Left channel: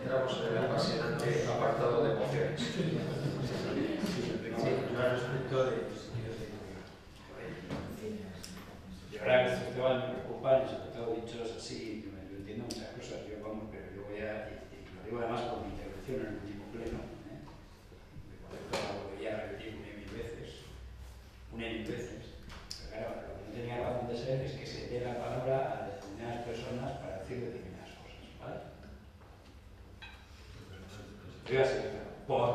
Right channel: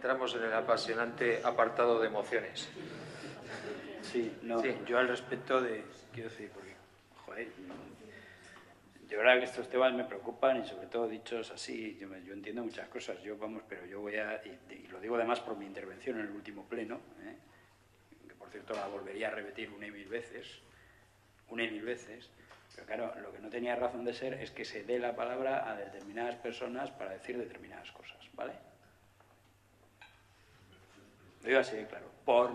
entramos en el apasionante apartado de mociones. Sí, no, sí. Yo al respecto de... Quiero decir, joder, de verdad que estos temas me preocupan y sobre todo dichos así, yo entiendo muchas cosas, pero yo voy a... Y lo digo además por mi intervención en el último pleno, que por cierto la volvería a repetir una y mil veces, pero claro, lo que no tenía razón de ser es que se dé la palabra a determinadas personas para decir determinadas cosas, ¿vale? Lo digo así, claro. Por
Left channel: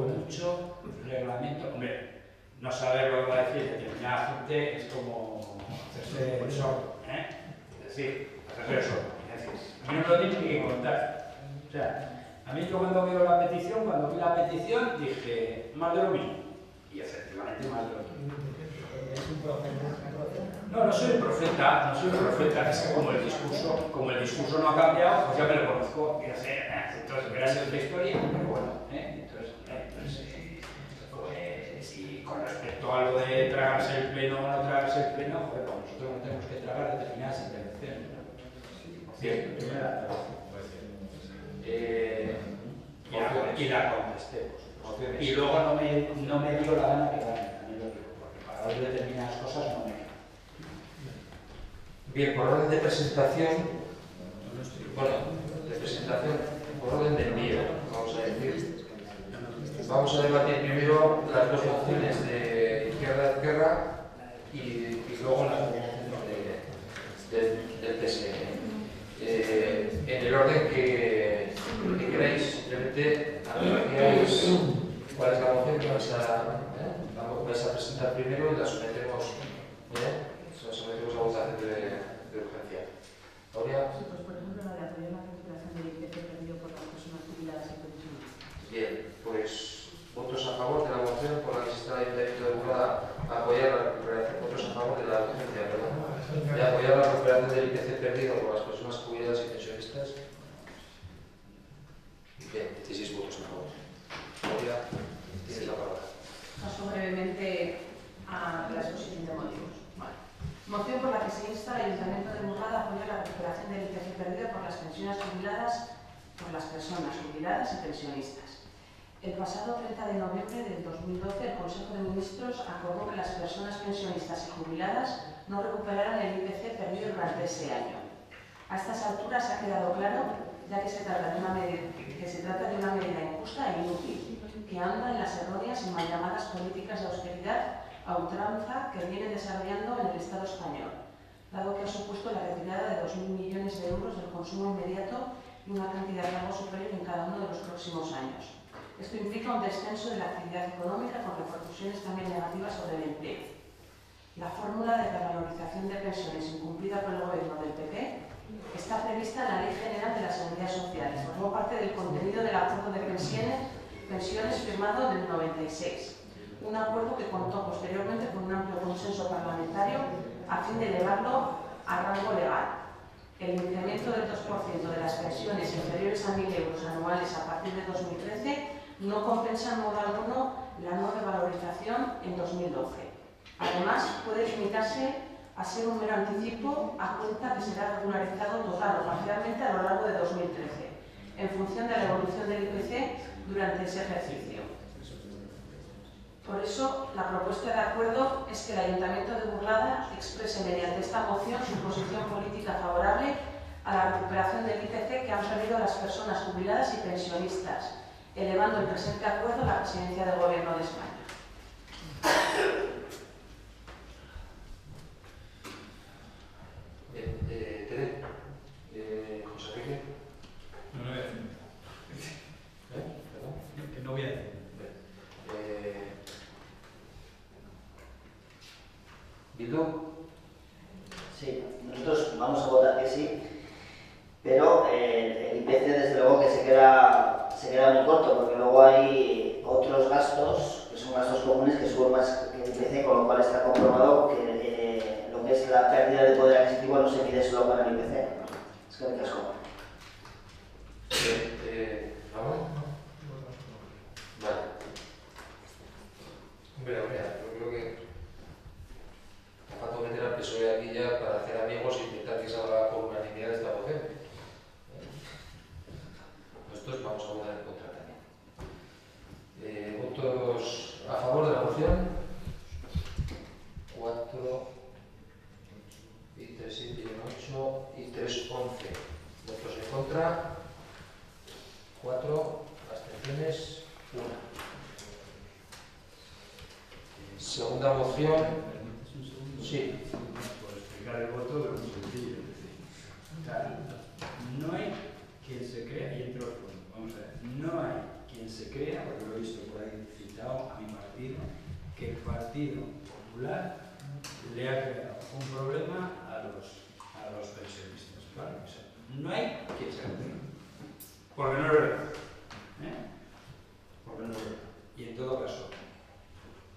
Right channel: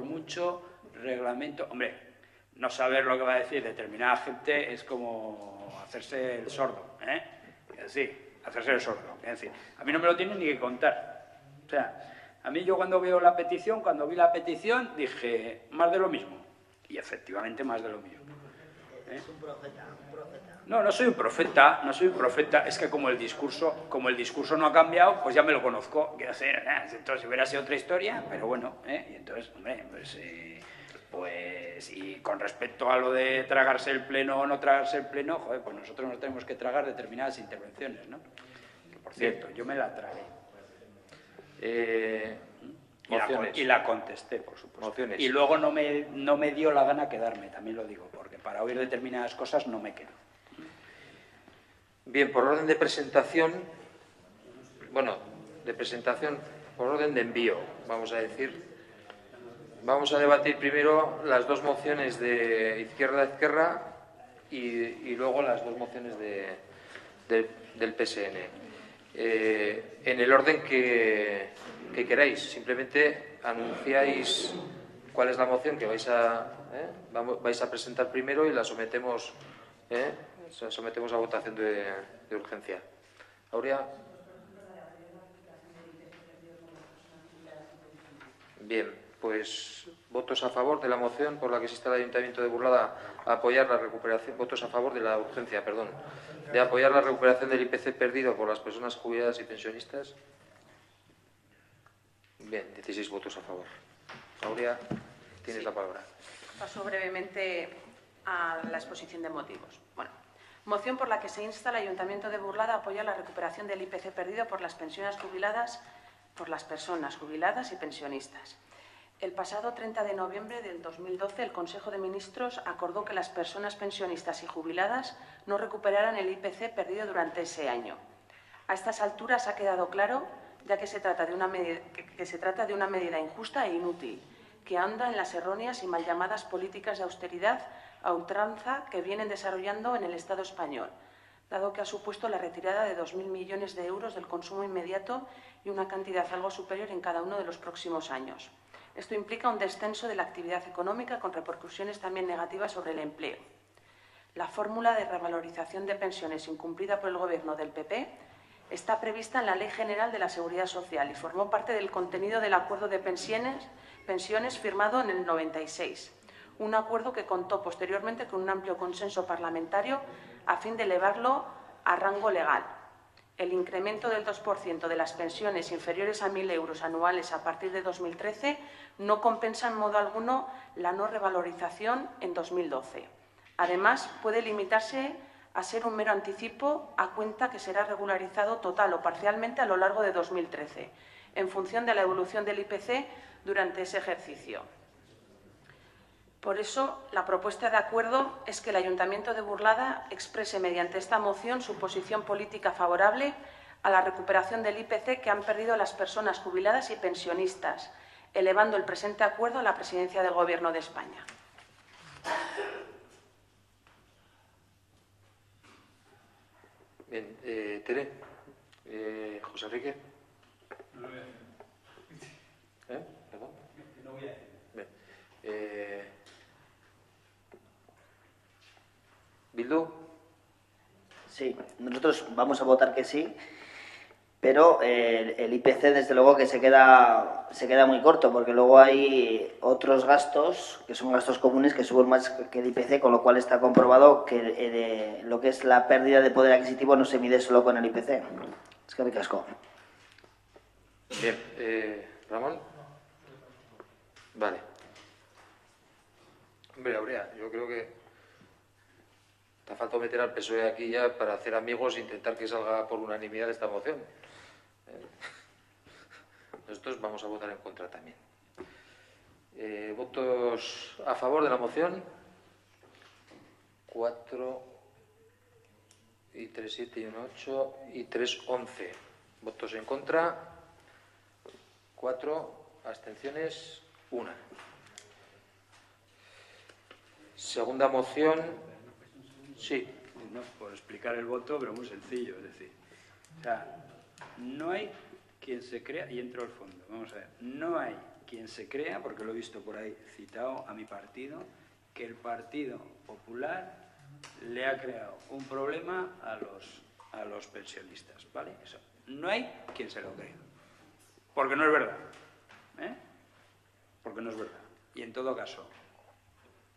mucho reglamento, hombre, no saber lo que va a decir determinada gente es como hacerse el sordo, Es decir, hacerse el sordo. Es decir, a mí no me lo tienen ni que contar. O sea, a mí yo cuando vi la petición, dije, más de lo mismo. Y efectivamente más de lo mismo. ¿Es un profeta? No soy un profeta, es que como el discurso no ha cambiado, pues ya me lo conozco, entonces hubiera sido otra historia, pero bueno, entonces, hombre, pues y con respecto a lo de tragarse el pleno o no tragarse el pleno, joder, pues nosotros nos tenemos que tragar determinadas intervenciones, ¿no? Por cierto, yo me la trago. Y la contesté, por supuesto. Mociones. Y luego no me dio la gana quedarme, también lo digo, porque para oír determinadas cosas no me quedo. Bien, por orden de presentación, por orden de envío, vamos a decir. Vamos a debatir primero las dos mociones de Izquierda Ezquerra y luego las dos mociones del PSN. En el orden que queráis, simplemente anunciáis cuál es la moción que vais a presentar primero y la sometemos a votación de urgencia. Aurea. Pues por ejemplo la de apoyar la recuperación del IPC perdido por las personas jubiladas y pensionistas. Bien, pues votos a favor de la moción por la que se está el Ayuntamiento de Burlada a apoyar la recuperación, votos a favor de la urgencia, de apoyar la recuperación del IPC perdido por las personas jubiladas y pensionistas. Bien, 16 votos a favor. Aurea, tienes la palabra. Paso brevemente a la exposición de motivos. Bueno, moción por la que se insta al Ayuntamiento de Burlada a apoyar la recuperación del IPC perdido por las personas jubiladas y pensionistas. El pasado 30 de noviembre del 2012, el Consejo de Ministros acordó que las personas pensionistas y jubiladas no recuperaran el IPC perdido durante ese año. A estas alturas ha quedado claro, ya que se trata de una medida injusta e inútil, que anda en las erróneas y mal llamadas políticas de austeridad a ultranza que vienen desarrollando en el Estado español, dado que ha supuesto la retirada de 2.000 millones de euros del consumo inmediato y una cantidad algo superior en cada uno de los próximos años. Esto implica un descenso de la actividad económica con repercusiones también negativas sobre el empleo. La fórmula de revalorización de pensiones incumplida por el Gobierno del PP está prevista en la Ley General de la Seguridad Social y formó parte del contenido del Acuerdo de pensiones firmado en el 96. Un acuerdo que contó posteriormente con un amplio consenso parlamentario a fin de elevarlo a rango legal. El incremento del 2% de las pensiones inferiores a 1.000 euros anuales a partir de 2013 no compensa en modo alguno la no revalorización en 2012. Además, puede limitarse a ser un mero anticipo a cuenta que será regularizado total o parcialmente a lo largo de 2013, en función de la evolución del IPC durante ese ejercicio. Por eso, la propuesta de acuerdo es que el Ayuntamiento de Burlada exprese mediante esta moción su posición política favorable a la recuperación del IPC que han perdido las personas jubiladas y pensionistas, elevando el presente acuerdo a la Presidencia del Gobierno de España. Bien, Tere, José Enrique. No voy a decir. ¿Perdón? Que no voy a decir. Bien. ¿Bildu? Sí, nosotros vamos a votar que sí, pero el IPC desde luego que se queda muy corto, porque luego hay otros gastos, que son gastos comunes, que suben más que el IPC, con lo cual está comprobado que lo que es la pérdida de poder adquisitivo no se mide solo con el IPC. Es que me casco. Bien, ¿Ramón? Vale. Hombre, Aurea, yo creo que te falta meter al PSOE aquí ya para hacer amigos e intentar que salga por unanimidad esta moción. nosotros vamos a votar en contra también. ¿Votos a favor de la moción? 4 y 3, 7 y 1, 8 y 3, 11. ¿Votos en contra? 4. ¿Abstenciones? 1. Segunda moción. Sí. Por explicar el voto, pero muy sencillo, es decir, o sea, no hay quien se crea, y entro al fondo, vamos a ver, no hay quien se crea, porque lo he visto por ahí citado a mi partido, que el Partido Popular le ha creado un problema a los pensionistas, ¿vale? Eso, no hay quien se lo crea, porque no es verdad, ¿eh? Porque no es verdad. Y en todo caso,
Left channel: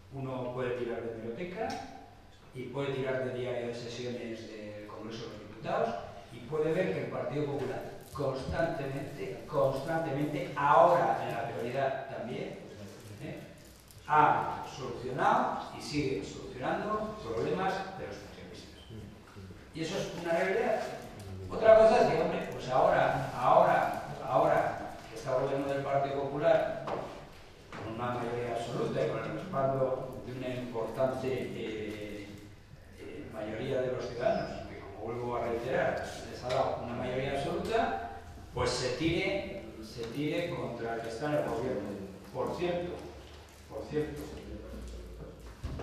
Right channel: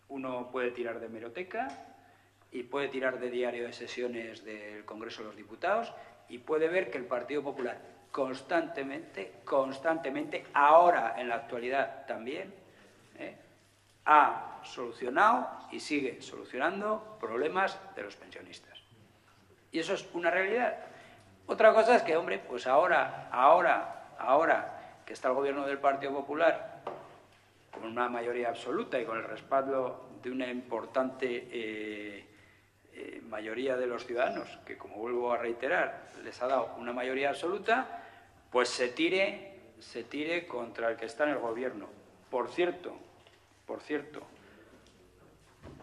uno puede tirar de hemeroteca y puede tirar de diario de sesiones del Congreso de los Diputados y puede ver que el Partido Popular constantemente, ahora en la actualidad también, ha solucionado y sigue solucionando problemas de los pensionistas. Y eso es una realidad. Otra cosa es que, hombre, pues ahora que está el gobierno del Partido Popular con una mayoría absoluta y con el respaldo de una importante mayoría de los ciudadanos, que como vuelvo a reiterar, les ha dado una mayoría absoluta, pues se tire contra el que está en el gobierno. Por cierto,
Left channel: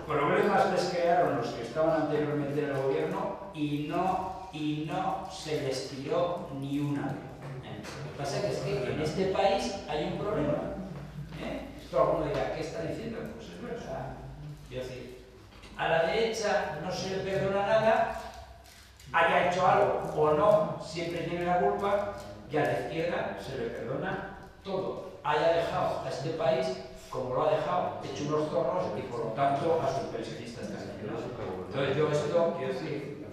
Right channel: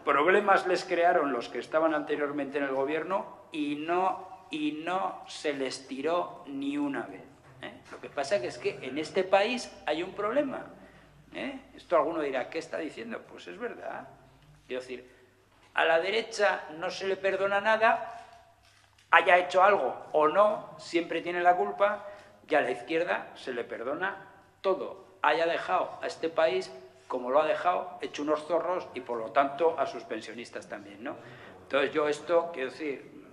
problemas les crearon los que estaban anteriormente en el gobierno y no se les tiró ni una vez. Lo que pasa es que en este país hay un problema. Esto alguno dirá, ¿qué está diciendo? Pues es verdad. Quiero decir, a la derecha no se le perdona nada, haya hecho algo o no, siempre tiene la culpa, y a la izquierda se le perdona todo. Haya dejado a este país como lo ha dejado, hecho unos zorros, y por lo tanto a sus pensionistas también, ¿no? Entonces yo esto, quiero decir,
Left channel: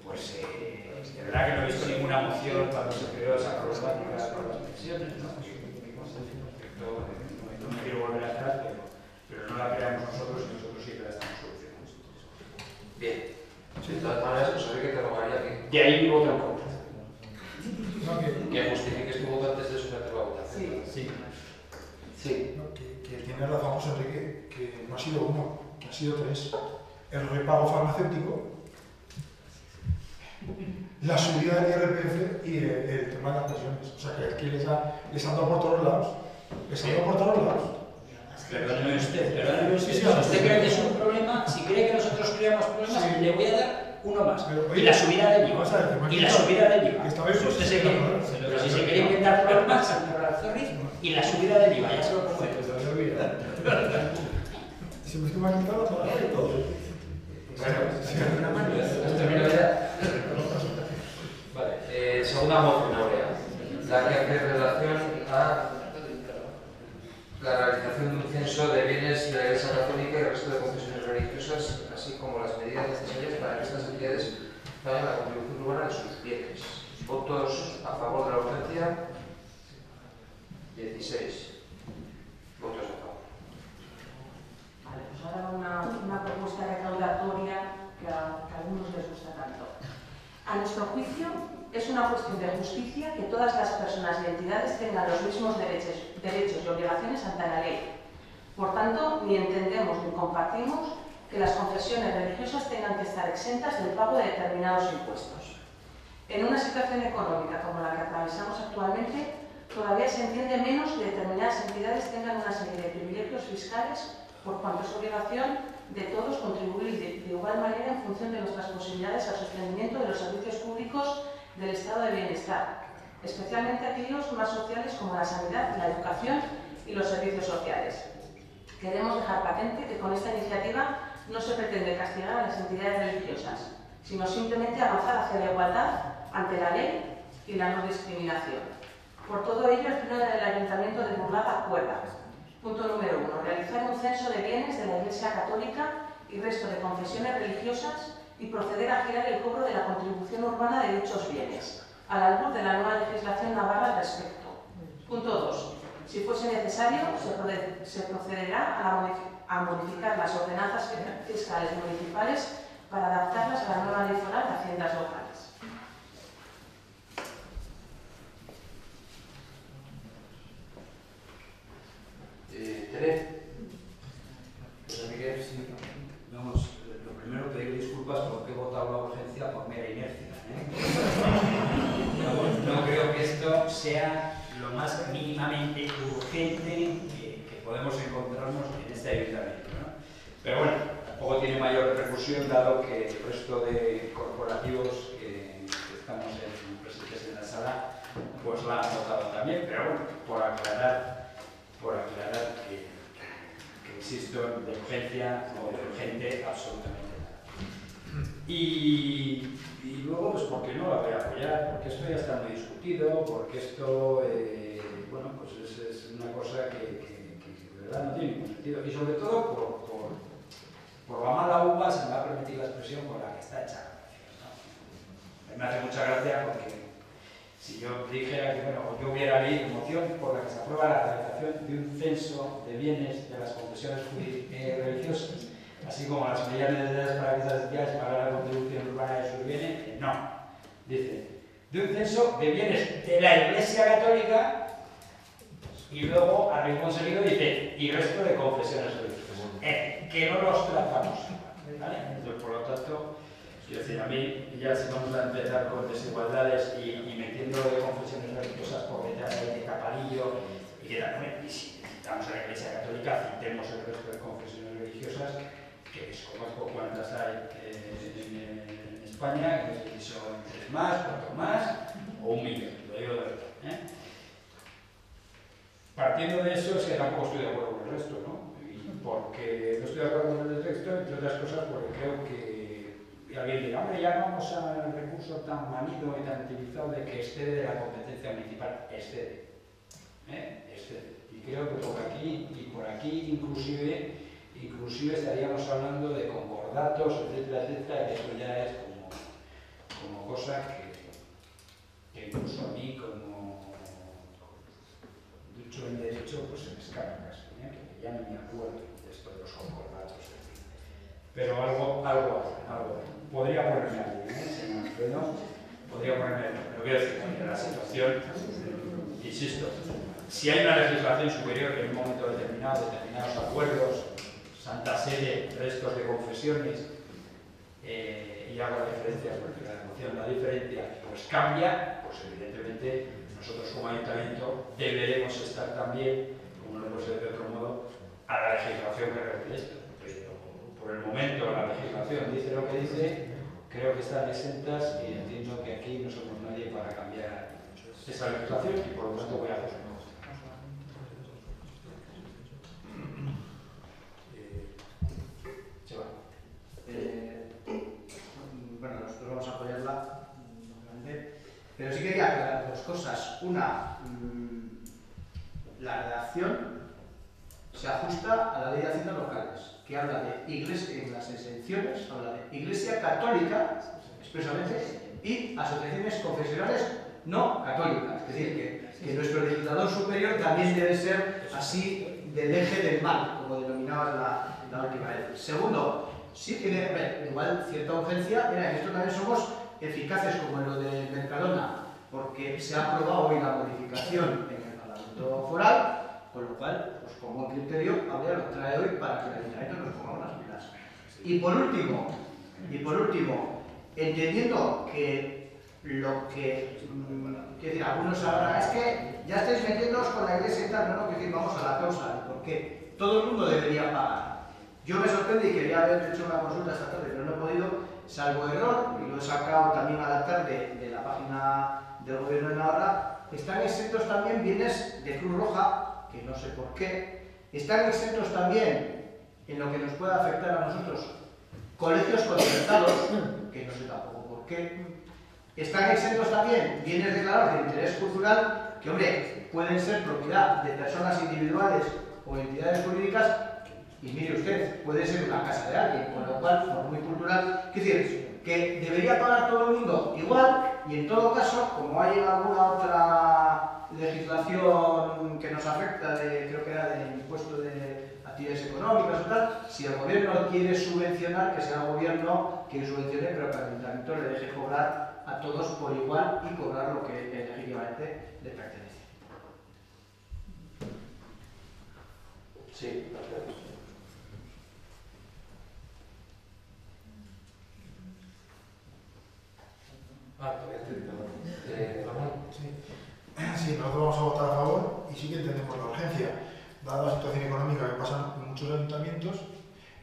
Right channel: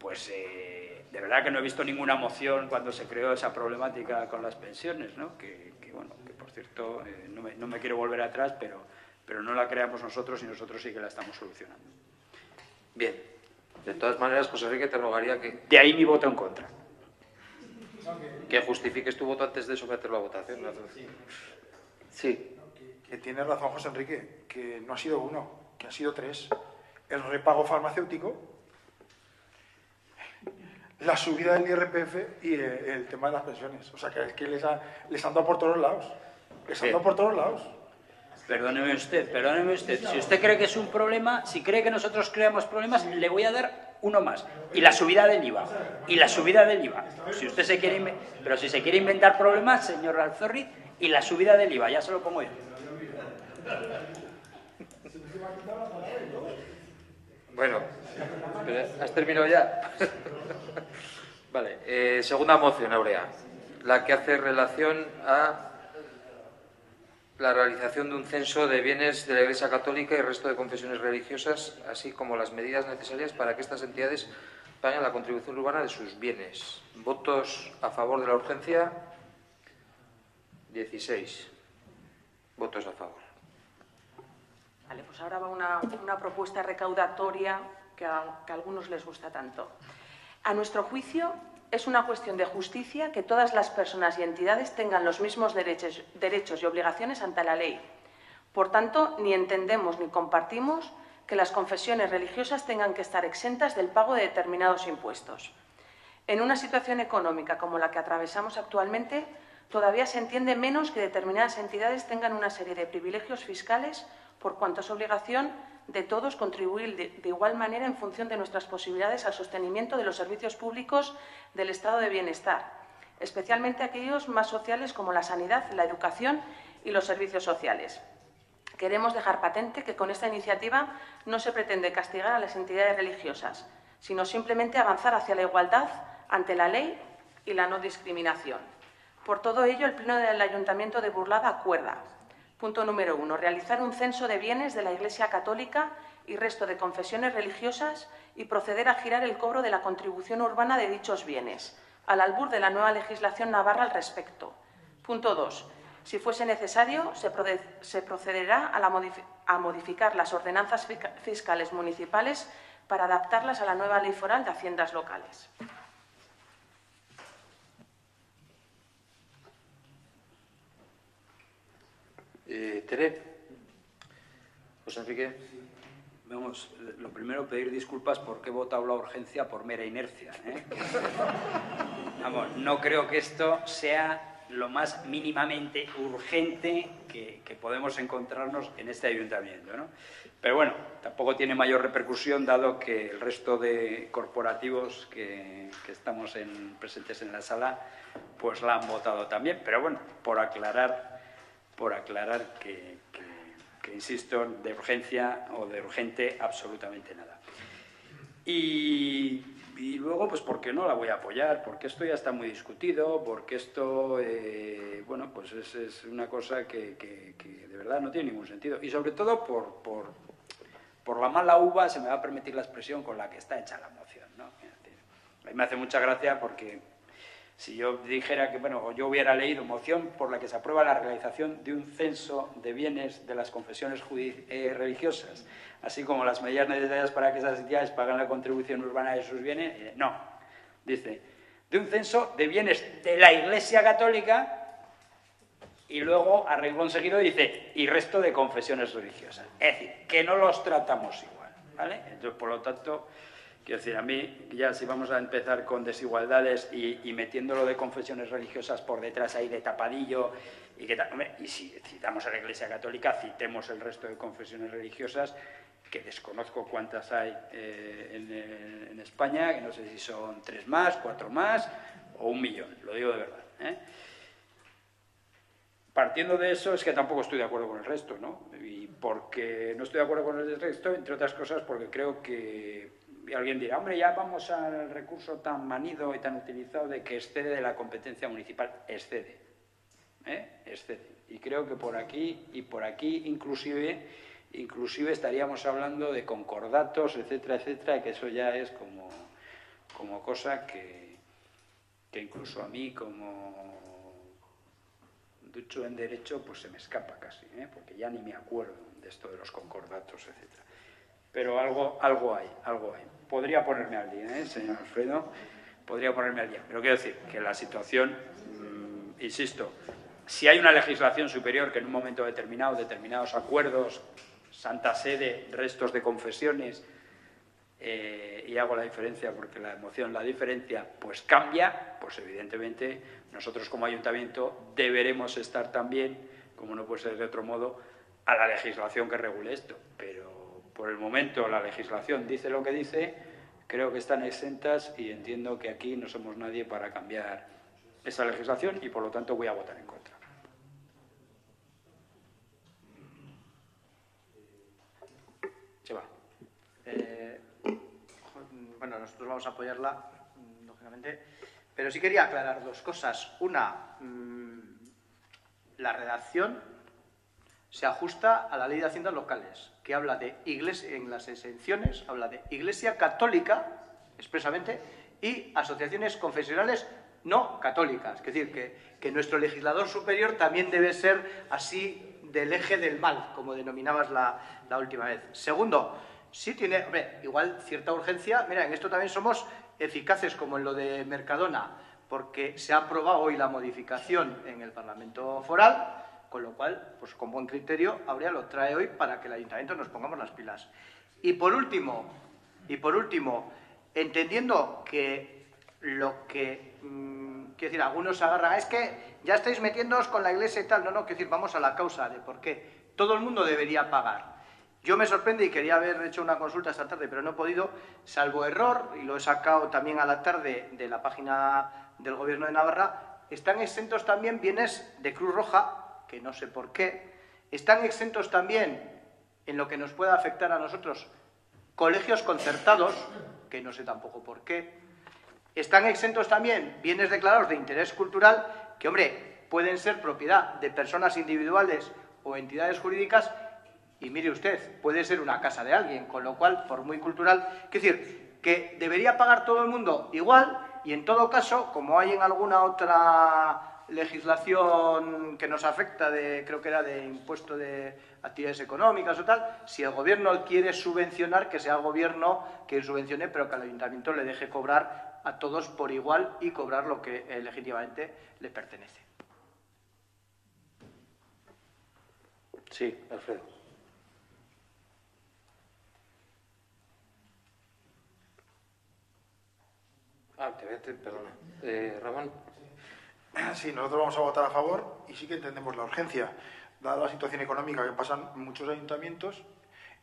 pues de verdad que no he visto ninguna moción cuando se creó esa problemática con las pensiones, ¿no? Que bueno, por cierto, no me quiero volver atrás, pero no la creamos nosotros y nosotros sí que la estamos solucionando. Bien. De todas maneras, pues Enrique, te rogaría que... De ahí mi voto en contra. Que justifiques tu voto antes de someterlo a votación. ¿No? Sí. Sí. Que tiene razón José Enrique, que no ha sido uno, que ha sido 3. El repago farmacéutico, la subida del IRPF y el tema de las pensiones. O sea, que es que les han dado por todos lados. Les han dado por todos lados. Perdóneme usted. Si usted cree que es un problema, si cree que nosotros creamos problemas, sí, le voy a dar uno más. Pero, Y la subida del IVA. ver, Y la subida del IVA. Si usted se quiere, pero si se quiere inventar problemas, señor Razorriz, y la subida del IVA, ya se lo pongo yo. Bueno, ¿has terminado ya? Vale. Segunda moción, Aurea. La que hace relación a la realización de un censo de bienes de la Iglesia Católica y el resto de confesiones religiosas, así como las medidas necesarias para que estas entidades paguen la contribución urbana de sus bienes. ¿Votos a favor de la urgencia? 16. Votos a favor. Vale, pues ahora va una propuesta recaudatoria que a algunos les gusta tanto. A nuestro juicio, es una cuestión de justicia que todas las personas y entidades tengan los mismos derechos y obligaciones ante la ley. Por tanto, ni entendemos ni compartimos que las confesiones religiosas tengan que estar exentas del pago de determinados impuestos. En una situación económica como la que atravesamos actualmente, todavía se entiende menos que determinadas entidades tengan una serie de privilegios fiscales, por cuanto es obligación de todos contribuir de igual manera en función de nuestras posibilidades al sostenimiento de los servicios públicos del estado de bienestar, especialmente aquellos más sociales como la sanidad, la educación y los servicios sociales. Queremos dejar patente que con esta iniciativa no se pretende castigar a las entidades religiosas, sino simplemente avanzar hacia la igualdad ante la ley y la no discriminación. Por todo ello, el Pleno del Ayuntamiento de Burlada acuerda: punto número 1. Realizar un censo de bienes de la Iglesia Católica y resto de confesiones religiosas y proceder a girar el cobro de la contribución urbana de dichos bienes, al albur de la nueva legislación navarra al respecto. Punto 2. Si fuese necesario, se procederá a modificar las ordenanzas fiscales municipales para adaptarlas a la nueva ley foral de haciendas locales. interés. Pues así que... Vamos, lo primero, pedir disculpas porque he votado la urgencia por mera inercia, ¿eh? Vamos, no creo que esto sea lo más mínimamente urgente que podemos encontrarnos en este ayuntamiento, ¿no? Pero bueno, tampoco tiene mayor repercusión dado que el resto de corporativos que estamos presentes en la sala pues la han votado también, pero bueno, por aclarar que insisto, de urgencia o de urgente absolutamente nada. Y luego, pues ¿por qué no la voy a apoyar? Porque esto ya está muy discutido, porque esto, bueno, pues es una cosa que de verdad no tiene ningún sentido. Y sobre todo por la mala uva, se me va a permitir la expresión, con la que está hecha la moción, ¿no? A mí me hace mucha gracia porque si yo dijera que, bueno, yo hubiera leído moción por la que se aprueba la realización de un censo de bienes de las confesiones religiosas, así como las medidas necesarias para que esas entidades paguen la contribución urbana de sus bienes, no. Dice, de un censo de bienes de la Iglesia Católica, y luego, a renglón seguido, dice, y resto de confesiones religiosas. Es decir, que no los tratamos igual, ¿vale? Entonces, por lo tanto, quiero decir, a mí, ya si vamos a empezar con desigualdades y metiéndolo de confesiones religiosas por detrás ahí de tapadillo, y si citamos a la Iglesia Católica, citemos el resto de confesiones religiosas, que desconozco cuántas hay en España, que no sé si son 3 más, 4 más, o 1 millón, lo digo de verdad, ¿eh? Partiendo de eso, es que tampoco estoy de acuerdo con el resto, ¿no? Y porque no estoy de acuerdo con el resto, entre otras cosas, porque creo que alguien dirá, hombre, ya vamos al recurso tan manido y tan utilizado de que excede de la competencia municipal. Excede, excede. Y creo que por aquí inclusive estaríamos hablando de concordatos, etcétera, etcétera, que eso ya es como cosa que incluso a mí, como ducho en derecho, pues se me escapa casi, porque ya ni me acuerdo de esto de los concordatos, etc. Pero algo hay. Podría ponerme al día, señor Alfredo, podría ponerme al día. Pero quiero decir que la situación, insisto, si hay una legislación superior que en un momento determinado, determinados acuerdos, Santa Sede, restos de confesiones, y hago la diferencia porque la emoción, la diferencia, pues cambia, pues evidentemente nosotros como ayuntamiento deberemos estar también, como no puede ser de otro modo, a la legislación que regule esto. Pero por el momento la legislación dice lo que dice, creo que están exentas y entiendo que aquí no somos nadie para cambiar esa legislación y por lo tanto voy a votar en contra. Bueno, nosotros vamos a apoyarla, lógicamente, pero sí quería aclarar 2 cosas. Una, la redacción se ajusta a la Ley de Haciendas Locales, que habla de iglesia, en las exenciones, habla de Iglesia Católica, expresamente, y asociaciones confesionales no católicas. Es decir, que nuestro legislador superior también debe ser así del eje del mal, como denominabas la última vez. Segundo, sí tiene, igual cierta urgencia. Mira, en esto también somos eficaces como en lo de Mercadona, porque se ha aprobado hoy la modificación en el Parlamento Foral, con lo cual, pues con buen criterio, Abria lo trae hoy para que el Ayuntamiento nos pongamos las pilas. Y por último, entendiendo que lo que, quiero decir, algunos agarran, es que ya estáis metiéndoos con la Iglesia y tal, no, quiero decir, vamos a la causa de por qué todo el mundo debería pagar. Yo me sorprende y quería haber hecho una consulta esta tarde, pero no he podido, salvo error, y lo he sacado también a la tarde de la página del Gobierno de Navarra, están exentos también bienes de Cruz Roja, que no sé por qué, están exentos también, en lo que nos pueda afectar a nosotros, colegios concertados, que no sé tampoco por qué, están exentos también bienes declarados de interés cultural, que, hombre, pueden ser propiedad de personas individuales o entidades jurídicas. Y mire usted, puede ser una casa de alguien, con lo cual, por muy cultural, es decir, que debería pagar todo el mundo igual, y en todo caso, como hay en alguna otra legislación que nos afecta, creo que era de impuesto de actividades económicas o tal, si el gobierno quiere subvencionar, que sea el gobierno quien subvencione, pero que al ayuntamiento le deje cobrar a todos por igual y cobrar lo que legítimamente le pertenece. Sí, perfecto. Perdón. Ramón. Sí, nosotros vamos a votar a favor y sí que entendemos la urgencia, dada la situación económica que pasan en muchos ayuntamientos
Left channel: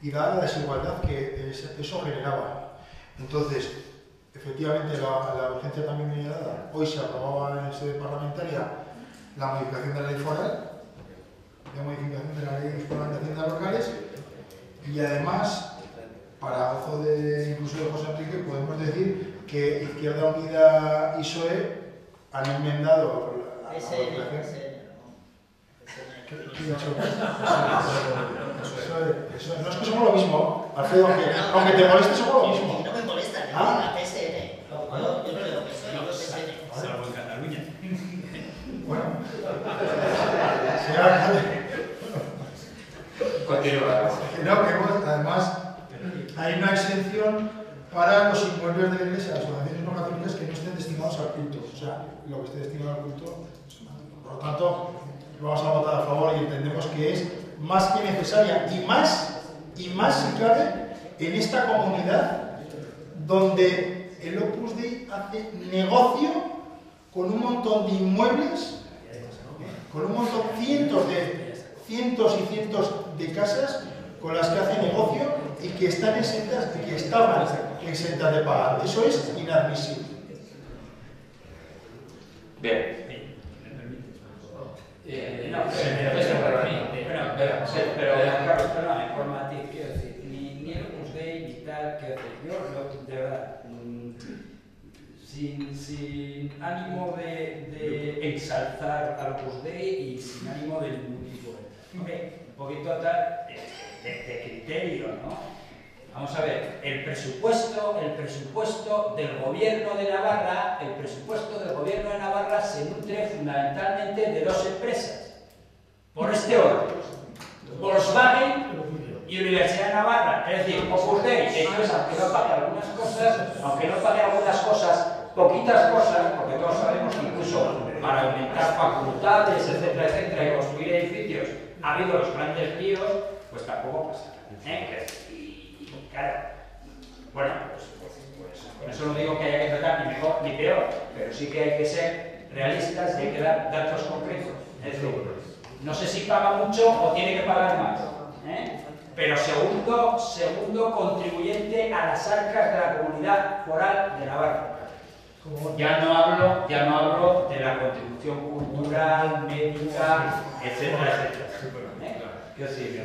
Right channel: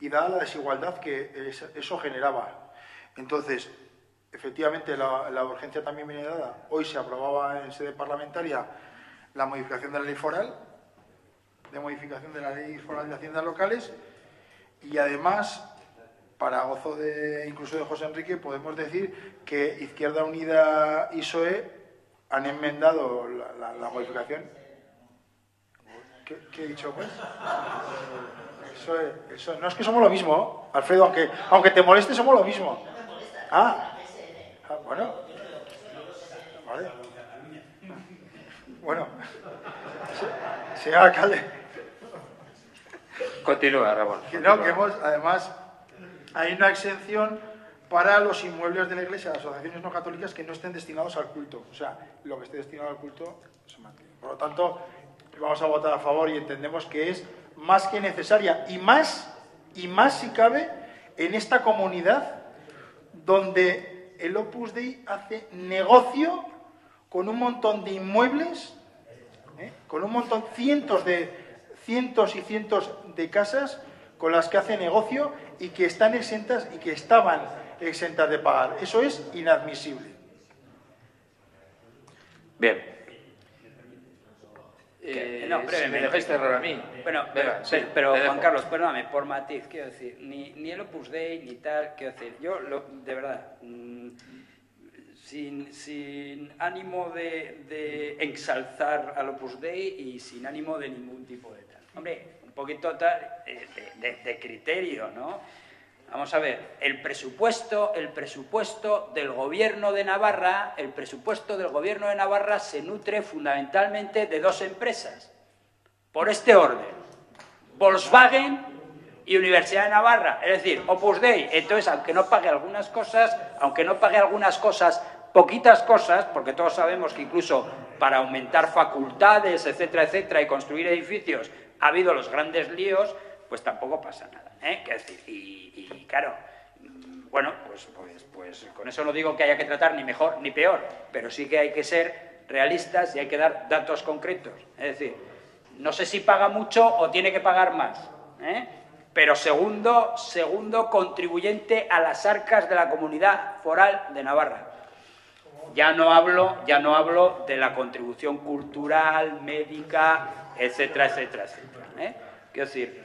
y dada la desigualdad que eso generaba. Entonces, efectivamente, la urgencia también viene dada. Hoy se aprobaba en sede parlamentaria la modificación de la ley foral, de haciendas locales, y además, para gozo incluso de José Enrique, podemos decir que Izquierda Unida y PSOE han enmendado la modificación. ¿Qué he dicho? Eso, no es que somos lo mismo, Alfredo, aunque te moleste, somos lo mismo. No me molesta, Ah, la PSN. bueno. Yo no digo PSOE, digo PSN. Vale. Salvo en Cataluña. Bueno, señor alcalde. Continúa, Ramón. No, que además hay una exención para los inmuebles de la Iglesia, las asociaciones no católicas que no estén destinados al culto. O sea, lo que esté destinado al culto se mantiene. Por lo tanto, vamos a votar a favor y entendemos que es más que necesaria y más si cabe en esta comunidad donde el Opus Dei hace negocio con un montón de inmuebles, con un montón, cientos y cientos de casas con las que hace negocio y que están exentas y que estaban exentas de pagar. Eso es inadmisible. Bien. No, si me dejáis cerrar a mí. Bueno, Venga, sí, pero venga. Juan Carlos, perdóname, por matiz, quiero decir, ni el Opus Dei ni tal, quiero decir, yo de verdad, sin ánimo de ensalzar al Opus Dei y sin ánimo de ningún tipo de... Hombre, un poquito tal, de criterio, ¿no? Vamos a ver, el presupuesto del Gobierno de Navarra, se nutre fundamentalmente de dos empresas, por este orden: Volkswagen y Universidad de Navarra, es decir, Opus Dei. Entonces, aunque no pague algunas cosas, poquitas cosas, porque todos sabemos que incluso para aumentar facultades, etcétera, etcétera, y construir edificios, ha habido los grandes líos, pues tampoco pasa nada, ¿eh? Y claro, bueno, pues con eso no digo que haya que tratar ni mejor ni peor, pero sí que hay que ser realistas y hay que dar datos concretos. Es decir, no sé si paga mucho o tiene que pagar más, ¿eh? Pero segundo contribuyente a las arcas de la Comunidad Foral de Navarra. Ya no hablo de la contribución cultural, médica, etcétera, etcétera, ¿eh? Quiero decir,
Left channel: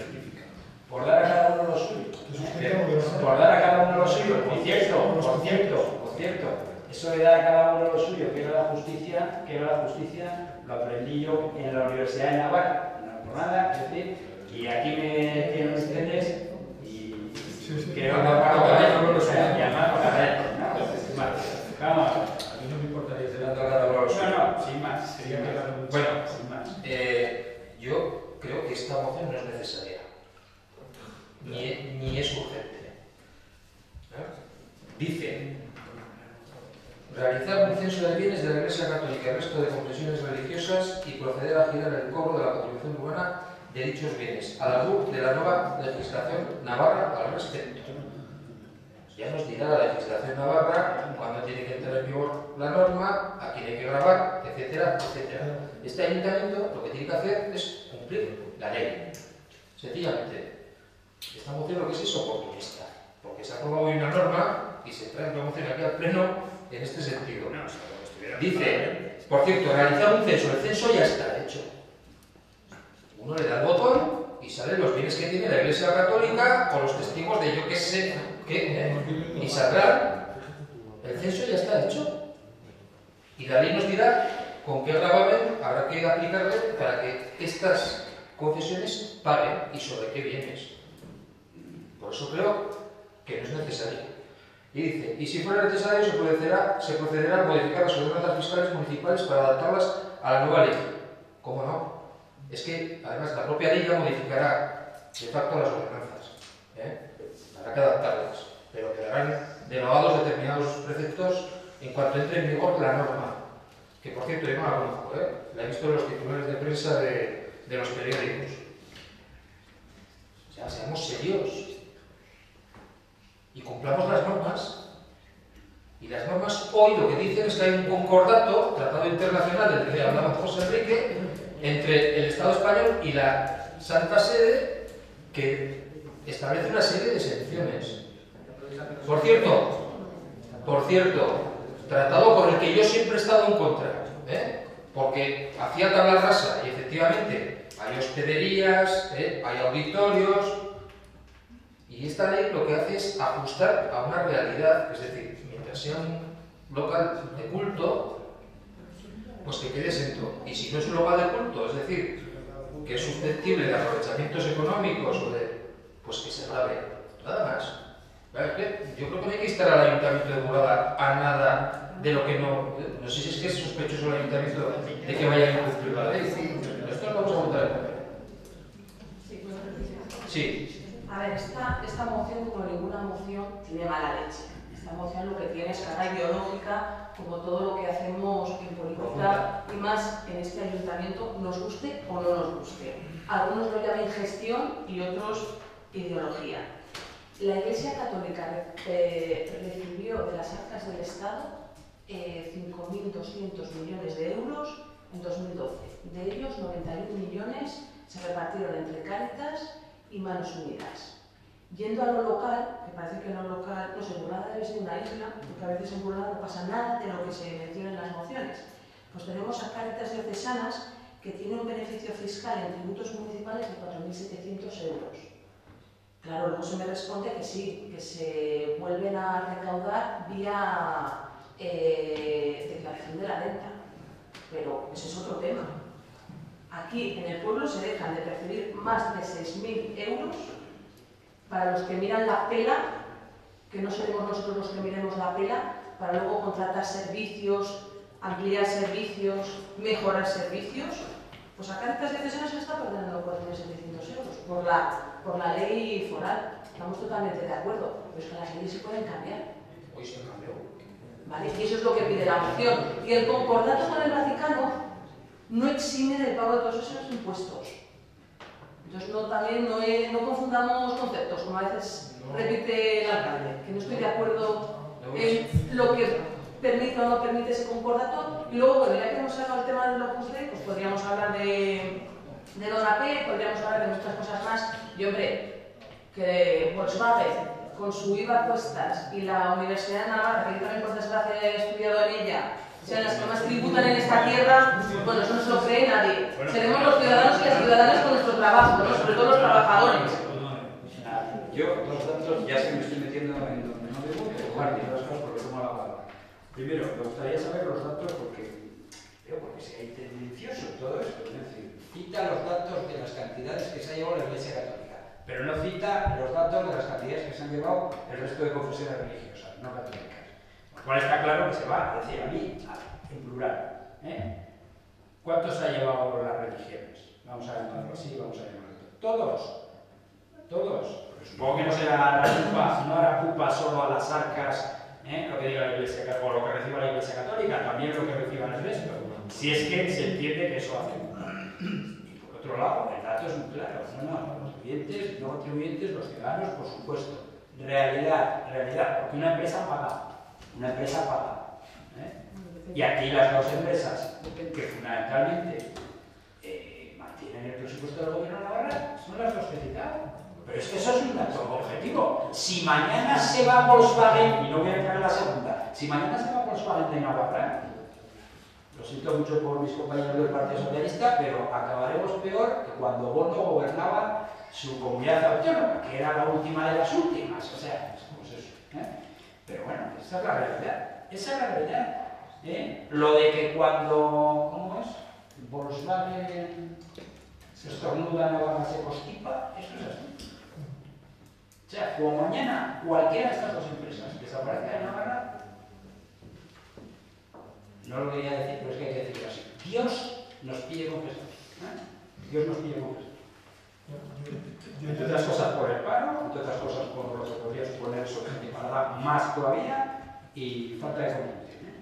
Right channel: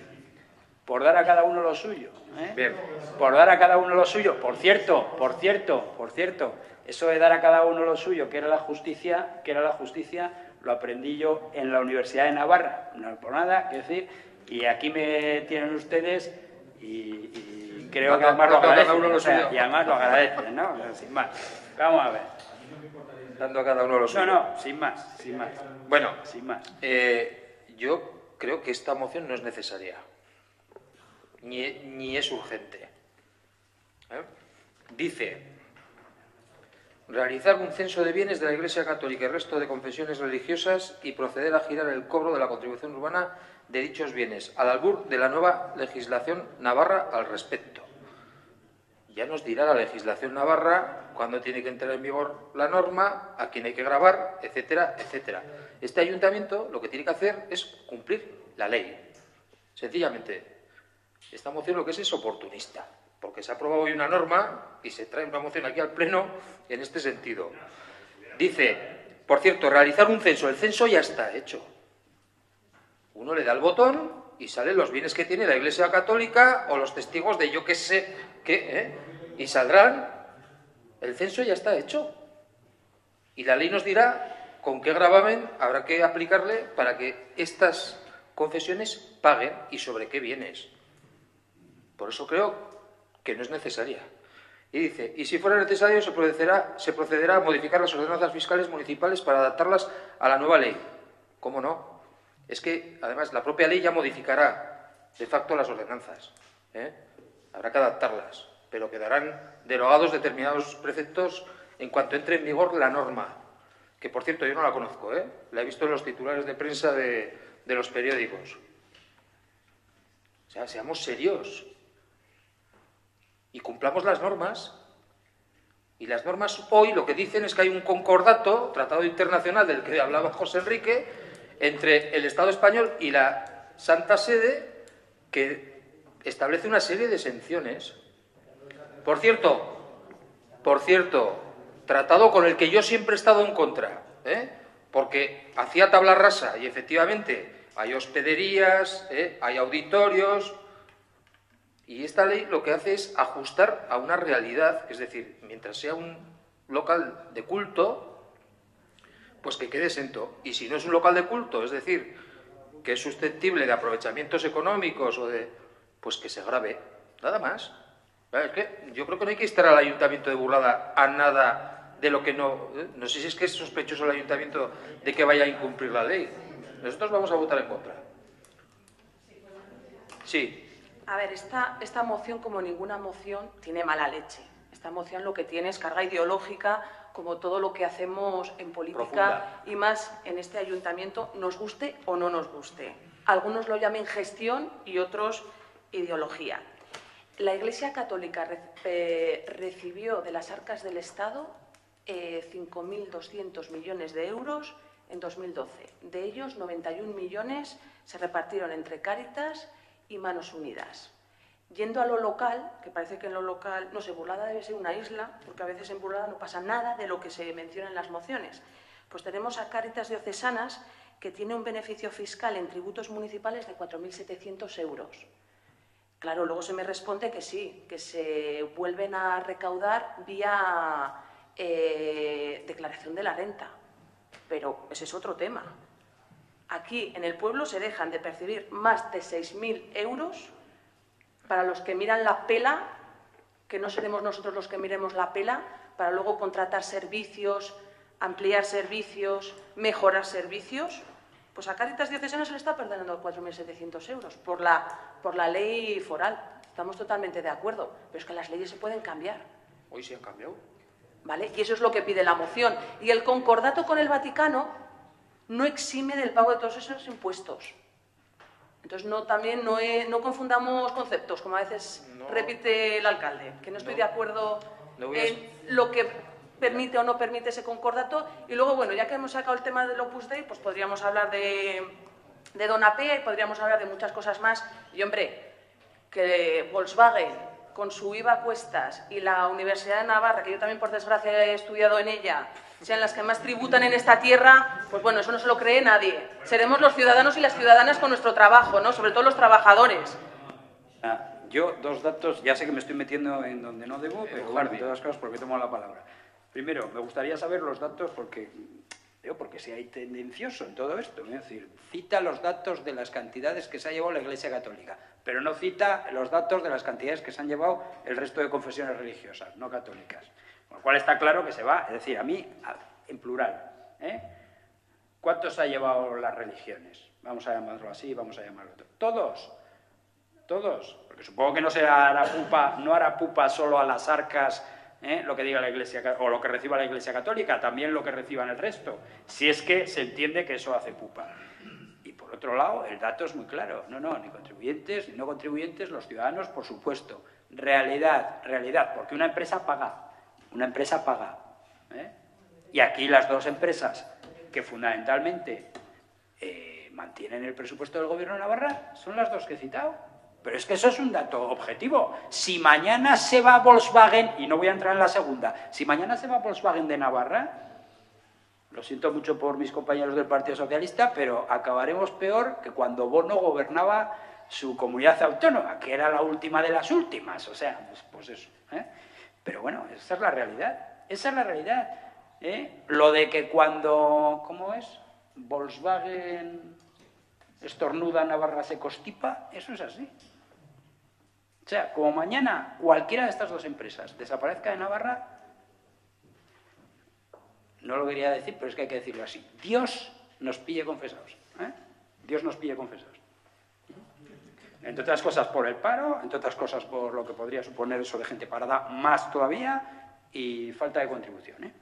por dar a cada uno lo suyo, ¿eh? Por dar a cada uno lo suyo. Por cierto, eso de dar a cada uno lo suyo, que era la justicia, lo aprendí yo en la Universidad de Navarra, una jornada, es decir, y aquí me tienen ustedes y creo que además lo agradecen, o sea, y además lo agradecen, ¿no? Sin más. Vamos a ver. Dando a cada uno lo suyo. No, sin más. Bueno, sin más. Yo creo que esta moción no es necesaria, ni es urgente. Dice: realizar un censo de bienes de la Iglesia Católica y resto de confesiones religiosas y proceder a girar el cobro de la contribución urbana de dichos bienes, al albur de la nueva legislación navarra al respecto. Ya nos dirá la legislación navarra cuándo tiene que entrar en vigor la norma, a quién hay que grabar, etcétera, etcétera. Este ayuntamiento lo que tiene que hacer es cumplir la ley. Sencillamente, esta moción lo que es oportunista, porque se ha aprobado hoy una norma y se trae una moción aquí al Pleno en este sentido. Dice, por cierto, realizar un censo. El censo ya está hecho. Uno le da el botón y salen los bienes que tiene la Iglesia Católica o los testigos de yo qué sé qué, y saldrán. El censo ya está hecho. Y la ley nos dirá con qué gravamen habrá que aplicarle para que estas confesiones paguen y sobre qué bienes. Por eso creo que no es necesaria. Y dice, y si fuera necesario se procederá a modificar las ordenanzas fiscales municipales para adaptarlas a la nueva ley. ¿Cómo no? Es que, además, la propia ley ya modificará de facto las ordenanzas, ¿eh? Habrá que adaptarlas, pero quedarán derogados determinados preceptos en cuanto entre en vigor la norma, que por cierto yo no la conozco, ¿eh? La he visto en los titulares de prensa de los periódicos. seamos serios y cumplamos las normas. Y las normas hoy lo que dicen es que hay un concordato, tratado internacional del que hablaba José Enrique, entre el Estado español y la Santa Sede, que establece una serie de exenciones. Por cierto, tratado con el que yo siempre he estado en contra, porque hacía tabla rasa y efectivamente hay hospederías, hay auditorios, y esta ley lo que hace es ajustar a una realidad, es decir, mientras sea un local de culto, pues que quede exento. Y si no es un local de culto, es decir, que es susceptible de aprovechamientos económicos o pues que se grave, nada más. Es que yo creo que no hay que instar al Ayuntamiento de Burlada a nada de lo que no sé si es que es sospechoso el Ayuntamiento de que vaya a incumplir la ley. Nosotros vamos a votar en contra. Sí. A ver, esta moción, como ninguna moción, tiene mala leche. Esta moción lo que tiene es carga ideológica, como todo lo que hacemos en política, profunda, y más en este ayuntamiento, nos guste o no nos guste. Algunos lo llaman gestión y otros ideología. La Iglesia Católica recibió de las arcas del Estado 5.200 millones de euros en 2012. De ellos, 91 millones se repartieron entre Cáritas y Manos Unidas. Yendo a lo local, que parece que en lo local, no sé, Burlada debe ser una isla, porque a veces en Burlada no pasa nada de lo que se menciona en las mociones. Pues tenemos a Cáritas Diocesanas, que tiene un beneficio fiscal en tributos municipales de 4.700 euros. Claro, luego se me responde que sí, que se vuelven a recaudar vía declaración de la renta, pero ese es otro tema. Aquí en el pueblo se dejan de percibir más de 6.000 euros para los que miran la pela, que no seremos nosotros los que miremos la pela, para luego contratar servicios, ampliar servicios, mejorar servicios. Pues a Cáritas Diocesanas se le está perdiendo 4.700 euros por la ley foral. Estamos totalmente de acuerdo, pero es que las leyes se pueden cambiar. Hoy se han cambiado. ¿Vale? Y eso es lo que pide la moción. Y el concordato con el Vaticano no exime del pago de todos esos impuestos. Entonces no confundamos conceptos, como a veces repite el alcalde, que no estoy de acuerdo en lo que permite o no permite ese concordato. Y luego, bueno, ya que hemos sacado el tema del Opus Dei, pues podríamos hablar de Donapé, podríamos hablar de muchas cosas más. Y hombre, que Volkswagen, con su IVA a cuestas, y la Universidad de Navarra, que yo también por desgracia he estudiado en ella, sean las que más tributan en esta tierra, pues bueno, eso no se lo cree nadie. Seremos los ciudadanos y las ciudadanas con nuestro trabajo, ¿no? Sobre todo los trabajadores. Yo, dos datos, ya sé que me estoy metiendo en donde no debo, pero digo las cosas porque tomo la palabra. Primero, me gustaría saber los datos porque si hay tendencioso en todo esto, es decir, cita los datos de las cantidades que se ha llevado la Iglesia Católica, pero no cita los datos de las cantidades que se han llevado el resto de confesiones religiosas, no católicas. Con lo cual está claro que se va, es decir, a mí, en plural. ¿Cuántos se ha llevado las religiones? Vamos a llamarlo así, vamos a llamarlo. Todos. Porque supongo que no hará pupa solo a las arcas, lo que diga la Iglesia o lo que reciba la Iglesia Católica, también lo que reciban el resto. Si es que se entiende que eso hace pupa. Y por otro lado, el dato es muy claro. No, ni contribuyentes, ni no contribuyentes, los ciudadanos, por supuesto. Realidad, porque una empresa paga. Y aquí las dos empresas que fundamentalmente mantienen el presupuesto del Gobierno de Navarra son las dos que he citado. Pero es que eso es un dato objetivo. Si mañana se va Volkswagen, y no voy a entrar en la segunda, si mañana se va Volkswagen de Navarra, lo siento mucho por mis compañeros del Partido Socialista, pero acabaremos peor que cuando Bono gobernaba su comunidad autónoma, que era la última de las últimas. O sea, pues eso. Pero bueno, esa es la realidad. Lo de que cuando, ¿cómo es? Volkswagen estornuda, Navarra se constipa, eso es así. O sea, como mañana cualquiera de estas dos empresas desaparezca de Navarra, no lo quería decir, pero es que hay que decirlo así. Dios nos pille confesados. Dios nos pille confesados. Entre otras cosas por el paro, entre otras cosas por lo que podría suponer eso de gente parada más todavía y falta de contribución.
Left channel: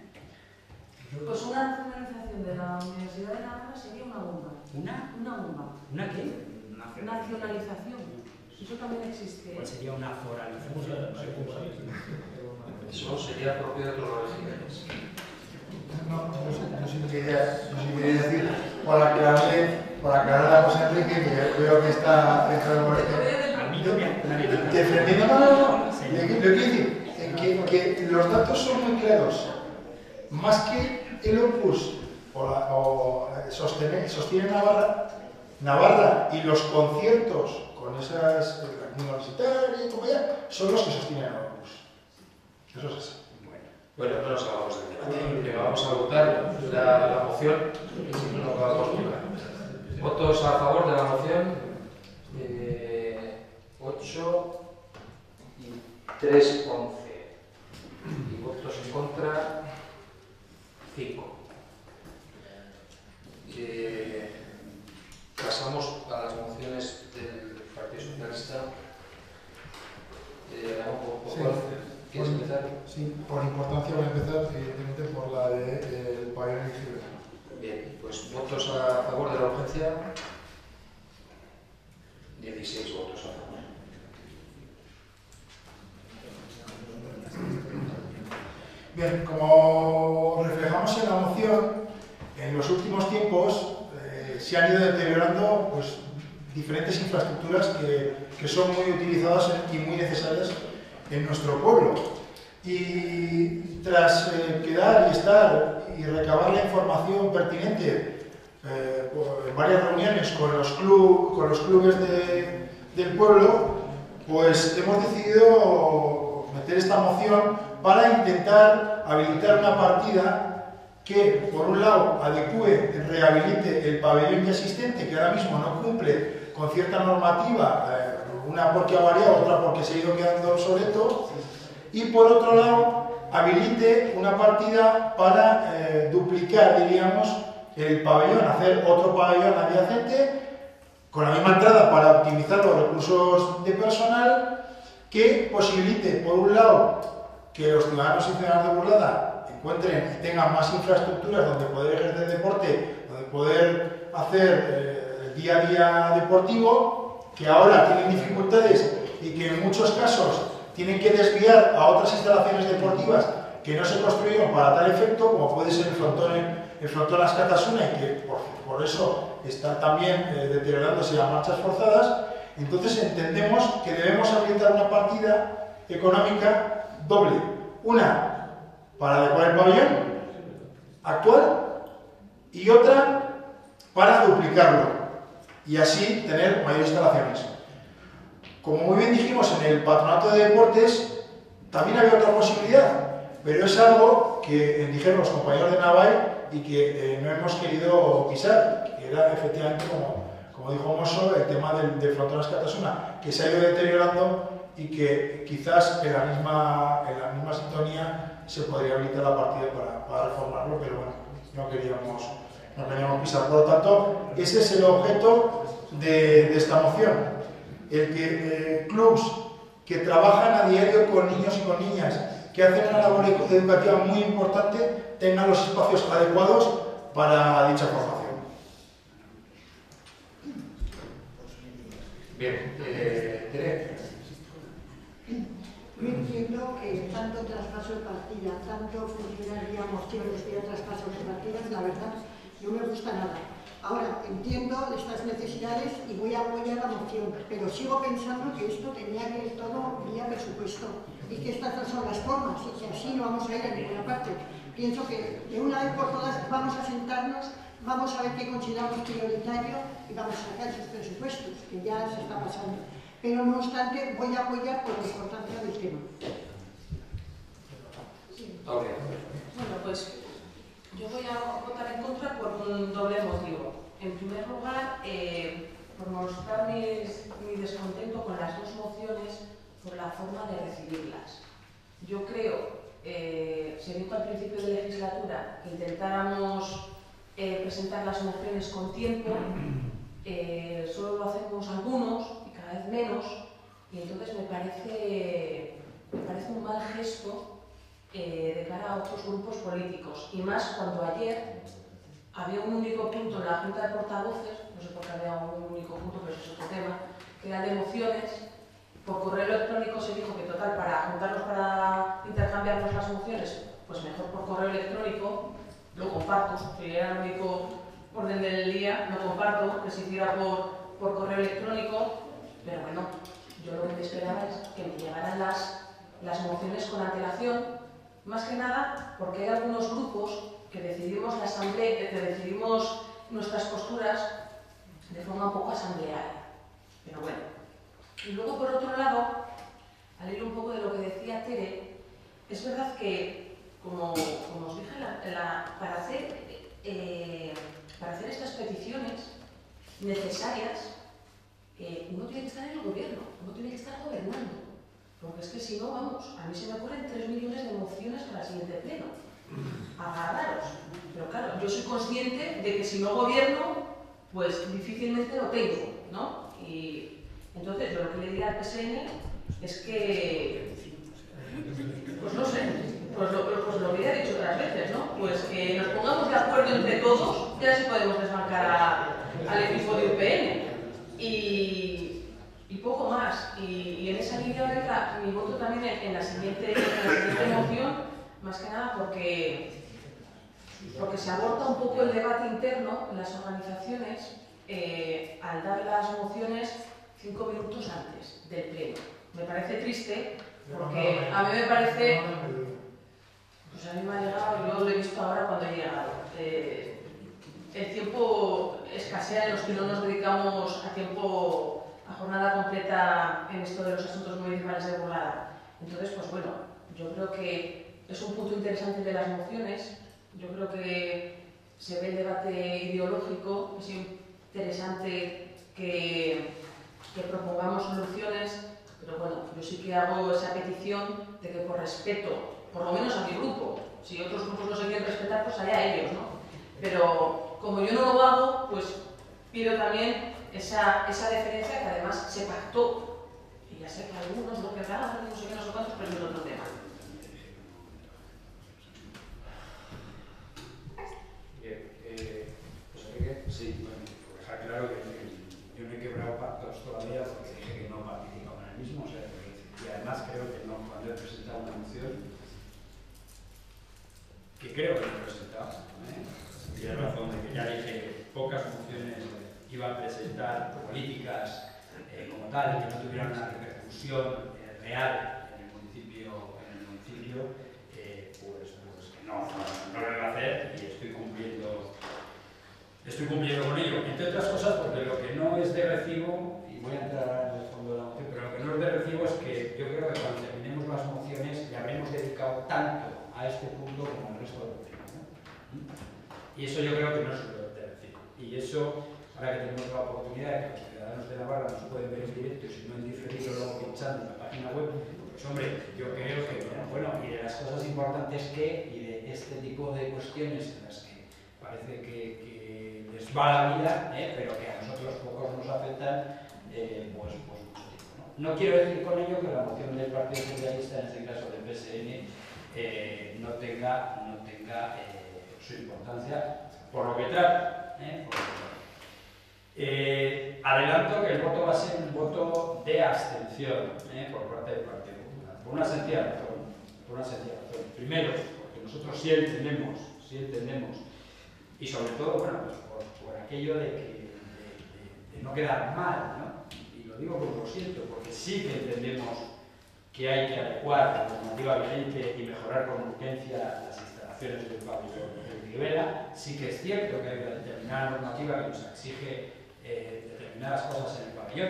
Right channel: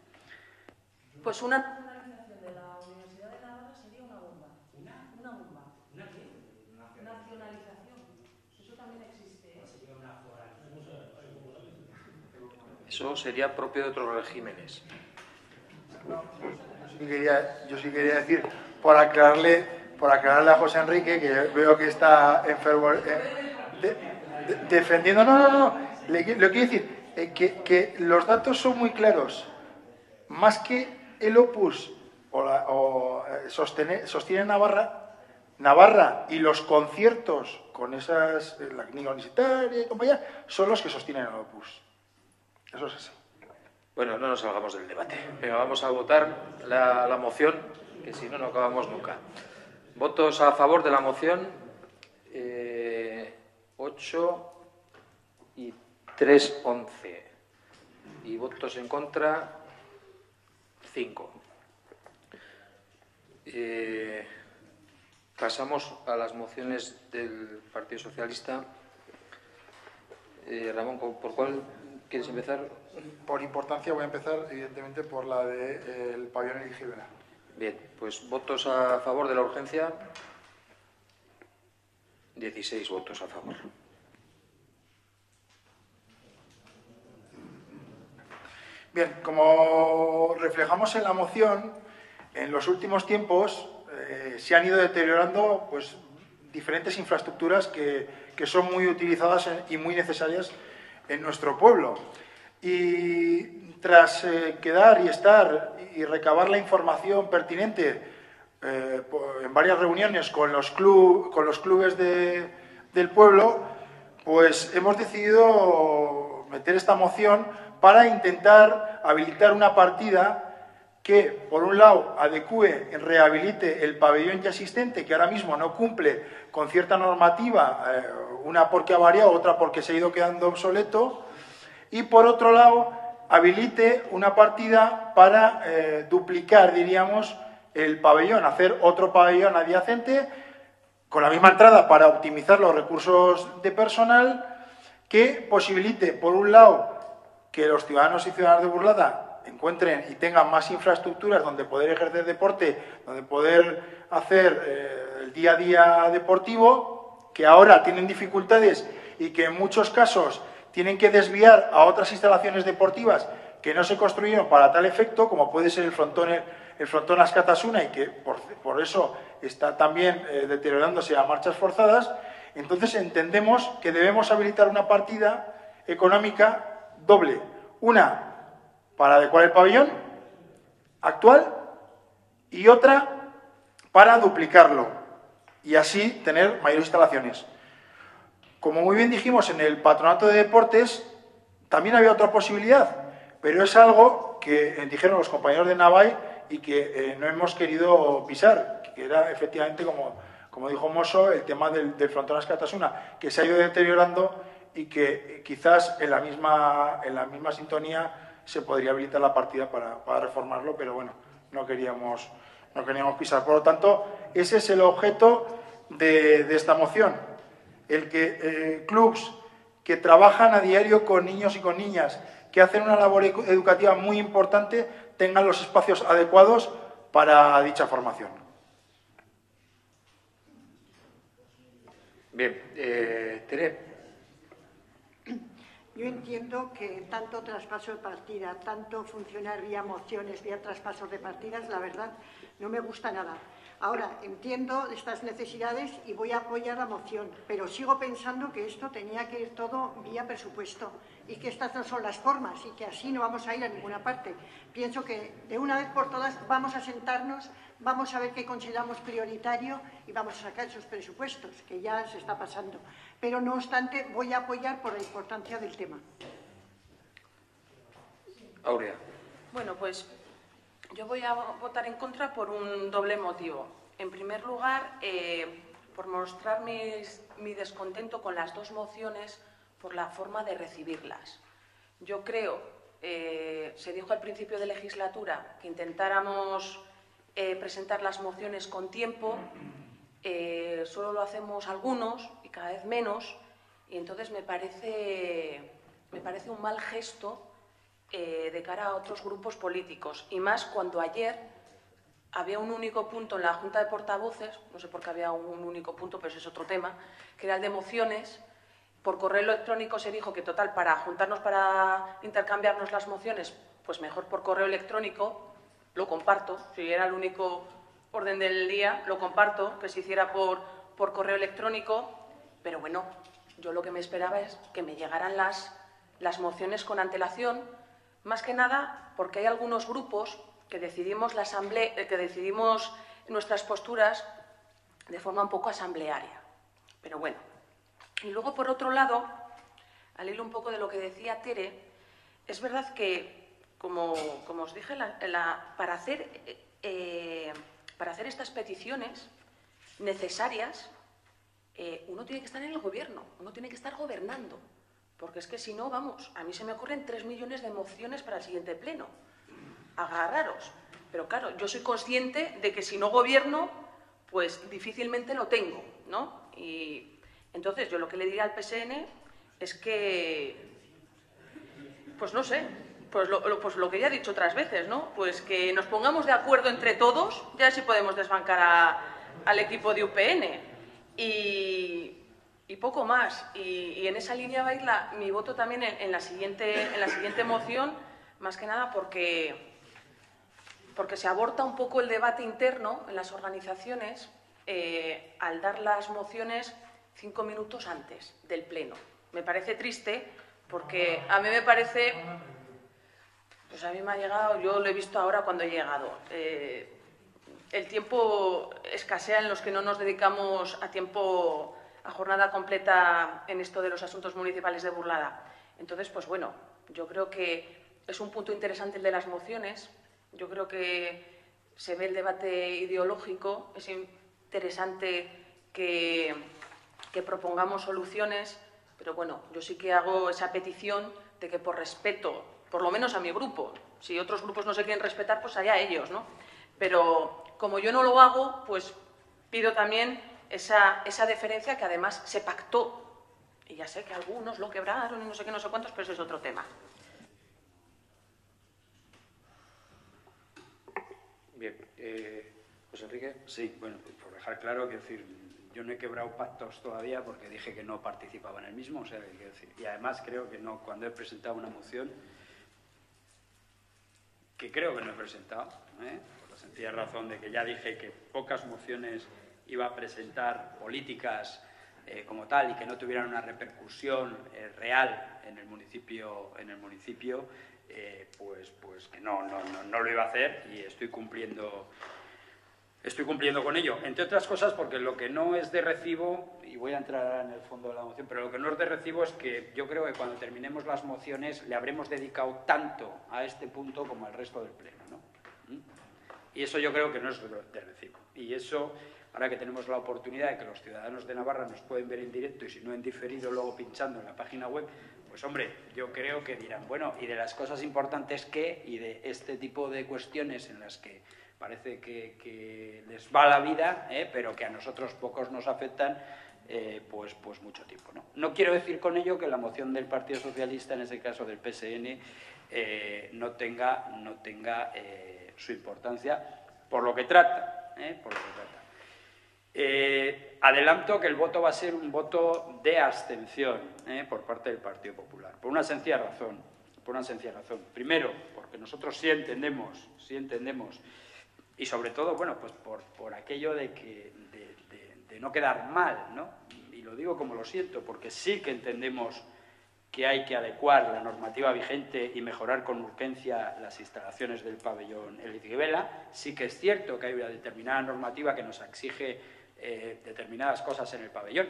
Pues una nacionalización de la Universidad de Navarra sería una bomba. ¿Una? Una bomba. ¿Una qué? Nacionalización. Eso también existe. Pues sería una foralización. Eso sería propio de otros regímenes. No, yo sí quería decir, para aclararle a José Enrique, que veo que está enfermo, defendiendo. No. Le quiero decir que los datos son muy claros. Más que el Opus sostiene Navarra y los conciertos con esas, la clínica universitaria y compañía, son los que sostienen el Opus. Eso es así. Bueno, no nos hagamos del debate. Venga, vamos a votar la moción, que si no, no acabamos nunca. ¿Votos a favor de la moción? 8 y 3, 11. Y votos en contra, 5. Pasamos a las mociones del Partido Socialista. Ramón, ¿por cuál quieres empezar? Sí, por importancia voy a empezar, evidentemente, por la del pabellón elegible. Bien, pues votos a favor de la urgencia. 16 votos a favor. Bien, como reflejamos en la moción, en los últimos tiempos se han ido deteriorando pues, diferentes infraestructuras que son muy utilizadas y muy necesarias en nuestro pueblo. Y tras quedar y estar y recabar la información pertinente en varias reuniones con los clubes del pueblo, pues hemos decidido meter esta moción para intentar habilitar una partida que, por un lado, adecue, rehabilite el pabellón ya existente, que ahora mismo no cumple con cierta normativa, una porque ha variado, otra porque se ha ido quedando obsoleto, y por otro lado, habilite una partida para duplicar, diríamos, el pabellón, hacer otro pabellón adyacente con la misma entrada para optimizar los recursos de personal, que posibilite, por un lado, que los ciudadanos y ciudadanas de Burlada encuentren y tengan más infraestructuras donde poder ejercer deporte, donde poder hacer el día a día deportivo, que ahora tienen dificultades y que en muchos casos tienen que desviar a otras instalaciones deportivas que no se construyeron para tal efecto, como puede ser el frontón Askatasuna, y que por eso está también deteriorándose a marchas forzadas. Entonces entendemos que debemos habilitar una partida económica doble. Una para adecuar el pabellón actual y otra para duplicarlo y así tener mayores instalaciones. Como muy bien dijimos en el Patronato de Deportes, también había otra posibilidad, pero es algo que dijeron los compañeros de Navai y que no hemos querido pisar, que era efectivamente, como dijo Mosso, el tema del frontón Askatasuna, que se ha ido deteriorando y que quizás en la misma sintonía se podría habilitar la partida para reformarlo, pero bueno, no queríamos pisar. Por lo tanto, ese es el objeto de esta moción, el que clubs que trabajan a diario con niños y con niñas, que hacen una labor educativa muy importante, tengan los espacios adecuados para dicha formación. Bien, Tere. Yo entiendo que tanto traspaso de partida, tanto funcionar ya mociones y traspaso de partidas, la verdad, no me gusta nada. Ahora, entiendo estas necesidades y voy a apoyar la moción, pero sigo pensando que esto tenía que ir todo vía presupuesto y que estas no son las formas y que así no vamos a ir a ninguna parte. Pienso que de una vez por todas vamos a sentarnos, vamos a ver qué consideramos prioritario y vamos a sacar esos presupuestos, que ya se está pasando. Pero no obstante, voy a apoyar por la importancia del tema. Aurea. Bueno, pues yo voy a votar en contra por un doble motivo. En primer lugar, por mostrar mi descontento con las dos mociones por la forma de recibirlas. Yo creo, se dijo al principio de legislatura que intentáramos presentar las mociones con tiempo, solo lo hacemos algunos y cada vez menos, y entonces me parece un mal gesto de cara a otros grupos políticos, y más cuando ayer había un único punto en la Junta de Portavoces, no sé por qué había un único punto, pero ese es otro tema, que era el de mociones. Por correo electrónico se dijo que total, para juntarnos para intercambiarnos las mociones, pues mejor por correo electrónico, lo comparto, si era el único orden del día, lo comparto, que se hiciera por correo electrónico, pero bueno, yo lo que me esperaba es que me llegaran las mociones con antelación, más que nada porque hay algunos grupos que decidimos la asamblea, que decidimos nuestras posturas de forma un poco asamblearia, pero bueno. Y luego, por otro lado, al hilo un poco de lo que decía Tere, es verdad que, como os dije, para hacer estas peticiones necesarias, uno tiene que estar en el gobierno, uno tiene que estar gobernando, porque es que si no, vamos, a mí se me ocurren 3 millones de mociones para el siguiente pleno. Agarraros. Pero claro, yo soy consciente de que si no gobierno, pues difícilmente lo tengo, ¿no? Y entonces yo lo que le diría al PSN es que, pues no sé, pues lo que ya he dicho otras veces, ¿no? Pues que nos pongamos de acuerdo entre todos, ya sí podemos desbancar al equipo de UPN. Y poco más. Y en esa línea va a ir mi voto también en la siguiente moción, más que nada porque se aborta un poco el debate interno en las organizaciones al dar las mociones 5 minutos antes del pleno. Me parece triste porque a mí me parece... Pues a mí me ha llegado, yo lo he visto ahora cuando he llegado. El tiempo escasea en los que no nos dedicamos a jornada completa en esto de los asuntos municipales de Burlada. Entonces, pues bueno, yo creo que es un punto interesante el de las mociones. Yo creo que se ve el debate ideológico, es interesante que propongamos soluciones, pero bueno, yo sí que hago esa petición de que por respeto, por lo menos a mi grupo, si otros grupos no se quieren respetar, pues allá ellos, ¿no? Pero como yo no lo hago, pues pido también esa deferencia que además se pactó. Y ya sé que algunos lo quebraron, no sé qué, no sé cuántos, pero eso es otro tema. Bien, pues Enrique. Sí, bueno, por dejar claro que yo no he quebrado pactos todavía porque dije que no participaba en el mismo, o sea, y además creo que no, cuando he presentado una moción, que creo que no he presentado, tienes razón de que ya dije que pocas mociones iba a presentar políticas como tal y que no tuvieran una repercusión real en el municipio, pues que no lo iba a hacer y estoy cumpliendo con ello. Entre otras cosas porque lo que no es de recibo, y voy a entrar en el fondo de la moción, pero lo que no es de recibo es que yo creo que cuando terminemos las mociones le habremos dedicado tanto a este punto como al resto del pleno, ¿no? Y eso yo creo que no es de recibo. Y eso, ahora que tenemos la oportunidad de que los ciudadanos de Navarra nos pueden ver en directo y si no en diferido luego pinchando en la página web, pues hombre, yo creo que dirán, bueno, y de las cosas importantes que, y de este tipo de cuestiones en las que parece que les va la vida, pero que a nosotros pocos nos afectan, pues mucho tiempo, ¿no? No quiero decir con ello que la moción del Partido Socialista, en este caso del PSN, no tenga su importancia por lo que trata. Adelanto que el voto va a ser un voto de abstención por parte del Partido Popular, por una sencilla razón. Primero, porque nosotros sí entendemos, y sobre todo, bueno, pues por aquello de no quedar mal, ¿no? Y lo digo como lo siento, porque sí que entendemos que hay que adecuar la normativa vigente y mejorar con urgencia las instalaciones del pabellón de Irvela. Sí que es cierto que hay una determinada normativa que nos exige determinadas cosas en el pabellón.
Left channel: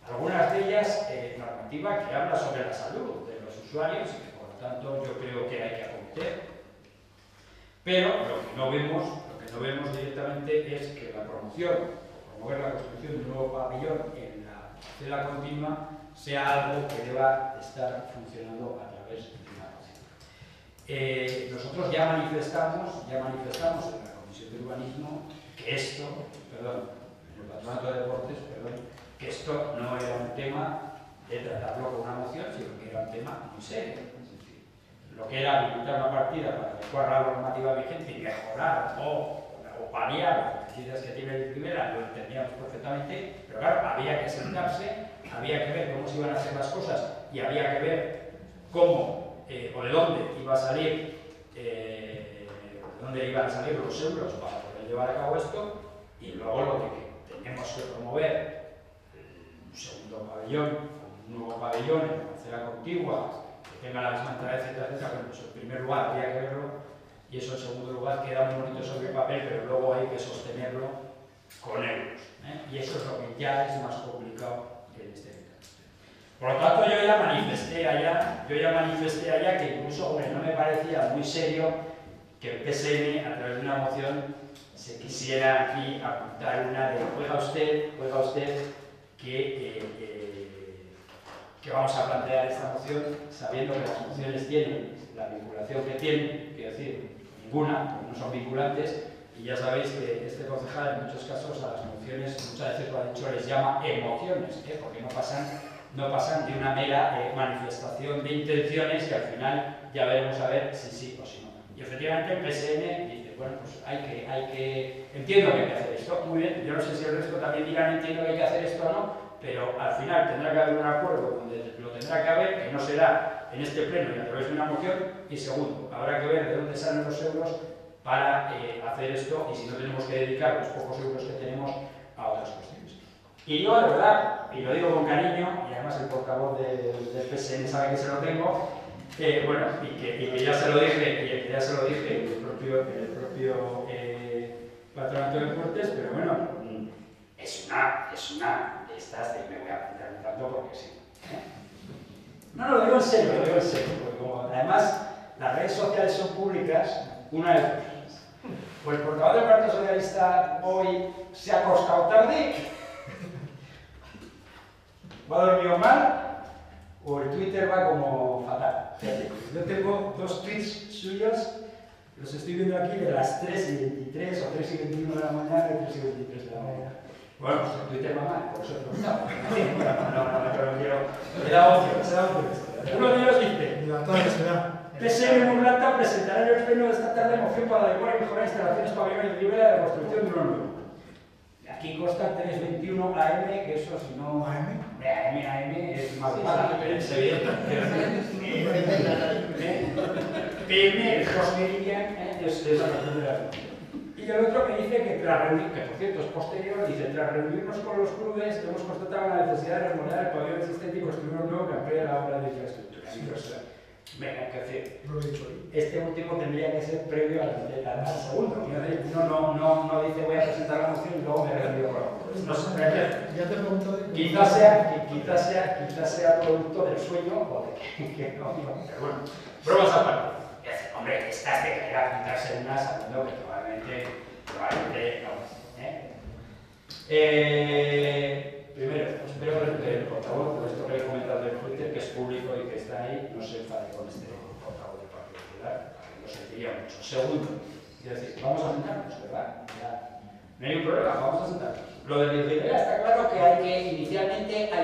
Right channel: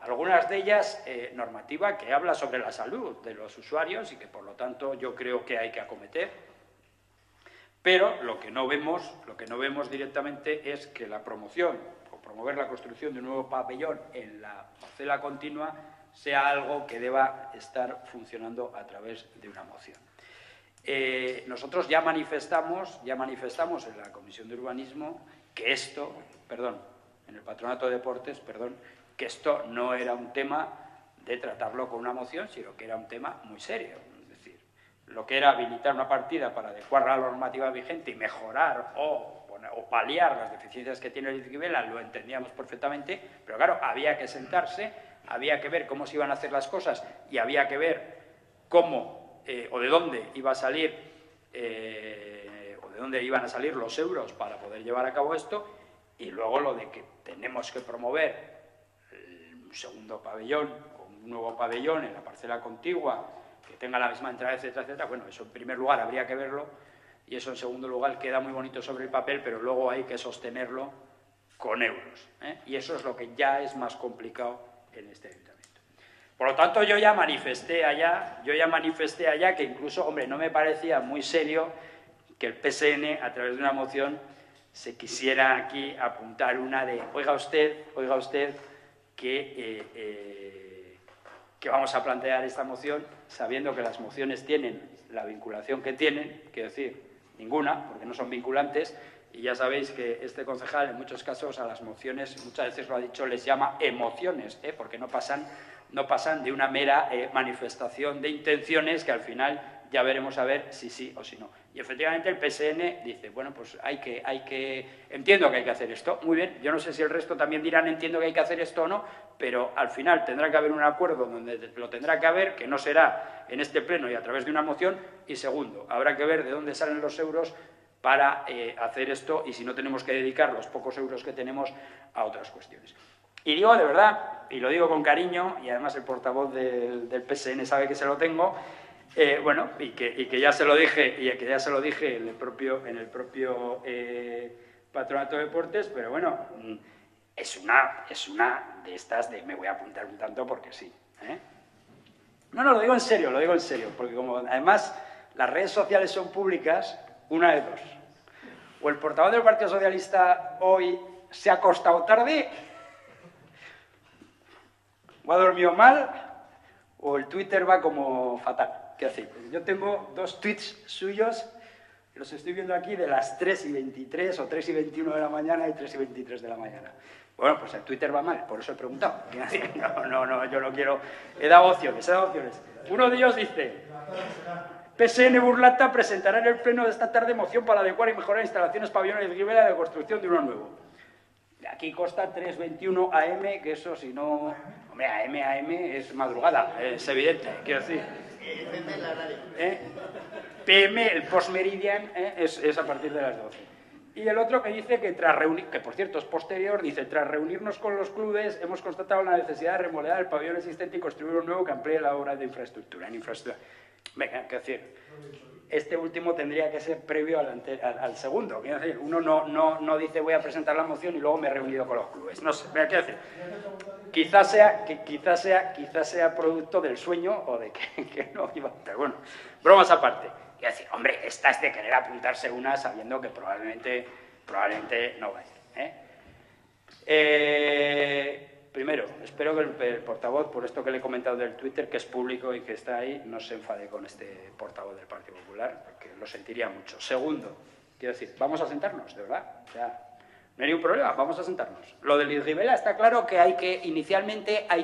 Algunas de ellas, normativa que habla sobre la salud de los usuarios y que por lo tanto yo creo que hay que acometer. Pero lo que no vemos directamente es que la promoción o promover la construcción de un nuevo pabellón en la parcela continua sea algo que deba estar funcionando a través de una moción. Nosotros ya manifestamos en la Comisión de Urbanismo que en el Patronato de Deportes, que esto no era un tema de tratarlo con una moción, sino que era un tema muy serio. Es decir, lo que era habilitar una partida para adecuar la normativa vigente y mejorar o paliar las deficiencias que tiene el Irvela, lo entendíamos perfectamente, pero claro, había que sentarse había que ver cómo se iban a hacer las cosas y había que ver cómo o de dónde iba a salir o de dónde iban a salir los euros para poder llevar a cabo esto, y luego lo de que tenemos que promover un segundo pabellón, un nuevo pabellón en la parcela contigua, que tenga la misma entrada, etcétera, etcétera. Bueno, eso en primer lugar habría que verlo, y eso en segundo lugar queda muy bonito sobre el papel, pero luego hay que sostenerlo con euros, ¿eh? Y eso es lo que ya es más complicado en este ayuntamiento. Por lo tanto, yo ya manifesté allá que incluso, hombre, no me parecía muy serio que el PSN, a través de una moción, se quisiera aquí apuntar una de, oiga usted, que vamos a plantear esta moción sabiendo que las mociones tienen la vinculación que tienen, quiero decir, ninguna, que no son vinculantes, y ya sabéis que este concejal en muchos casos a las mociones, muchas veces lo ha dicho, les llama emociones, porque no pasan de una mera manifestación de intenciones que al final ya veremos a ver si sí o si no. Y efectivamente el PSN dice, bueno, pues entiendo que hay que hacer esto, muy bien, yo no sé si el resto también dirá no entiendo que hay que hacer esto o no, pero al final tendrá que haber un acuerdo donde lo tendrá que haber, que no será en este pleno y a través de una moción, y segundo, habrá que ver de dónde salen los euros para hacer esto, y si no tenemos que dedicar los pocos euros que tenemos a otras cuestiones. Y digo de verdad, y lo digo con cariño, y además el portavoz del PSN sabe que se lo tengo, bueno, y que ya se lo dije, en el propio Patronato de Deportes, pero bueno, es una de estas de me voy a apuntar un tanto porque sí, ¿eh? No, lo digo en serio, porque como además las redes sociales son públicas, una de dos. O el portavoz del Partido Socialista hoy se ha acostado tarde, o ha dormido mal, o el Twitter va como fatal. ¿Qué hacer? Yo tengo 2 tweets suyos, los estoy viendo aquí de las 3:23 o 3:21 de la mañana y 3:23 de la mañana. Bueno, pues el Twitter va mal, por eso he preguntado. No, yo no quiero. He dado opciones. Uno de ellos dice: PSN Burlata presentará en el pleno de esta tarde moción para adecuar y mejorar instalaciones pabellones de Rivera de construcción de uno nuevo. Aquí consta 3:21 AM, que eso si no... AM es madrugada, es evidente, quiero decir. PM, el post-meridian, es a partir de las 12. Y el otro que dice que tras reunir, que por cierto es posterior, dice: tras reunirnos con los clubes hemos constatado la necesidad de remodelar el pabellón existente y construir un nuevo que amplíe la obra de infraestructura. Venga, que decir, este último tendría que ser previo al segundo. Quiero decir, uno no dice voy a presentar la moción y luego me he reunido con los clubes. No sé, quizás sea producto del sueño o de que no iba. Pero bueno, bromas aparte. Quiero decir, hombre, esta es de querer apuntarse una sabiendo que probablemente no. Primero, espero que el portavoz, por esto que le he comentado del Twitter, que es público y que está ahí, no se enfade con este portavoz del Partido Popular, que lo sentiría mucho. Segundo, quiero decir, vamos a sentarnos, ¿verdad? Ya, no hay ningún problema, vamos a sentarnos. Lo de Rivera está claro que inicialmente hay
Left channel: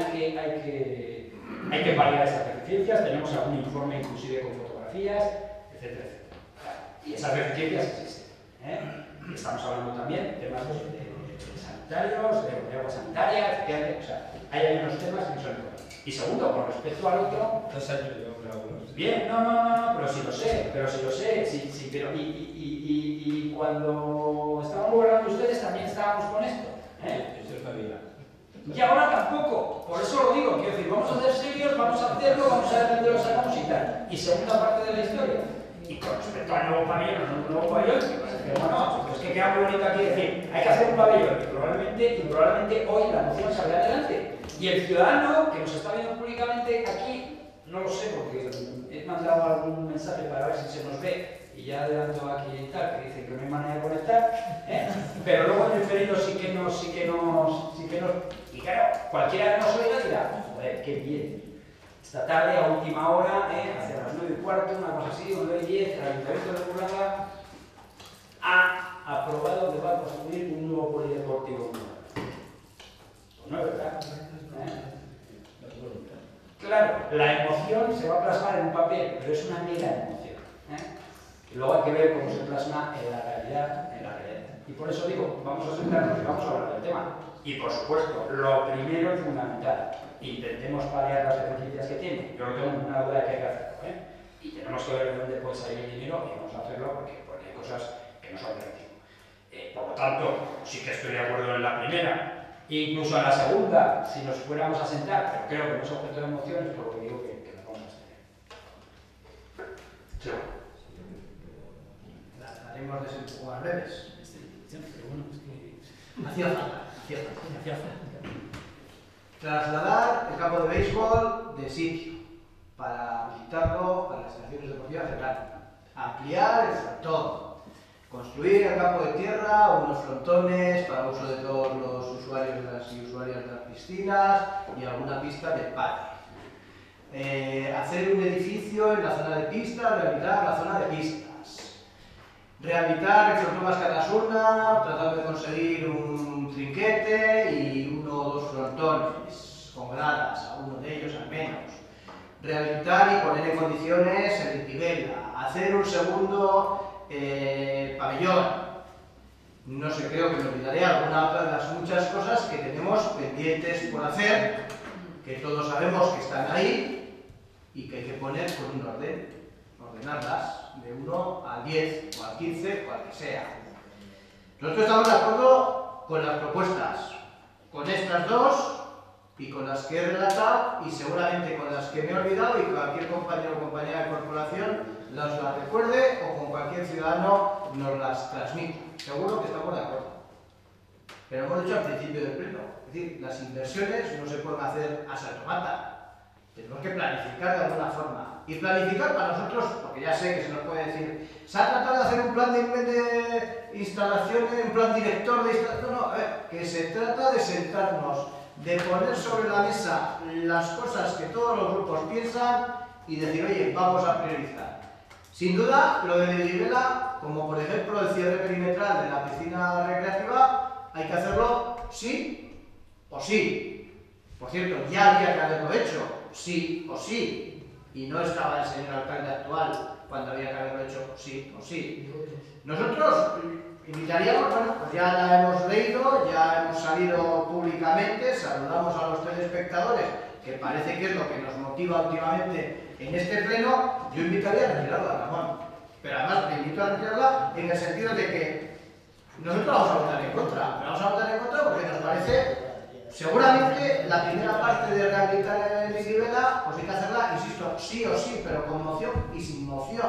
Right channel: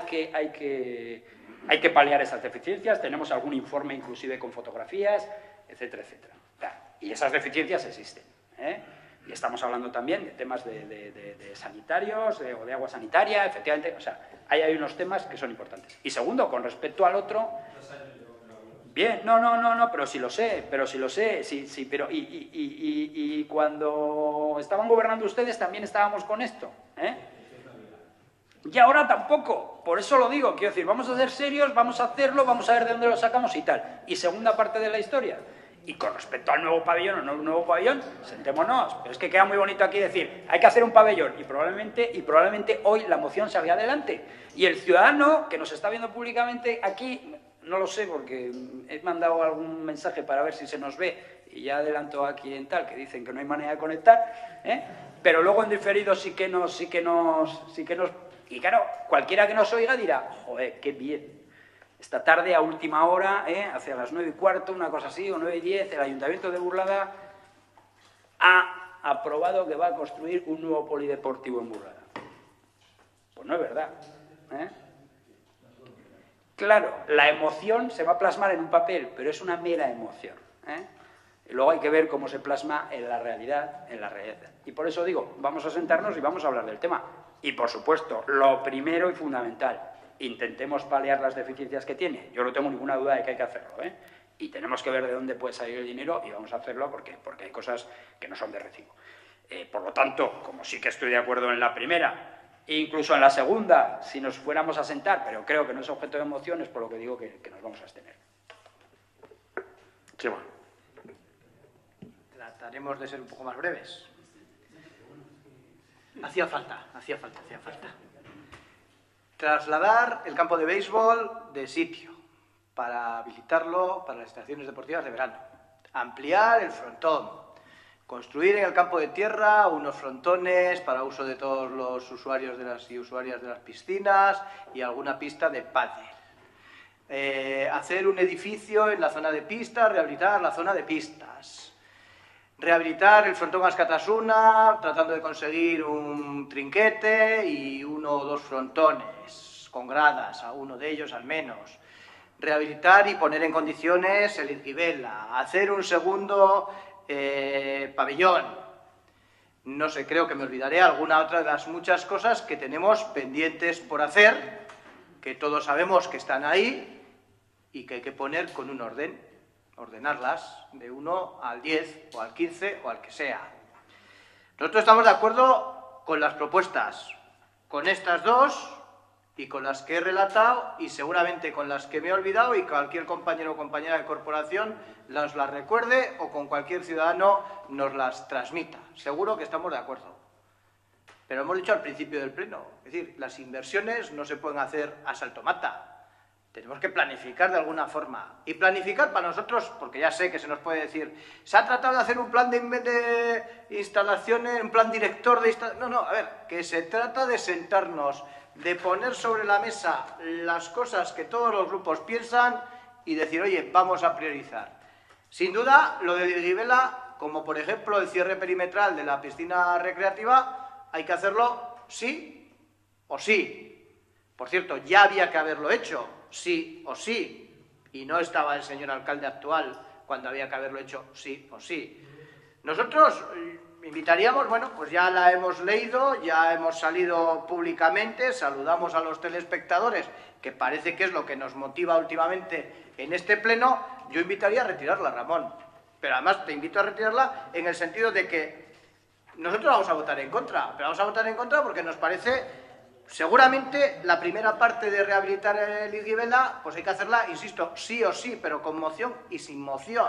que paliar esas deficiencias, tenemos algún informe inclusive con fotografías, etcétera, etcétera. Claro, y esas deficiencias existen, ¿eh? Y estamos hablando también de temas de sanitarios o de agua sanitaria, efectivamente, o sea, hay unos temas que son importantes. Y segundo, con respecto al otro... Bien, no, pero sí lo sé, sí, pero y cuando estaban gobernando ustedes también estábamos con esto, ¿eh? Y ahora tampoco, por eso lo digo, quiero decir, vamos a ser serios, vamos a hacerlo, vamos a ver de dónde lo sacamos y tal. Y segunda parte de la historia. Y con respecto al nuevo pabellón o no un nuevo pabellón, sentémonos. Es que queda muy bonito aquí decir, hay que hacer un pabellón, y probablemente hoy la moción salga adelante. Y el ciudadano que nos está viendo públicamente aquí, no lo sé, porque he mandado algún mensaje para ver si se nos ve, y ya adelanto aquí y tal, que dicen que no hay manera de conectar, ¿eh? Pero luego en diferido sí que nos... Y claro, cualquiera que nos oiga dirá, joder, qué bien. Esta tarde, a última hora, hacia las 9:15, una cosa así, o 9:10, el Ayuntamiento de Burlada ha aprobado que va a construir un nuevo polideportivo en Burlada. Pues no es verdad, Claro, la emoción se va a plasmar en un papel, pero es una mera emoción, Y luego hay que ver cómo se plasma en la realidad, Y por eso digo, vamos a sentarnos y vamos a hablar del tema. Y por supuesto, lo primero y fundamental, intentemos paliar las deficiencias que tiene. Yo no tengo ninguna duda de que hay que hacerlo, ¿eh? Y tenemos que ver de dónde puede salir el dinero y vamos a hacerlo porque hay cosas que no son de recibo. Por lo tanto, sí que estoy de acuerdo en la primera, incluso en la segunda, si nos fuéramos a sentar, pero creo que no es objeto de moción, es por lo que digo que nos vamos a abstener. Sí, bueno. Trataremos de ser un poco más breves. Hacía falta. Trasladar el campo de béisbol de sitio para habilitarlo para las instalaciones deportivas de verano. Ampliar el frontón. Construir en el campo de tierra unos frontones para uso de todos los usuarios y usuarias de las piscinas y alguna pista de pádel. Hacer un edificio en la zona de pistas, rehabilitar la zona de pistas. Rehabilitar el frontón Azkatasuna, tratando de conseguir un trinquete y 1 o 2 frontones con gradas, a uno de ellos al menos. Rehabilitar y poner en condiciones el Irgibela. Hacer un segundo pabellón. No sé, creo que me olvidaré alguna otra de las muchas cosas que tenemos pendientes por hacer, que todos sabemos que están ahí y que hay que poner con un orden, ordenarlas de 1 al 10 o al 15 o al que sea. Nosotros estamos de acuerdo con las propuestas, con estas dos y con las que he relatado y seguramente con las que me he olvidado y cualquier compañero o compañera de corporación las recuerde o con cualquier ciudadano nos las transmita. Seguro que estamos de acuerdo. Pero hemos dicho al principio del pleno, es decir, las inversiones no se pueden hacer a salto mata. Tenemos que planificar de alguna forma. Y planificar para nosotros, porque ya sé que se nos puede decir, se ha tratado de hacer un plan de instalaciones, un plan director de instalaciones. No, a ver, que se trata de sentarnos, de poner sobre la mesa las cosas que todos los grupos piensan y decir, oye, vamos a priorizar. Sin duda, lo de Irgibela, como por ejemplo el cierre perimetral de la piscina recreativa, hay que hacerlo sí o sí. Por cierto, ya había que haberlo hecho, sí o sí, y no estaba el señor alcalde actual cuando había que haberlo hecho sí o sí. Nosotros invitaríamos, bueno, pues ya la hemos leído, ya hemos salido públicamente, saludamos a los telespectadores, que parece que es lo que nos motiva últimamente en este pleno. Yo invitaría a retirarla, Ramón, pero además te invito a retirarla en el sentido de que nosotros vamos a votar en contra, pero vamos a votar en contra porque nos parece, seguramente la primera parte de rehabilitar el Irgibela, pues hay que hacerla, insisto, sí o sí, pero con moción y sin moción.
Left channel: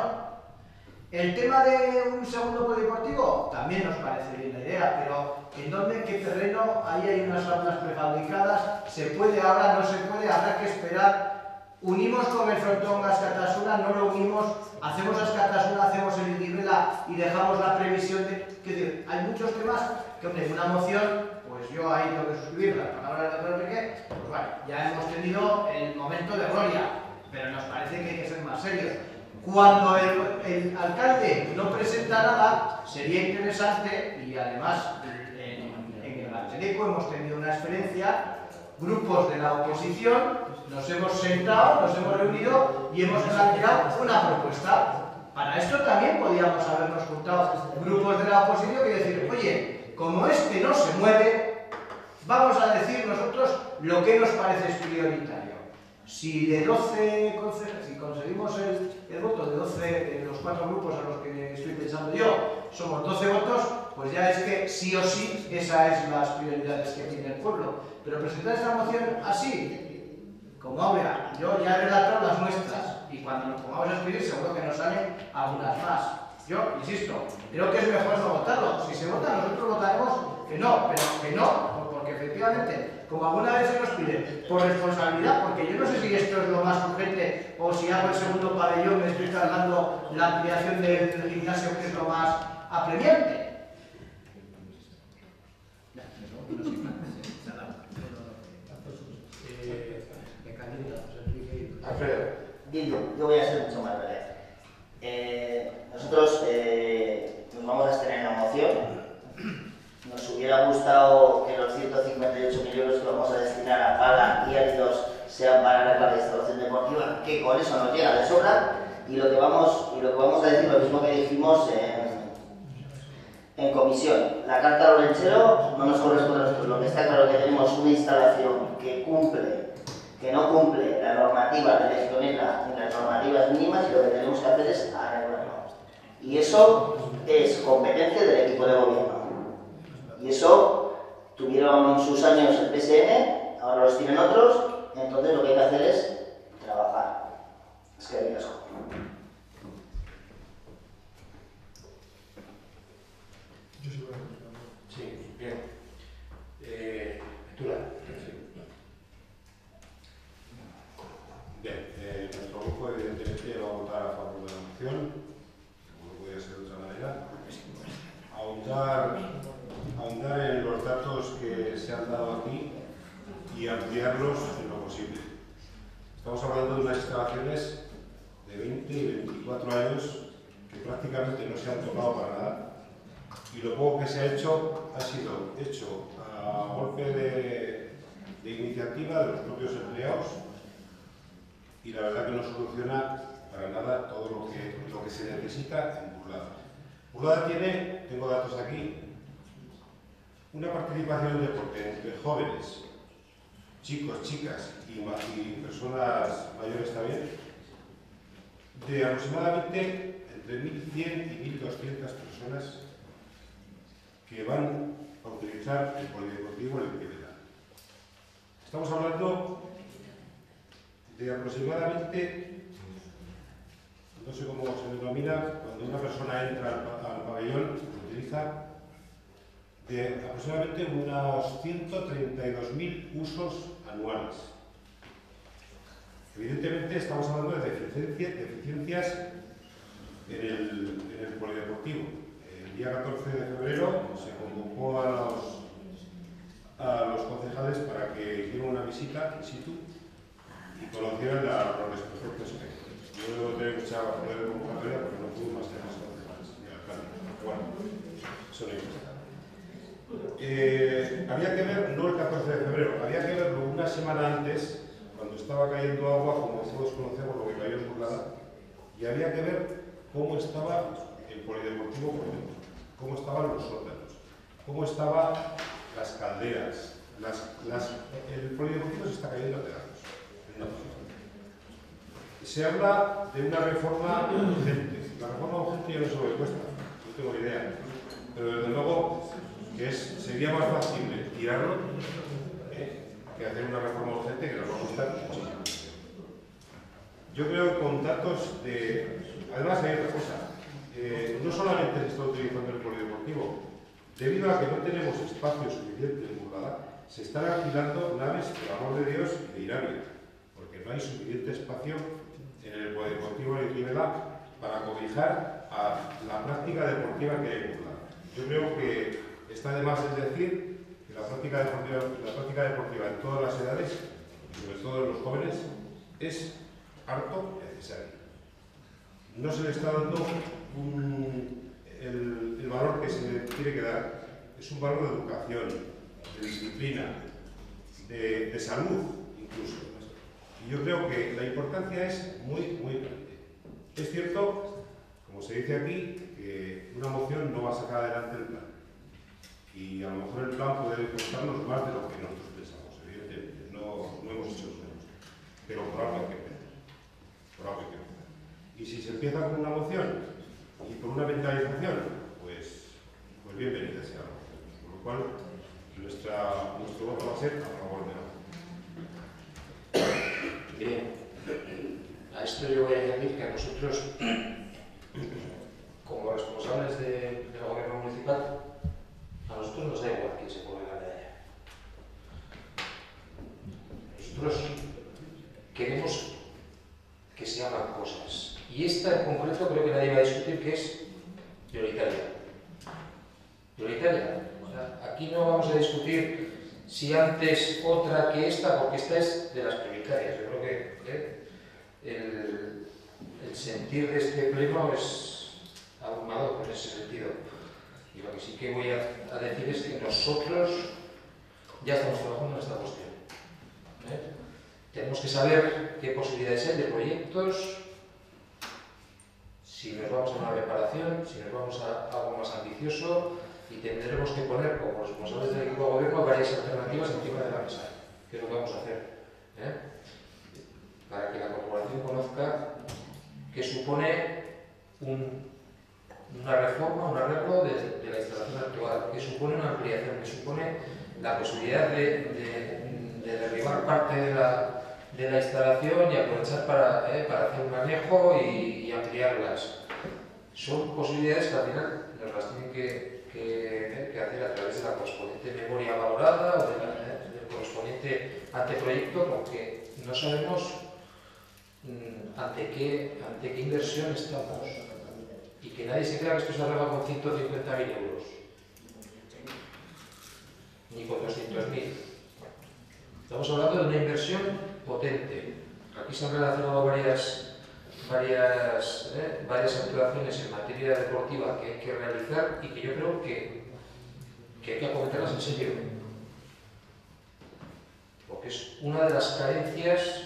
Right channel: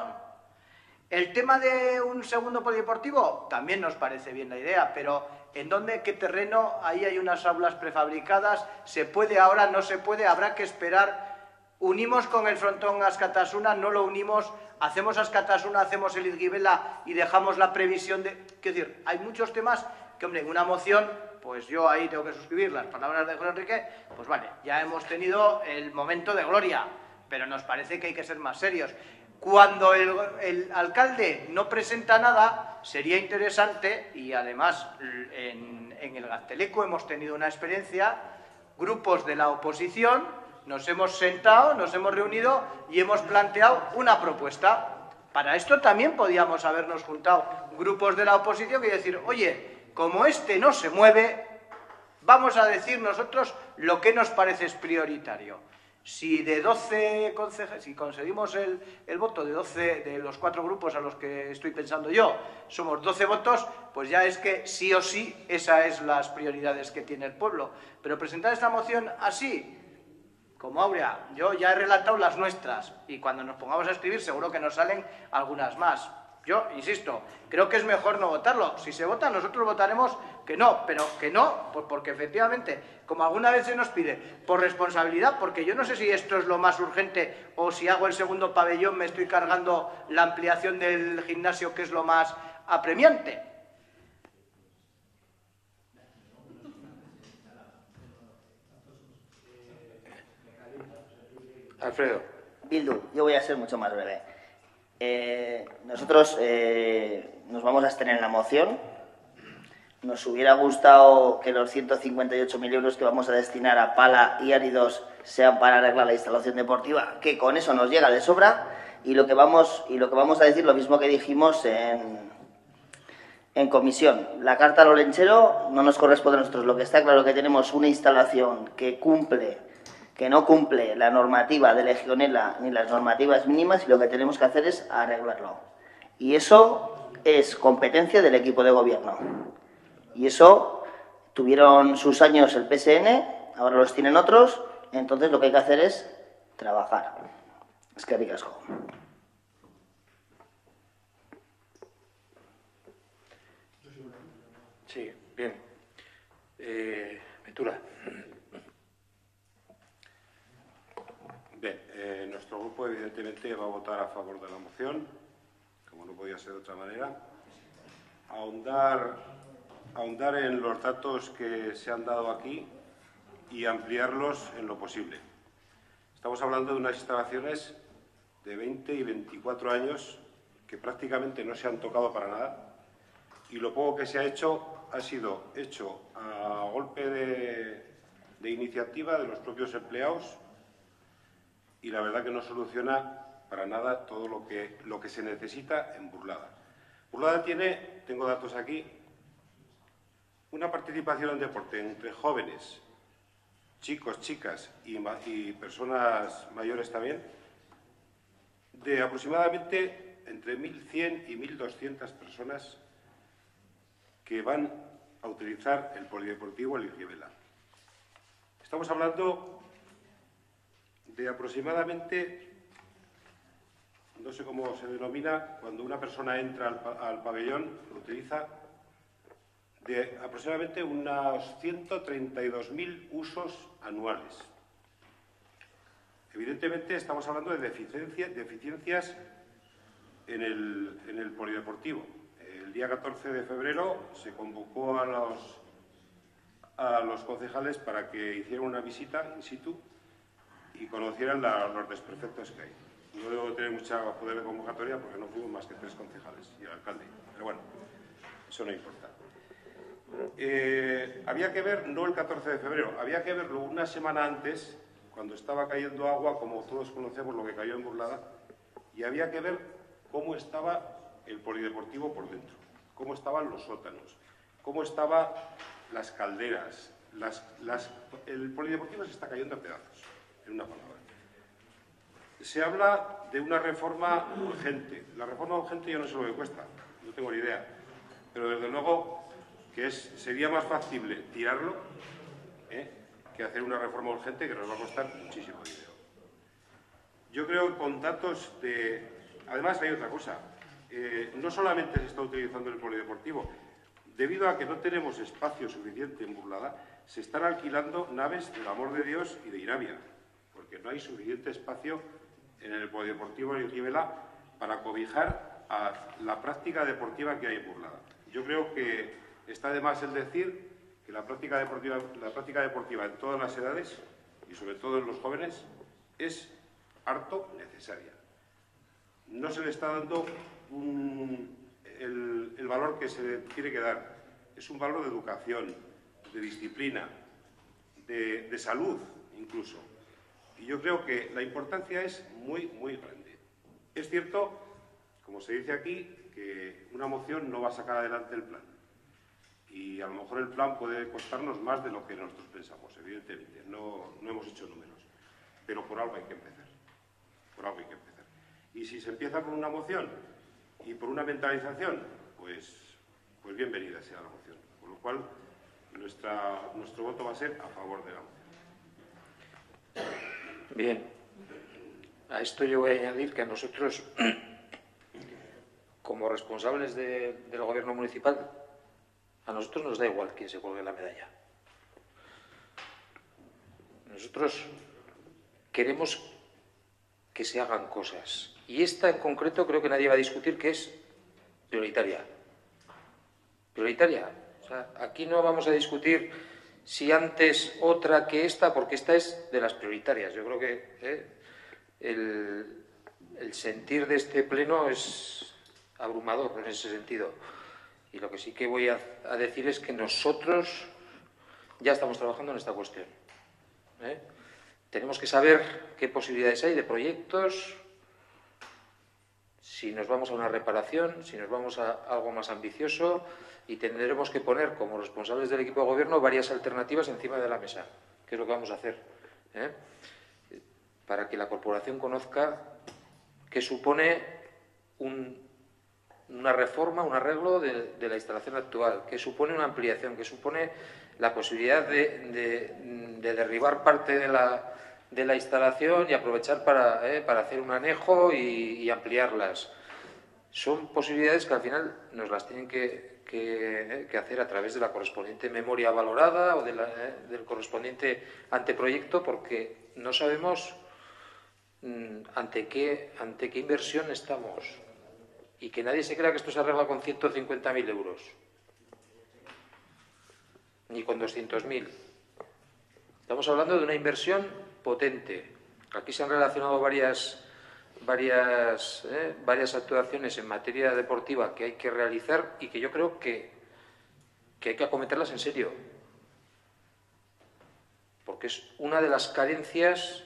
El tema de un segundo polideportivo también nos parece bien la idea, pero ¿en dónde, qué terreno? Ahí hay unas aulas prefabricadas, ¿se puede ahora? ¿No se puede? Habrá que esperar. Unimos con el frontón Azkatasuna, no lo unimos, hacemos Azkatasuna, hacemos el Irgibela y dejamos la previsión de... Quiero decir, hay muchos temas que, hombre, en una moción, pues yo ahí tengo que suscribir las palabras de Enrique, pues vale, ya hemos tenido el momento de gloria, pero nos parece que hay que ser más serios. Cuando el alcalde no presenta nada, sería interesante, y además en el Gazteleco hemos tenido una experiencia, grupos de la oposición, nos hemos sentado, nos hemos reunido y hemos planteado una propuesta. Para esto también podíamos habernos juntado grupos de la oposición y decir, oye, como este no se mueve, vamos a decir nosotros lo que nos parece es prioritario. Si de 12 concejales, si conseguimos el voto de 12 de los 4 grupos a los que estoy pensando yo, somos 12 votos, pues ya es que sí o sí esas son las prioridades que tiene el pueblo. Pero presentar esta moción así, como Aurea, yo ya he relatado las nuestras y cuando nos pongamos a escribir seguro que nos salen algunas más. Yo, insisto, creo que es mejor no votarlo. Si se vota, nosotros votaremos que no, pero que no, porque efectivamente, como alguna vez se nos pide, por responsabilidad, porque yo no sé si esto es lo más urgente o si hago el segundo pabellón me estoy cargando la ampliación del gimnasio, que es lo más apremiante. Alfredo. Bildu, yo voy a ser mucho más breve. Nosotros nos vamos a abstener en la moción. Nos hubiera gustado que los 158.000 euros que vamos a destinar a pala y áridos sean para arreglar la instalación deportiva, que con eso nos llega de sobra, y lo que vamos a decir lo mismo que dijimos en comisión. La carta al olenchero no nos corresponde a nosotros. Lo que está claro es que tenemos una instalación que cumple que no cumple la normativa de Legionela ni las normativas mínimas y lo que tenemos que hacer es arreglarlo. Y eso es competencia del equipo de gobierno. Y eso tuvieron sus años el PSN, ahora los tienen otros, entonces lo que hay que hacer es trabajar. Es que digas. Sí, bien. Ventura. Bien, nuestro grupo evidentemente va a votar a favor de la moción, como no podía ser de otra manera. Ahondar en los datos que se han dado aquí y ampliarlos en lo posible. Estamos hablando de unas instalaciones de 20 y 24 años que prácticamente no se han tocado para nada, y lo poco que se ha hecho ha sido hecho a golpe de iniciativa de los propios empleados, y la verdad que no soluciona para nada todo lo que se necesita en Burlada. Burlada tiene, tengo datos aquí, una participación en deporte entre jóvenes, chicos, chicas y personas mayores también, de aproximadamente entre 1.100 y 1.200 personas que van a utilizar el polideportivo El Irievela. Estamos hablando de aproximadamente, no sé cómo se denomina, cuando una persona entra al pabellón, lo utiliza, de aproximadamente unos 132.000 usos anuales. Evidentemente estamos hablando de deficiencias en el polideportivo. El día 14 de febrero se convocó a los concejales para que hicieran una visita in situ y conocieran los desperfectos que hay. Yo no tengo mucha poder de convocatoria porque no hubo más de 3 concejales y el alcalde. Pero bueno, eso no importa. Había que ver, no el 14 de febrero, había que verlo una semana antes, cuando estaba cayendo agua, como todos conocemos lo que cayó en Burlada, y había que ver cómo estaba el polideportivo por dentro, cómo estaban los sótanos, cómo estaban las calderas. El polideportivo se está cayendo a pedazos. Se habla de una reforma urgente. La reforma urgente yo no sé lo que cuesta, no tengo ni idea, pero desde luego que sería más factible tirarlo que hacer una reforma urgente que nos va a costar muchísimo. Yo creo que con datos de... Además hay otra cosa, no solamente se está utilizando el polideportivo, debido a que no tenemos espacio suficiente en Burlada, se están alquilando naves del Amor de Dios y de Irabia, porque no hay suficiente espacio en el polideportivo de Irievela para cobijar a la práctica deportiva que hay en Burlada. Yo creo que está de más es decir que la práctica deportiva en todas las edades, y sobre todo en los jóvenes, es harto necesaria. No se le está dando el valor que se le tiene que dar. Es un valor de educación, de disciplina, de salud incluso. Y yo creo que la importancia es muy, muy grande. Es cierto, como se dice aquí, que una moción no va a sacar adelante el plan. Y a lo mejor el plan puede costarnos más de lo que nosotros pensamos, evidentemente. No hemos hecho números. Pero por algo hay que empezar. Por algo hay que empezar. Y si se empieza con una moción y por una mentalización, pues bienvenida sea la moción. Por lo cual, nuestro voto va a ser a favor de la moción. Bien. A esto yo voy a añadir que a nosotros, como responsables del gobierno municipal, a nosotros nos da igual quién se cuelgue la medalla. Nosotros queremos que se hagan cosas. Y esta en concreto creo que nadie va a discutir que es prioritaria. Prioritaria. O sea, aquí no vamos a discutir si antes otra que esta, porque esta es de las prioritarias. Yo creo que el sentir de este pleno es abrumador en ese sentido. Y lo que sí que voy a decir es que nosotros ya estamos trabajando en esta cuestión. Tenemos que saber qué posibilidades hay de proyectos, si nos vamos a una reparación, si nos vamos a algo más ambicioso, y tendremos que poner como responsables del equipo de gobierno varias alternativas encima de la mesa, que es lo que vamos a hacer. para que la corporación conozca qué supone una reforma, un arreglo de la instalación actual, qué supone una ampliación, qué supone la posibilidad de derribar parte de la instalación y aprovechar para hacer un anejo y ampliarlas. Son posibilidades que al final nos las tienen que hacer a través de la correspondiente memoria valorada o del correspondiente anteproyecto, porque no sabemos ante qué inversión estamos, y que nadie se crea que esto se arregla con 150.000 euros ni con 200.000. Estamos hablando de una inversión potente. Aquí se han relacionado varias actuaciones en materia deportiva que hay que realizar y que yo creo que hay que acometerlas en serio, porque es una de las carencias,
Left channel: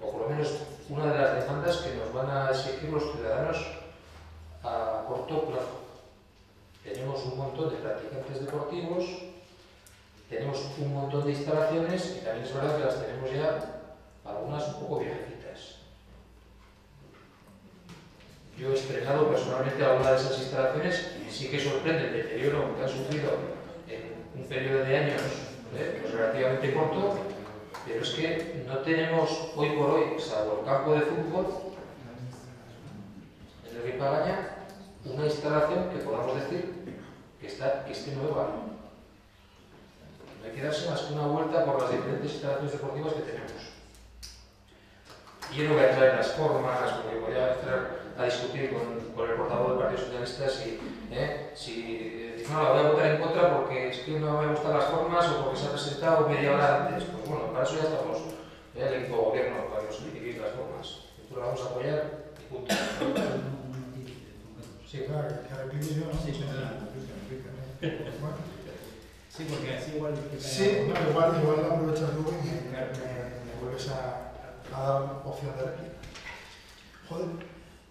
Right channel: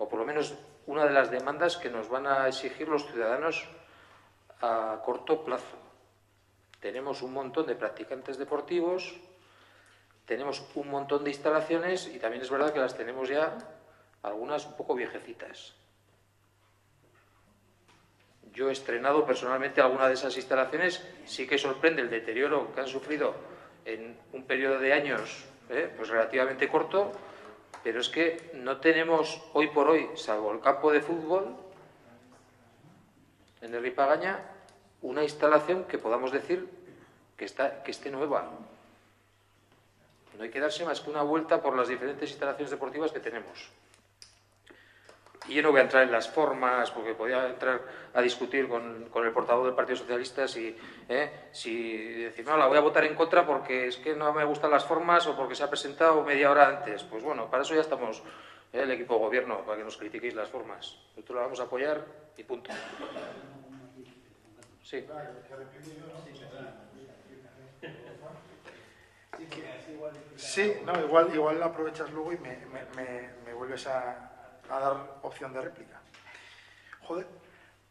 o por lo menos una de las demandas que nos van a exigir los ciudadanos a corto plazo. Tenemos un montón de practicantes deportivos, tenemos un montón de instalaciones y también es verdad que las tenemos ya algunas un poco viejecitas. Yo he estrenado personalmente algunas de esas instalaciones y sí que sorprende el deterioro que han sufrido en un periodo de años pues relativamente corto, pero es que no tenemos hoy por hoy, salvo el campo de fútbol en el Ripagaña, una instalación que podamos decir que esté nueva. No hay que darse más que una vuelta por las diferentes instalaciones deportivas que tenemos. Y yo no voy a entrar en las formas, porque podría entrar a discutir con el portavoz del Partido Socialista si decir, no, la voy a votar en contra porque es que no me gustan las formas o porque se ha presentado media hora antes. Pues bueno, para eso ya estamos, el equipo de gobierno, para que nos critiquéis las formas. Nosotros la vamos a apoyar y punto. Sí. Claro, que replique yo, ¿no? Sí, porque así igual... Sí, no, igual aprovechas luego y me vuelves a dar opción de réplica. Joder,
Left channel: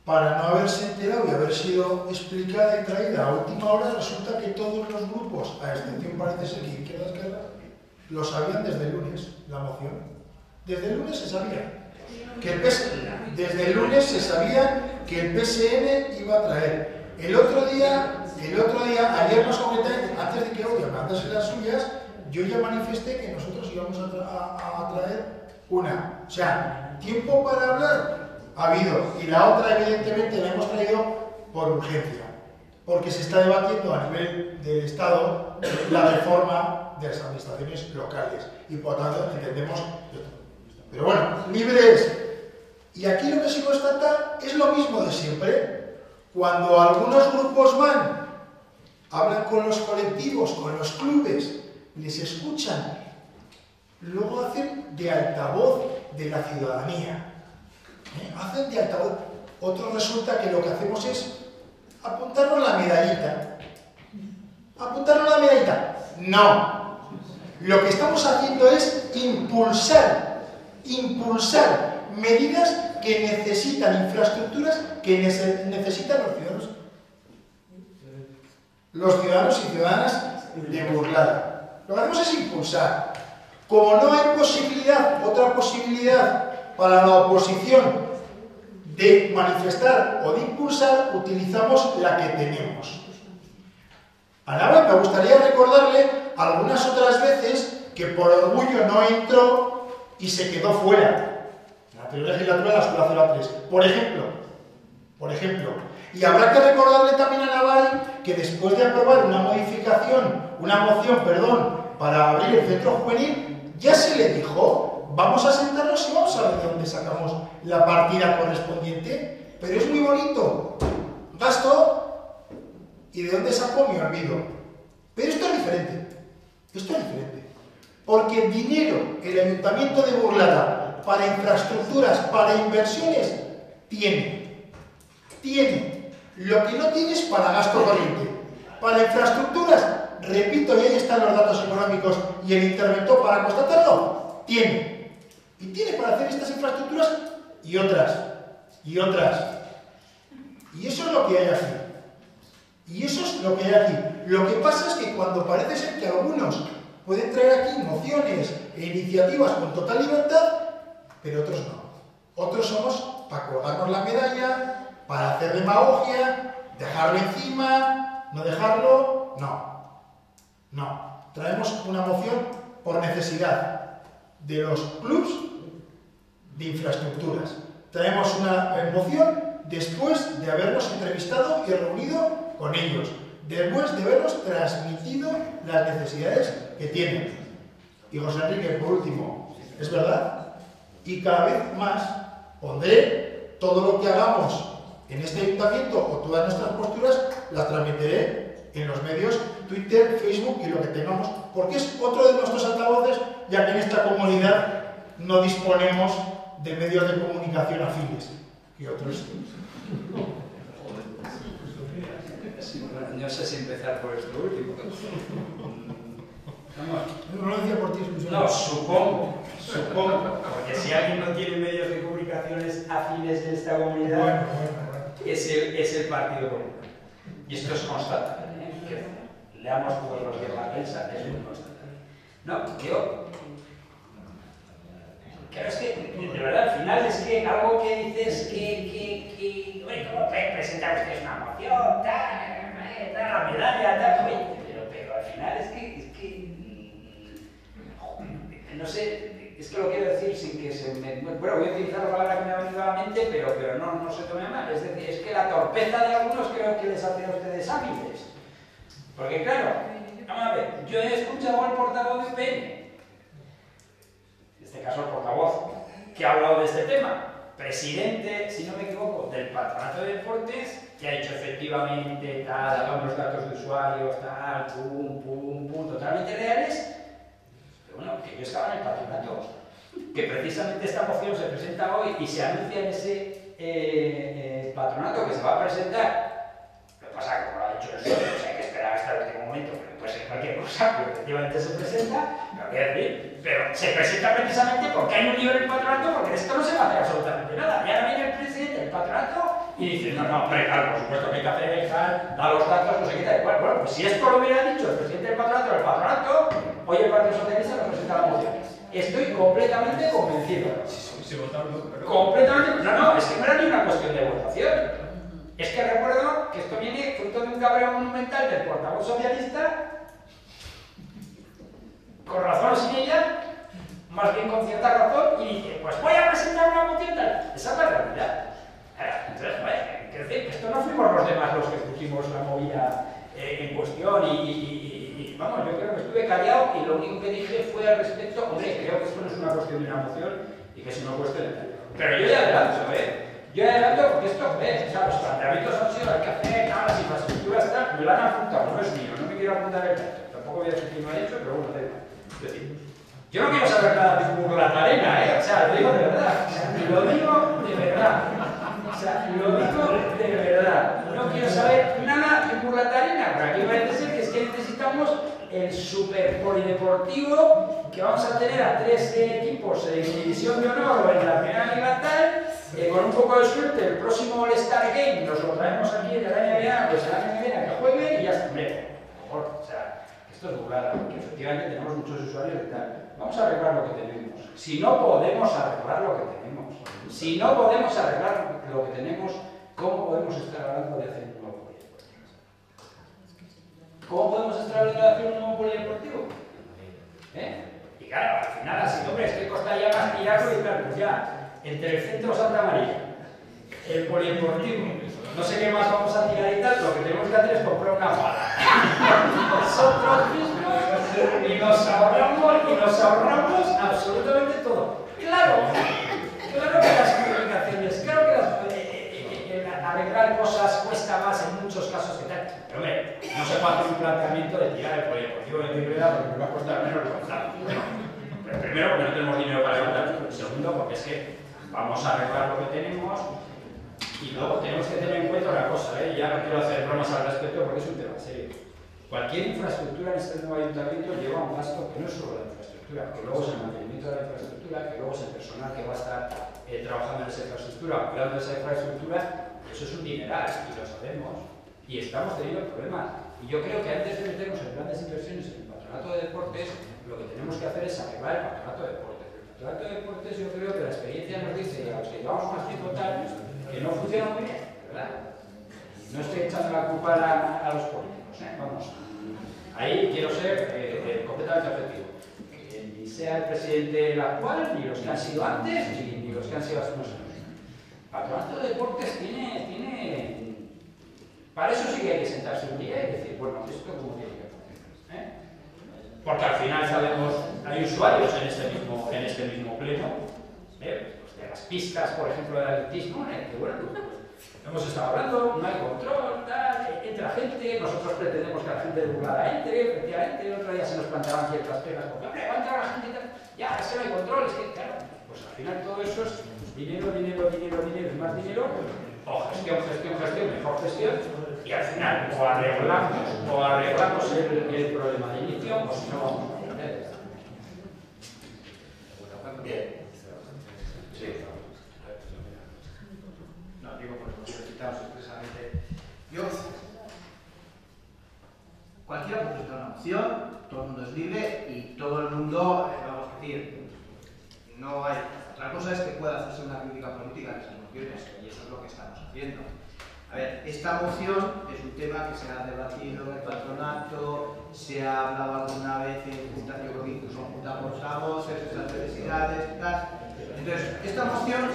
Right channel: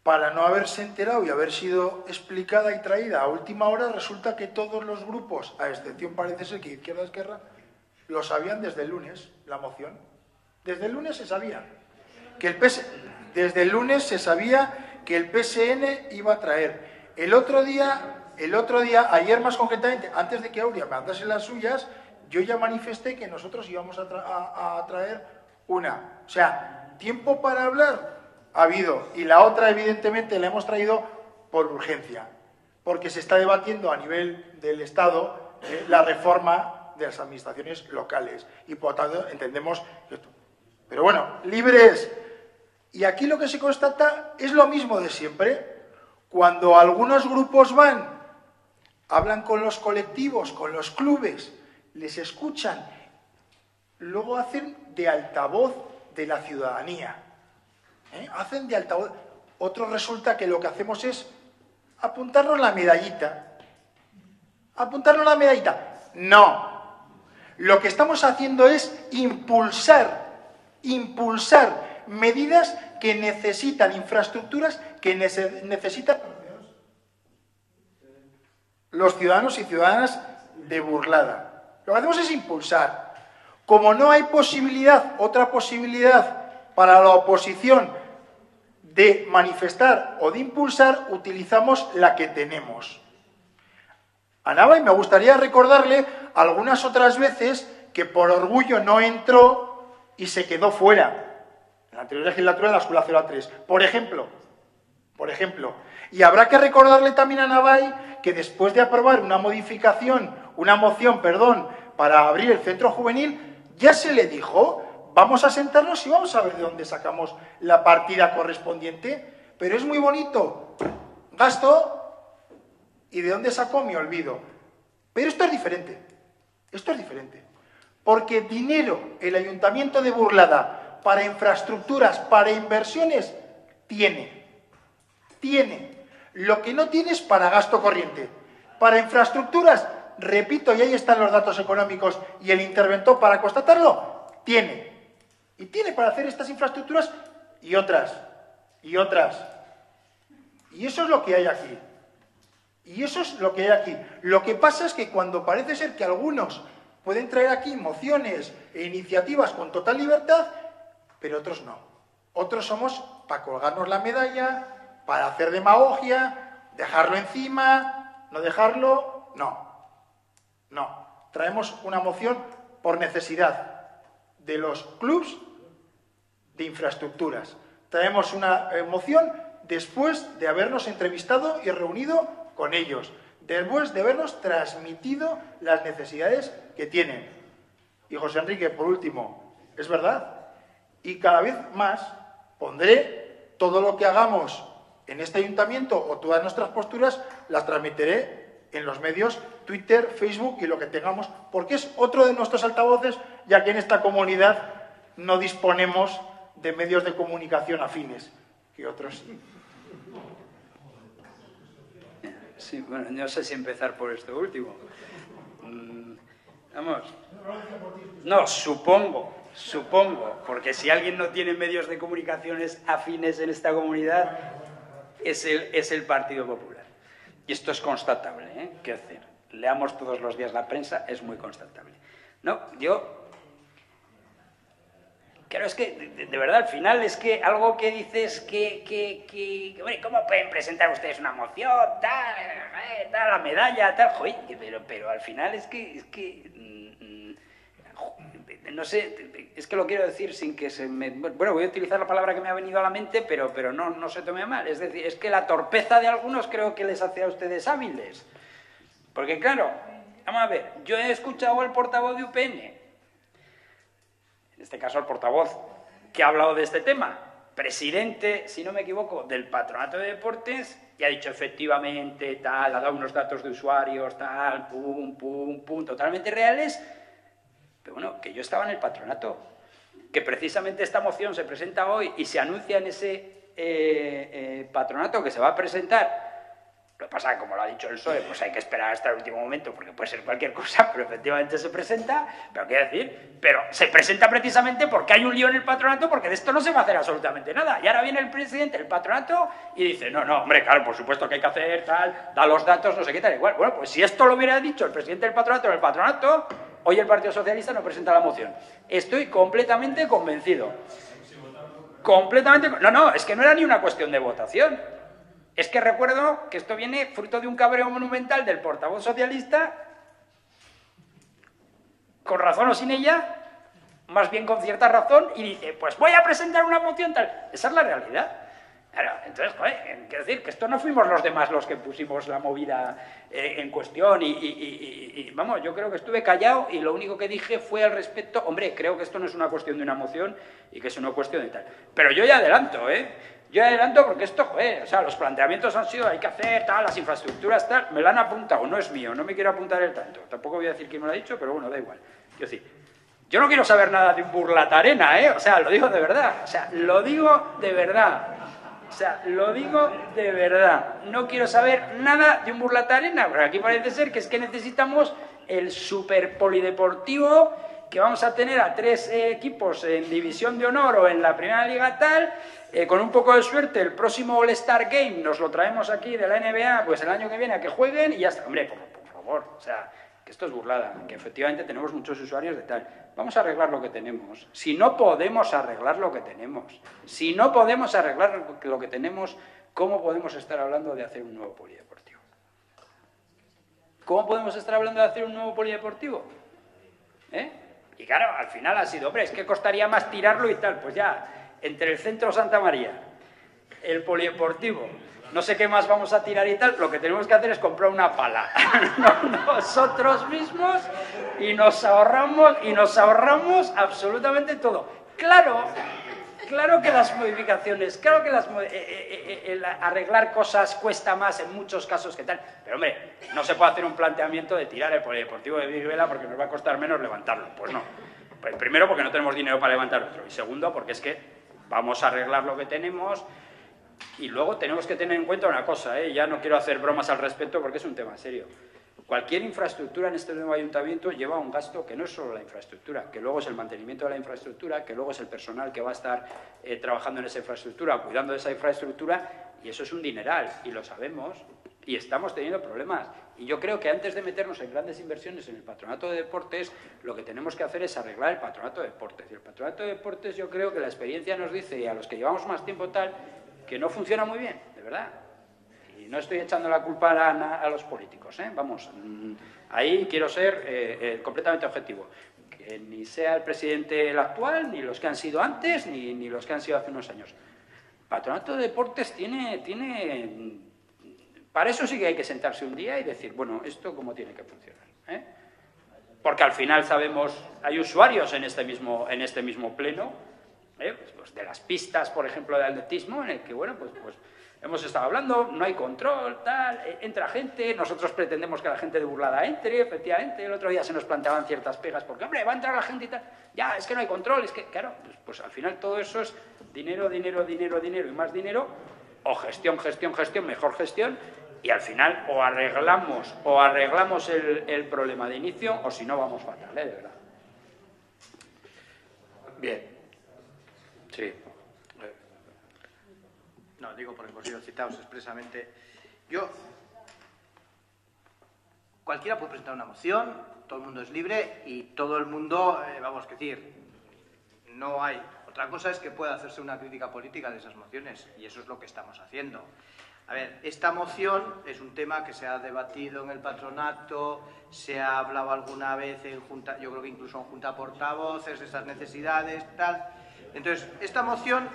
para no haberse enterado y haber sido explicada y traída a última hora, resulta que todos los grupos, a excepción parece ser que Izquierda, lo sabían desde el lunes, la moción. Desde el lunes se sabía que desde el lunes se sabía que el PSN iba a traer. El otro día, ayer más concretamente, antes de que Aurea me mandase las suyas, yo ya manifesté que nosotros íbamos a traer una. O sea, tiempo para hablar ha habido, y la otra evidentemente la hemos traído por urgencia, porque se está debatiendo a nivel del Estado la reforma de las administraciones locales, y por tanto entendemos esto. Pero bueno, libres. Y aquí lo que se constata es lo mismo de siempre. Cuando algunos grupos van, hablan con los colectivos, con los clubes, les escuchan, luego hacen de altavoz de la ciudadanía. Hacen de altavoz. Otros resulta que lo que hacemos es apuntarnos la medallita. ¿Apuntarnos la medallita? No. Lo que estamos haciendo es impulsar medidas que necesitan infraestructuras, que necesitan los ciudadanos y ciudadanas de Burlada. Lo que hacemos es impulsar. Como no hay otra posibilidad para la oposición de manifestar o de impulsar, utilizamos la que tenemos. A Nava me gustaría recordarle algunas otras veces que por orgullo no entró y se quedó fuera. En la anterior legislatura, la Sula 03, por ejemplo. Y habrá que recordarle también a Navai que después de aprobar una moción, para abrir el centro juvenil, ya se le dijo, vamos a sentarnos y vamos a ver de dónde sacamos la partida correspondiente. Pero es muy bonito. Gasto y de dónde sacó me olvido. Pero esto es diferente. Porque dinero, el Ayuntamiento de Burlada, para infraestructuras, para inversiones, tiene. Lo que no tiene es para gasto corriente. Para infraestructuras, repito, y ahí están los datos económicos y el interventor para constatarlo, tiene. Y tiene para hacer estas infraestructuras y otras. Y eso es lo que hay aquí. Lo que pasa es que cuando parece ser que algunos pueden traer aquí mociones e iniciativas con total libertad, pero otros no. Otros somos para colgarnos la medalla, para hacer demagogia, dejarlo encima, no dejarlo. No. Traemos una moción por necesidad de los clubs de infraestructuras. Traemos una moción después de habernos entrevistado y reunido con ellos, después de habernos transmitido las necesidades que tienen. Y José Enrique, por último, ¿es verdad? Y cada vez más pondré todo lo que hagamos en este ayuntamiento o todas nuestras posturas, las transmitiré en los medios, Twitter, Facebook y lo que tengamos, porque es otro de nuestros altavoces, ya que en esta comunidad no disponemos de medios de comunicación afines que otros. Sí, bueno, no sé si empezar por esto último. Vamos. No, supongo, porque si alguien no tiene medios de comunicaciones afines en esta comunidad, es el Partido Popular. Y esto es constatable, ¿eh? Quiero decir, leamos todos los días la prensa, es muy constatable. No, yo... Claro, es que, de verdad, al final es que algo que dices que hombre, ¿cómo pueden presentar ustedes una moción, tal, la medalla, tal? Joder, pero al final es que no sé, es que lo quiero decir sin que se me... Bueno, voy a utilizar la palabra que me ha venido a la mente, pero no se tome mal. Es decir, es que la torpeza de algunos creo que les hace a ustedes hábiles. Porque claro, vamos a ver, yo he escuchado al portavoz de UPN, en este caso el portavoz, que ha hablado de este tema, presidente, si no me equivoco, del Patronato de Deportes, y ha dicho efectivamente, tal, ha dado unos datos de usuarios, tal, pum, totalmente reales. Pero bueno, que yo estaba en el patronato, que precisamente esta moción se presenta hoy y se anuncia en ese patronato que se va a presentar. Lo que pasa, como lo ha dicho el PSOE, pues hay que esperar hasta el último momento porque puede ser cualquier cosa, pero efectivamente se presenta. Pero quiero decir, pero se presenta precisamente porque hay un lío en el patronato, porque de esto no se va a hacer absolutamente nada. Y ahora viene el presidente del patronato y dice, no, hombre, claro, por supuesto que hay que hacer, tal, da los datos, no sé qué tal, igual. Bueno, pues si esto lo hubiera dicho el presidente del patronato, hoy el Partido Socialista no presenta la moción. Estoy completamente convencido. Completamente. No, es que no era ni una cuestión de votación. Es que recuerdo que esto viene fruto de un cabreo monumental del portavoz socialista, con razón o sin ella, más bien con cierta razón, y dice, pues voy a presentar una moción tal. Esa es la realidad. Claro, entonces, quiero decir que esto no fuimos los demás los que pusimos la movida en cuestión y vamos, yo creo que estuve callado y lo único que dije fue al respecto, hombre, creo que esto no es una cuestión de una moción y que es una cuestión de tal. Pero yo ya adelanto, Yo adelanto porque esto, o sea, los planteamientos han sido, hay que hacer, tal, las infraestructuras, tal, me lo han apuntado, no es mío, no me quiero apuntar el dato, tampoco voy a decir quién me lo ha dicho, pero bueno, da igual. Es decir, yo no quiero saber nada de Burlatarena, o sea, lo digo de verdad, lo digo de verdad, no quiero saber nada de Burlatarena, porque aquí parece ser que es que necesitamos el super polideportivo que vamos a tener a 3 equipos en división de honor o en la primera liga tal. Con un poco de suerte, el próximo All-Star Game nos lo traemos aquí de la NBA, pues el año que viene a que jueguen y ya está. Hombre, por favor, o sea, que esto es burlada, que efectivamente tenemos muchos usuarios de tal. Vamos a arreglar lo que tenemos. Si no podemos arreglar lo que tenemos, ¿cómo podemos estar hablando de hacer un nuevo polideportivo? ¿Cómo podemos estar hablando de hacer un nuevo polideportivo? Y claro, al final ha sido, hombre, es que costaría más tirarlo y tal, pues ya. Entre el centro Santa María, el polideportivo, no sé qué más vamos a tirar y tal, lo que tenemos que hacer es comprar una pala nosotros mismos y nos ahorramos absolutamente todo. Claro que las modificaciones, claro que el arreglar cosas cuesta más en muchos casos que tal, pero hombre, no se puede hacer un planteamiento de tirar el polideportivo de Viruela porque nos va a costar menos levantarlo. Pues no. Pues primero porque no tenemos dinero para levantarlo, y segundo porque es que vamos a arreglar lo que tenemos y luego tenemos que tener en cuenta una cosa, ya no quiero hacer bromas al respecto porque es un tema serio. Cualquier infraestructura en este nuevo ayuntamiento lleva un gasto que no es solo la infraestructura, que luego es el mantenimiento de la infraestructura, que luego es el personal que va a estar trabajando en esa infraestructura, cuidando de esa infraestructura, y eso es un dineral, y lo sabemos, y estamos teniendo problemas. Y yo creo que antes de meternos en grandes inversiones en el Patronato de Deportes, lo que tenemos que hacer es arreglar el Patronato de Deportes. El Patronato de Deportes yo creo que la experiencia nos dice, y a los que llevamos más tiempo tal, que no funciona muy bien, de verdad. Y no estoy echando la culpa a los políticos, vamos, ahí quiero ser completamente objetivo. Que ni sea el presidente el actual, ni los que han sido antes, ni los que han sido hace unos años. Patronato de Deportes tiene... Para eso sí que hay que sentarse un día y decir, bueno, esto cómo tiene que funcionar, Porque al final sabemos, hay usuarios en este mismo pleno, pues de las pistas, por ejemplo, de atletismo, en el que, bueno, pues hemos estado hablando, no hay control, tal, entra gente, nosotros pretendemos que la gente de Burlada entre, efectivamente, el otro día se nos planteaban ciertas pegas, porque, hombre, va a entrar la gente y tal, ya, es que no hay control, es que, claro, pues al final todo eso es dinero, dinero, dinero, dinero y más dinero, o gestión, gestión, gestión, mejor gestión, y al final o arreglamos el problema de inicio, o si no vamos a perder. Bien. Sí. No, digo porque lo citamos expresamente. Cualquiera puede presentar una moción, todo el mundo es libre y todo el mundo, vamos a decir, no hay. Otra cosa es que pueda hacerse una crítica política de esas mociones y eso es lo que estamos haciendo. A ver, esta moción es un tema que se ha debatido en el patronato, se ha hablado alguna vez en junta, yo creo que incluso en junta portavoces, estas necesidades y tal. Entonces, esta moción,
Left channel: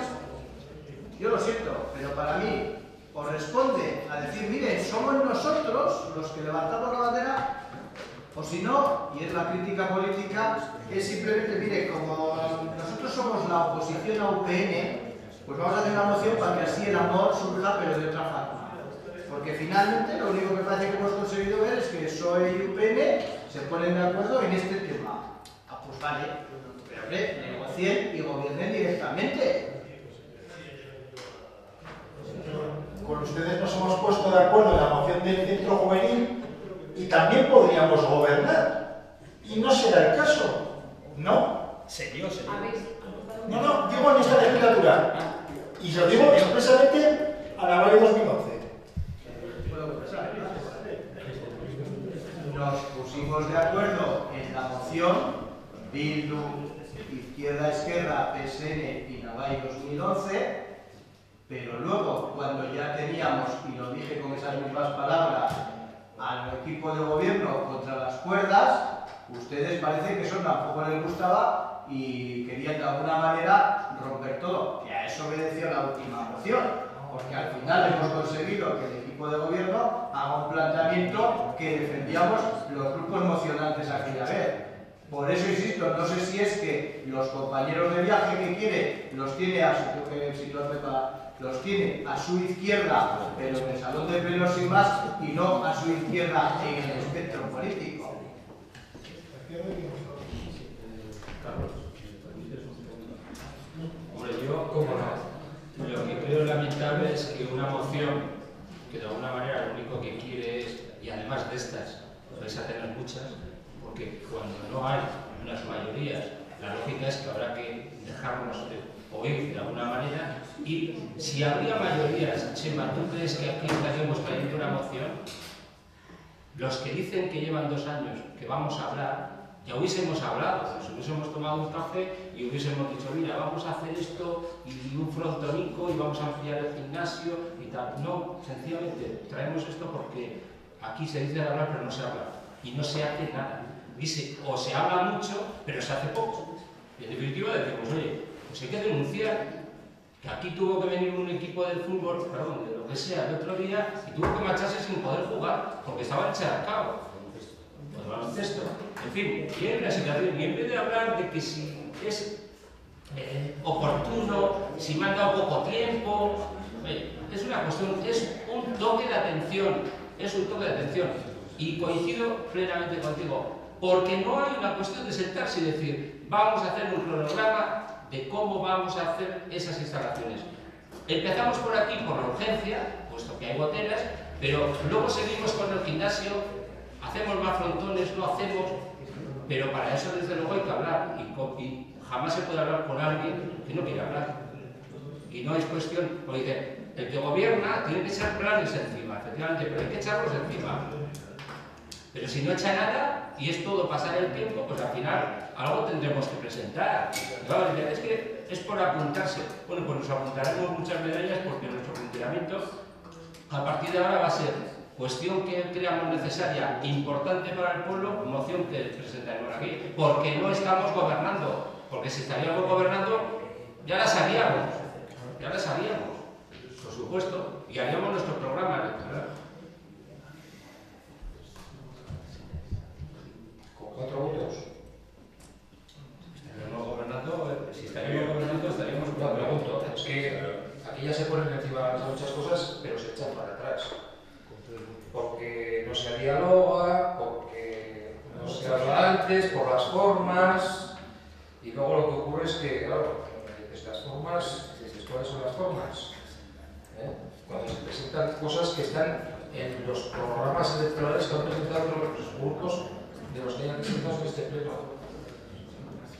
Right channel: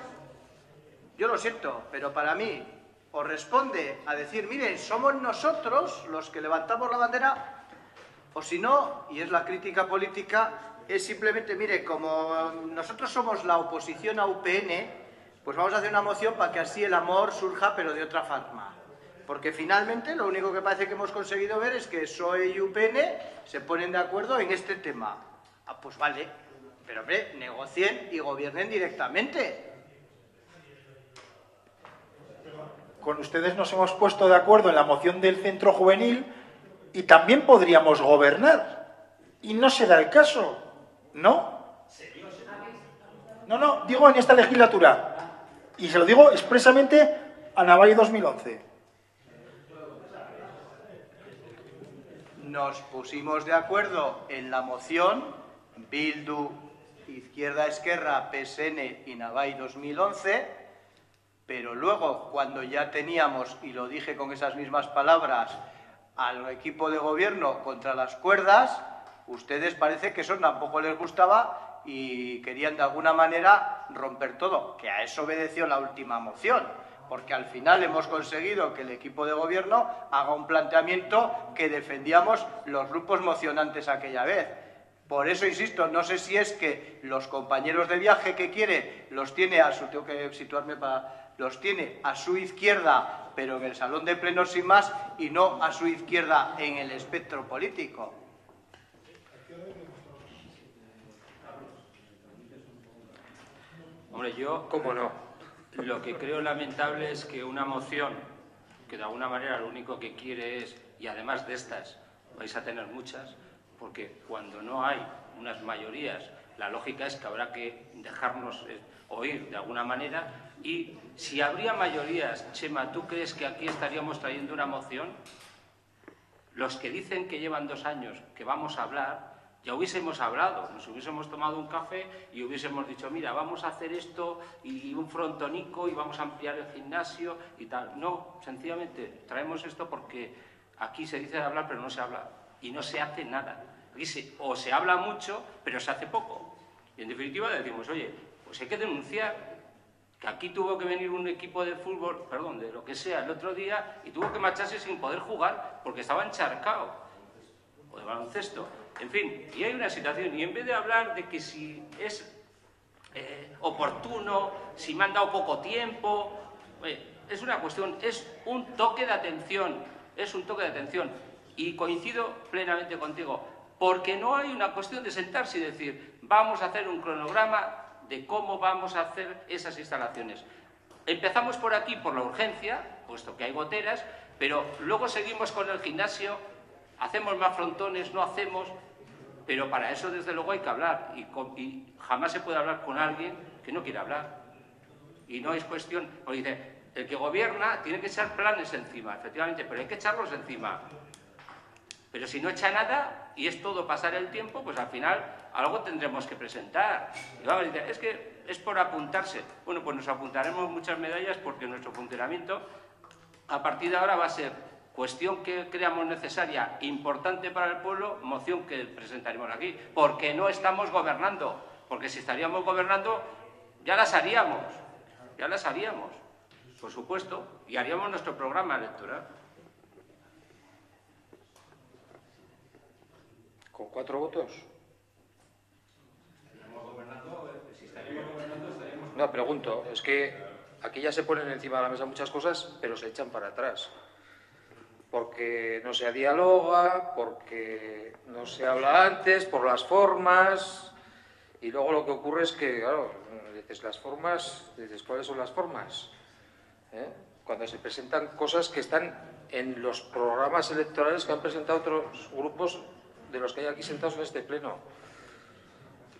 yo lo siento, pero para mí os responde a decir, miren, somos nosotros los que levantamos la bandera, o si no, y es la crítica política, es simplemente, mire, como nosotros somos la oposición a UPN, pues vamos a hacer una moción para que así el amor surja, pero de otra forma. Porque finalmente lo único que parece que hemos conseguido ver es que PSOE y UPN se ponen de acuerdo en este tema. Ah, pues vale, pero hombre, negocien y gobiernen directamente. Con ustedes nos hemos puesto de acuerdo en la moción del centro juvenil y también podríamos gobernar. Y no se da el caso, ¿no? ¿Serio? No, digo en esta legislatura. Y se lo digo expresamente a Navallo 2011. Nos pusimos de acuerdo en la moción Bildu, Izquierda Esquerra, PSN y Navai 2011, pero luego cuando ya teníamos, y lo dije con esas mismas palabras, al equipo de gobierno contra las cuerdas, ustedes parece que eso tampoco les gustaba y querían de alguna manera romper todo, que a eso obedeció la última moción, porque al final hemos conseguido que el equipo de gobierno haga un planteamiento que defendíamos los grupos mocionantes aquella vez. Por eso insisto, no sé si es que los compañeros de viaje que quiere los tiene a su, tengo que situarme para, los tiene a su izquierda, pero en el salón de plenos sin más, y no a su izquierda en el espectro político. Hombre, yo, cómo no, lo que creo lamentable es que una moción que de alguna manera lo único que quiere es, y además de estas vais a tener muchas, porque cuando no hay unas mayorías, la lógica es que habrá que dejarnos oír de alguna manera, y si habría mayorías, Chema, ¿tú crees que aquí estaríamos trayendo una moción? Los que dicen que llevan 2 años que vamos a hablar, ya hubiésemos hablado, nos hubiésemos tomado un café y hubiésemos dicho, mira, vamos a hacer esto y un frontonico y vamos a ampliar el gimnasio y tal. No, sencillamente traemos esto porque aquí se dice de hablar pero no se habla y no se hace nada. Dice, o se habla mucho pero se hace poco. Y en definitiva decimos, oye, pues hay que denunciar que aquí tuvo que venir un equipo de fútbol, perdón, de lo que sea, el otro día y tuvo que marcharse sin poder jugar porque estaba encharcado. Pues baloncesto. En fin, y hay una situación, y en vez de hablar de que si es oportuno, si me han dado poco tiempo, es una cuestión, es un toque de atención, y coincido plenamente contigo, porque no hay una cuestión de sentarse y decir, vamos a hacer un cronograma de cómo vamos a hacer esas instalaciones. Empezamos por aquí, por la urgencia, puesto que hay goteras, pero luego seguimos con el gimnasio, hacemos más frontones, no hacemos, pero para eso desde luego hay que hablar y jamás se puede hablar con alguien que no quiere hablar. Y no es cuestión, porque dice, el que gobierna tiene que echar planes encima, efectivamente, pero hay que echarlos encima. Pero si no echa nada y es todo pasar el tiempo, pues al final algo tendremos que presentar. Y vamos a decir, es que es por apuntarse. Bueno, pues nos apuntaremos muchas medallas porque nuestro funcionamiento a partir de ahora va a ser cuestión que creamos necesaria e importante para el pueblo, moción que presentaremos aquí, porque no estamos gobernando, porque si estaríamos gobernando ya la sabíamos, por supuesto, y haríamos nuestro programa electoral. ¿Con 4 votos? Si estaríamos gobernando, estaríamos... No, pregunto, es que aquí ya se ponen encima de la mesa muchas cosas, pero se echan para atrás. Porque no se dialoga, porque no se habla antes, por las formas, y luego lo que ocurre es que, claro, dices las formas, dices cuáles son las formas. Cuando se presentan cosas que están en los programas electorales que han presentado los grupos de los que hay aquí sentados en este pleno.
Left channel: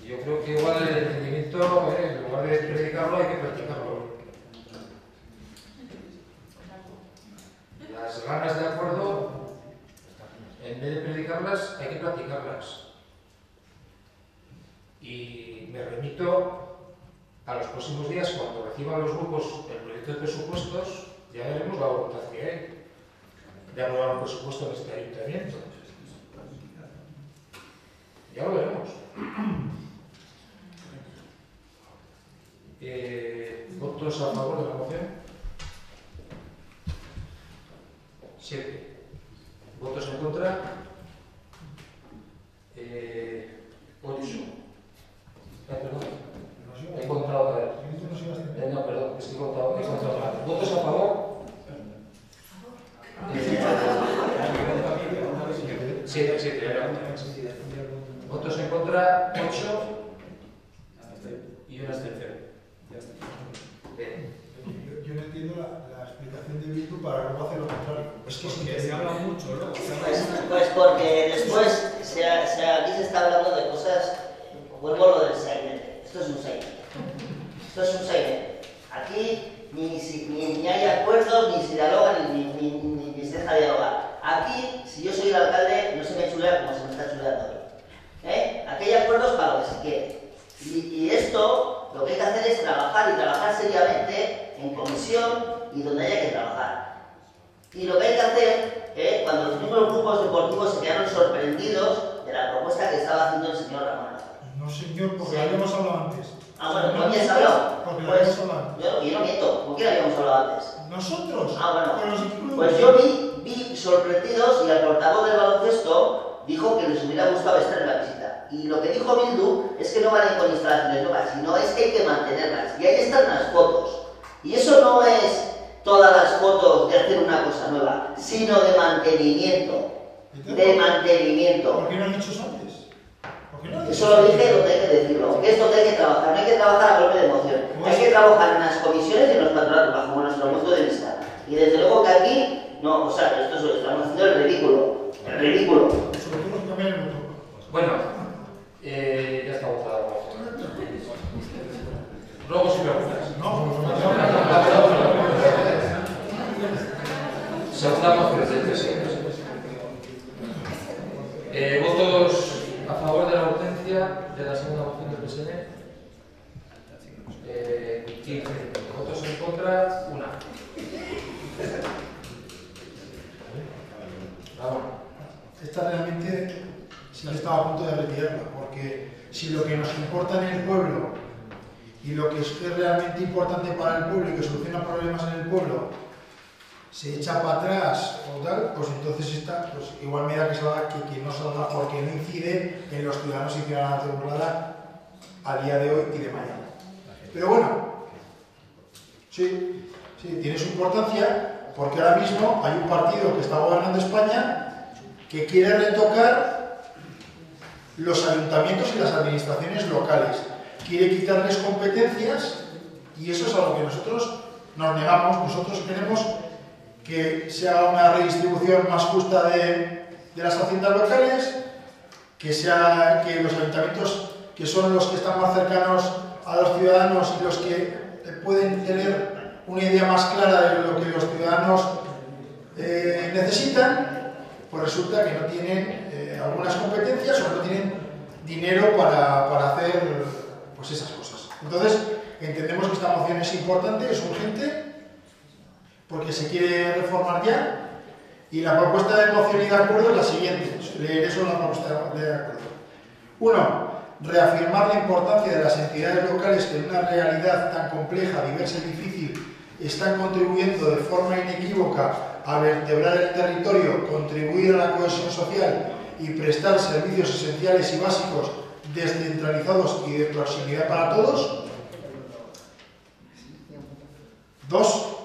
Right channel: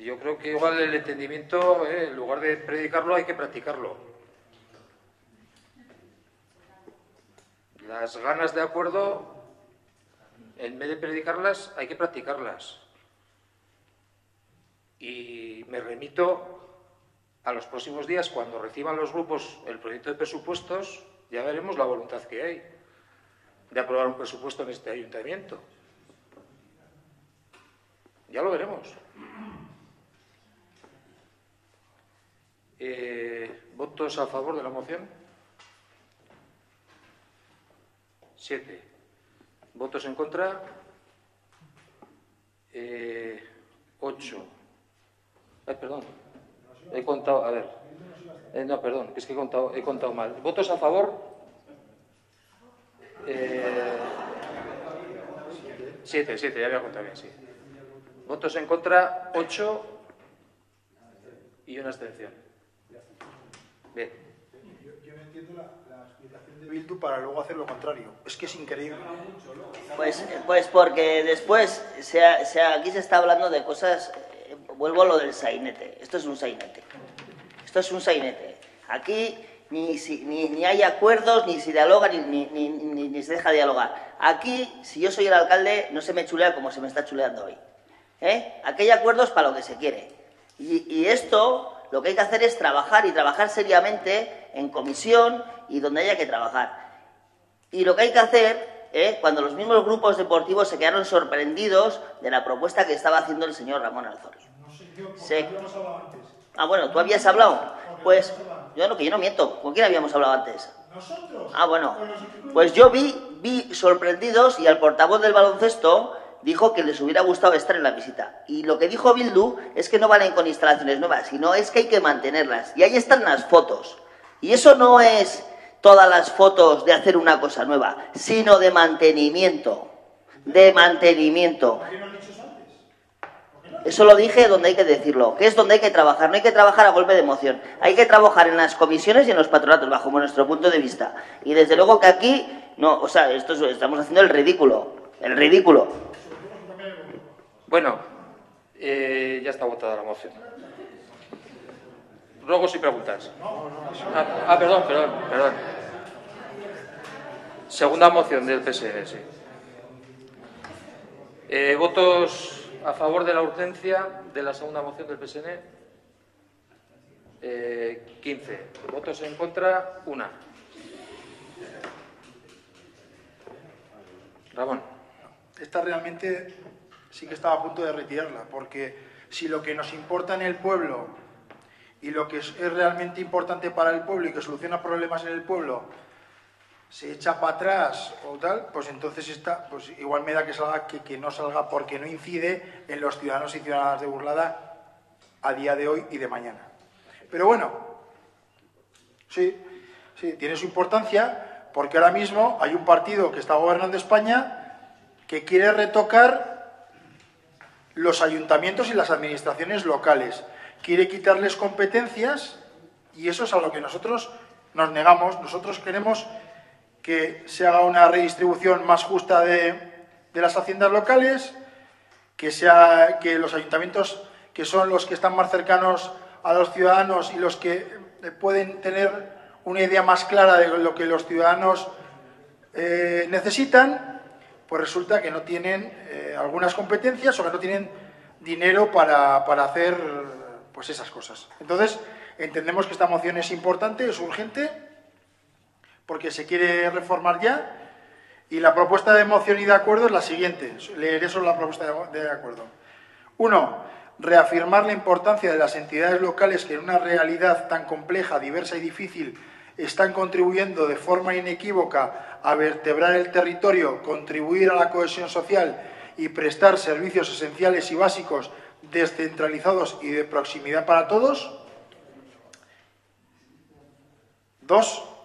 Y yo creo que igual el entendimiento, en lugar de predicarlo, hay que practicarlo. Las ganas de acuerdo, en vez de predicarlas, hay que practicarlas. Y me remito a los próximos días, cuando reciban los grupos el proyecto de presupuestos, ya veremos la voluntad que hay de aprobar un presupuesto en este ayuntamiento. Ya lo veremos. ¿Votos a favor de la moción? 7. ¿Votos en contra? 8. Perdón. He contado, a ver. No, perdón, es que he contado mal. ¿Votos a favor? 7, ya había contado. ¿Votos en contra? 8. Y una abstención. Bien. Yo no entiendo la explicación de Bildu para luego hacer lo contrario. Es que es increíble. Pues porque después aquí se está hablando de cosas. Vuelvo a lo del sainete. Esto es un sainete. Aquí ni hay acuerdos, ni se dialoga, ni se deja dialogar. Aquí, si yo soy el alcalde, no se me chulea como se me está chuleando hoy. Aquí hay acuerdos para lo que se quiere. Y esto, lo que hay que hacer es trabajar, y trabajar seriamente en comisión y donde haya que trabajar. Y lo que hay que hacer, cuando los mismos grupos deportivos se quedaron sorprendidos de la propuesta que estaba haciendo el señor Ramón Alfaro. No, señor, porque habíamos hablado antes. Ah, bueno, ¿tú habías hablado? Pues yo no miento. ¿Con quién habíamos hablado antes? Nosotros. Ah, bueno. Pues yo vi sorprendidos, y al portavoz del baloncesto dijo que les hubiera gustado estar en la visita. Y lo que dijo Bildu es que no van a ir con instalaciones nuevas, sino es que hay que mantenerlas. Y ahí están las fotos. Y eso no es todas las fotos de hacer una cosa nueva, sino de mantenimiento. De mantenimiento. ¿Por qué no han dicho eso antes? Eso lo dije donde hay que decirlo, que es donde hay que trabajar. No hay que trabajar a golpe de emoción. Hay que trabajar en las comisiones y en los patronatos, bajo nuestro punto de vista. Y desde luego que aquí, no, o sea, estamos haciendo el ridículo. El ridículo. Bueno, ya está votada la moción. Luego si preguntas. Perdón. Segunda moción del PSN. ¿Votos a favor de la urgencia de la segunda moción del PSN? 15. ¿Votos en contra? 1. Ramón. Esta realmente sí que estaba a punto de retirarla, porque si lo que nos importa en el pueblo y lo que es realmente importante para el pueblo y que soluciona problemas en el pueblo se echa para atrás o tal, pues entonces pues igual me da que salga, que no salga, porque no incide en los ciudadanos y ciudadanas de Burlada a día de hoy y de mañana. Pero bueno, sí, tiene su importancia, porque ahora mismo hay un partido que está gobernando España que quiere retocar los ayuntamientos y las administraciones locales. Quiere quitarles competencias, y eso es a lo que nosotros nos negamos. Nosotros queremos que se haga una redistribución más justa de las haciendas locales, que los ayuntamientos, que son los que están más cercanos a los ciudadanos y los que pueden tener una idea más clara de lo que los ciudadanos necesitan, pues resulta que no tienen algunas competencias o que no tienen dinero para hacer pues esas cosas. Entonces, entendemos que esta moción es importante, es urgente, porque se quiere reformar ya, y la propuesta de moción y de acuerdo es la siguiente. Leeré solo la propuesta de acuerdo. 1. Reafirmar la importancia de las entidades locales que en una realidad tan compleja, diversa y difícil están contribuyendo de forma inequívoca a vertebrar el territorio, contribuir a la cohesión social y prestar servicios esenciales y básicos descentralizados y de proximidad para todos. 2.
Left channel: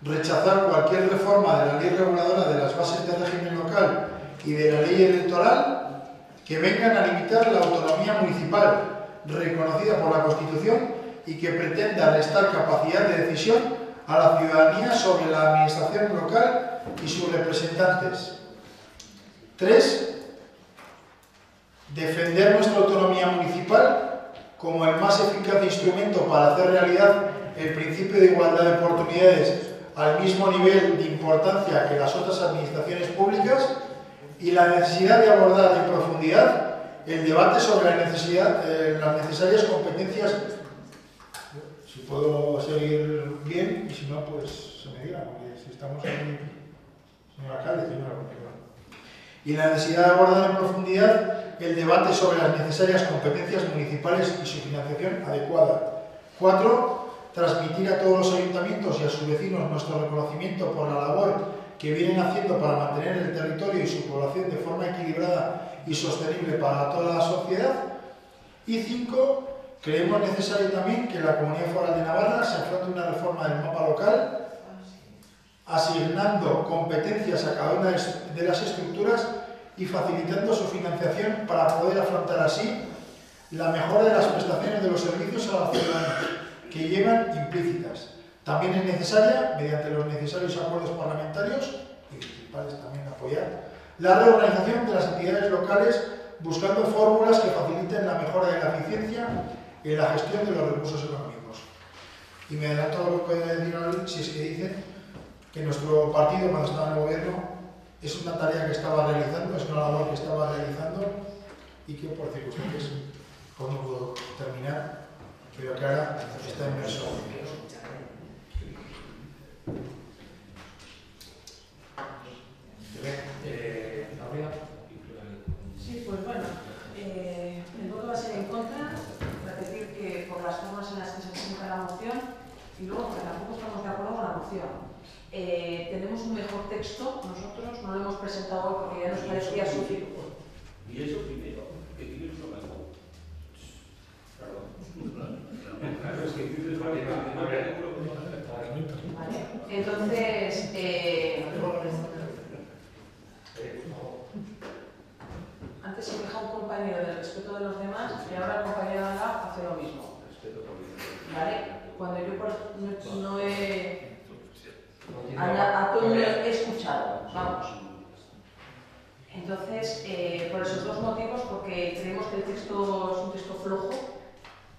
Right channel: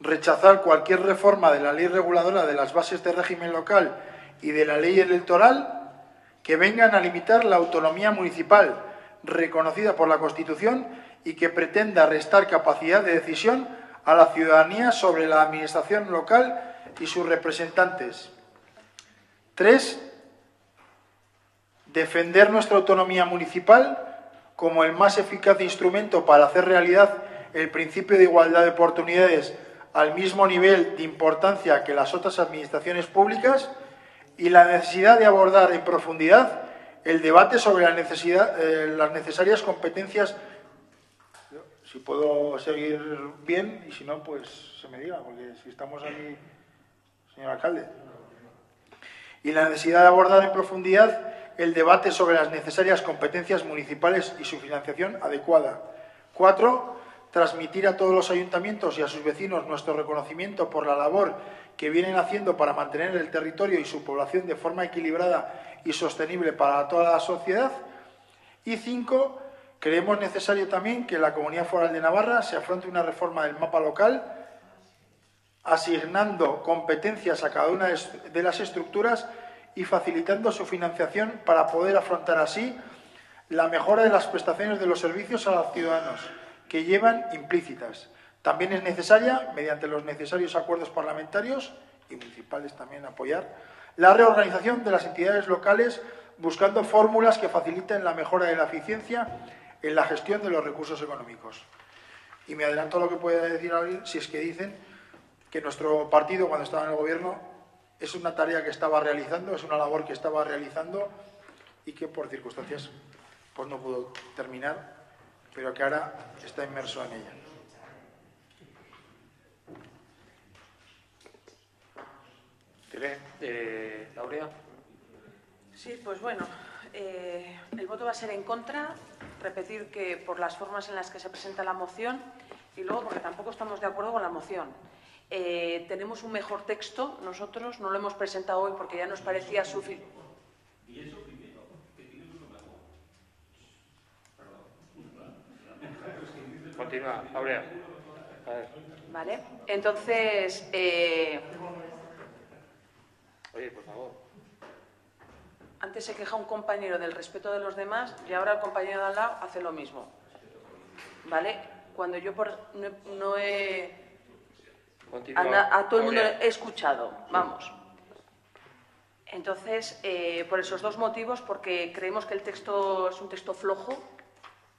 Rechazar cualquier reforma de la ley reguladora de las bases de régimen local y de la ley electoral que vengan a limitar la autonomía municipal reconocida por la Constitución y que pretenda restar capacidad de decisión a la ciudadanía sobre la administración local y sus representantes. 3. Defender nuestra autonomía municipal como el más eficaz instrumento para hacer realidad el principio de igualdad de oportunidades al mismo nivel de importancia que las otras administraciones públicas y la necesidad de abordar en profundidad el debate sobre las necesarias competencias. Si puedo seguir bien, y si no, pues se me diga, porque si estamos ahí, señor alcalde. Y la necesidad de abordar en profundidad el debate sobre las necesarias competencias municipales y su financiación adecuada. 4. Transmitir a todos los ayuntamientos y a sus vecinos nuestro reconocimiento por la labor que vienen haciendo para mantener el territorio y su población de forma equilibrada y sostenible para toda la sociedad. Y 5. Creemos necesario también que en la Comunidad Foral de Navarra se afronte una reforma del mapa local, asignando competencias a cada una de las estructuras y facilitando su financiación para poder afrontar así la mejora de las prestaciones de los servicios a los ciudadanos que llevan implícitas. También es necesaria, mediante los necesarios acuerdos parlamentarios y municipales también apoyar, la reorganización de las entidades locales buscando fórmulas que faciliten la mejora de la eficiencia en la gestión de los recursos económicos. Y me adelanto a lo que puede decir alguien si es que dicen que nuestro partido, cuando estaba en el gobierno, es una tarea que estaba realizando, es una labor que estaba realizando y que por circunstancias pues no pudo terminar, pero que ahora está inmerso en ello. ¿Noria? Sí, pues bueno, el voto va a ser en contra, repetir que por las formas en las que se presenta la moción y luego porque tampoco estamos de acuerdo con la moción. Tenemos un mejor texto, nosotros no lo hemos presentado hoy porque ya nos parecía suficiente. Y eso primero, que tienes lo mejor. Vale, entonces, antes se queja un compañero del respeto de los demás y ahora el compañero de al lado hace lo mismo. ¿Vale? Cuando yo no he... A todo el mundo he escuchado, vamos. Entonces, por esos dos motivos, porque creemos que el texto es un texto flojo,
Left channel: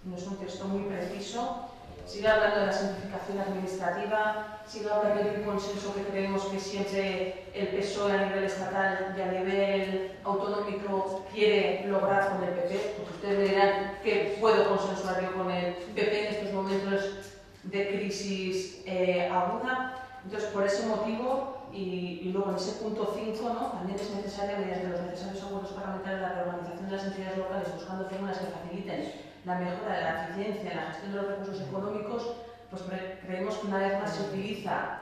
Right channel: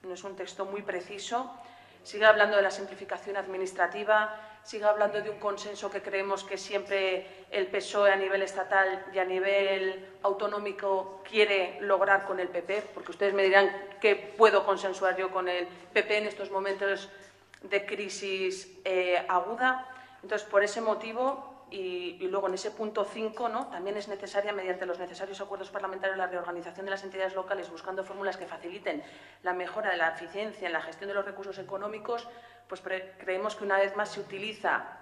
no es un texto muy preciso, sigue hablando de la simplificación administrativa, sigue hablando de un consenso que creemos que siempre el PSOE a nivel estatal y a nivel autonómico quiere lograr con el PP, porque ustedes me dirán que puedo consensuar yo con el PP en estos momentos de crisis aguda. Entonces, por ese motivo, y luego en ese punto 5, ¿no? También es necesaria, mediante los necesarios acuerdos parlamentarios, la reorganización de las entidades locales, buscando fórmulas que faciliten la mejora de la eficiencia en la gestión de los recursos económicos, pues creemos que una vez más se utiliza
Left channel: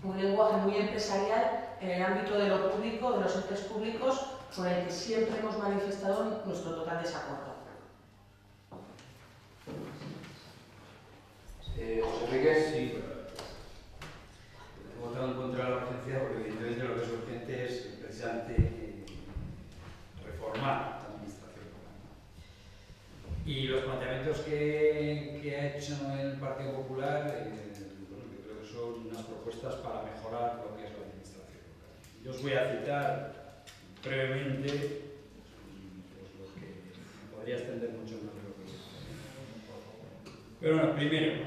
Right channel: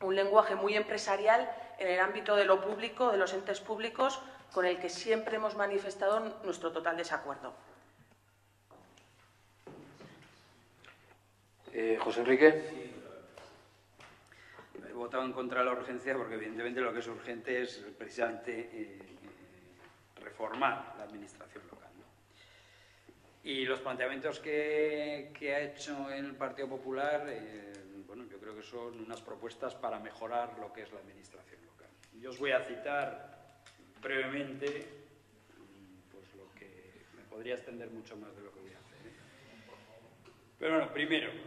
un lenguaje muy empresarial en el ámbito de lo público, de los entes públicos, con el que siempre hemos manifestado nuestro total desacuerdo. José Enrique. Sí. He votado en contra de la urgencia porque evidentemente lo que es urgente es precisamente reformar la administración local, ¿no? Y los planteamientos que ha hecho el Partido Popular, bueno, yo creo que son unas propuestas para mejorar lo que es la administración local. Yo os voy a citar brevemente pues, lo que me podría extender mucho más de lo que es. Pero bueno, primero,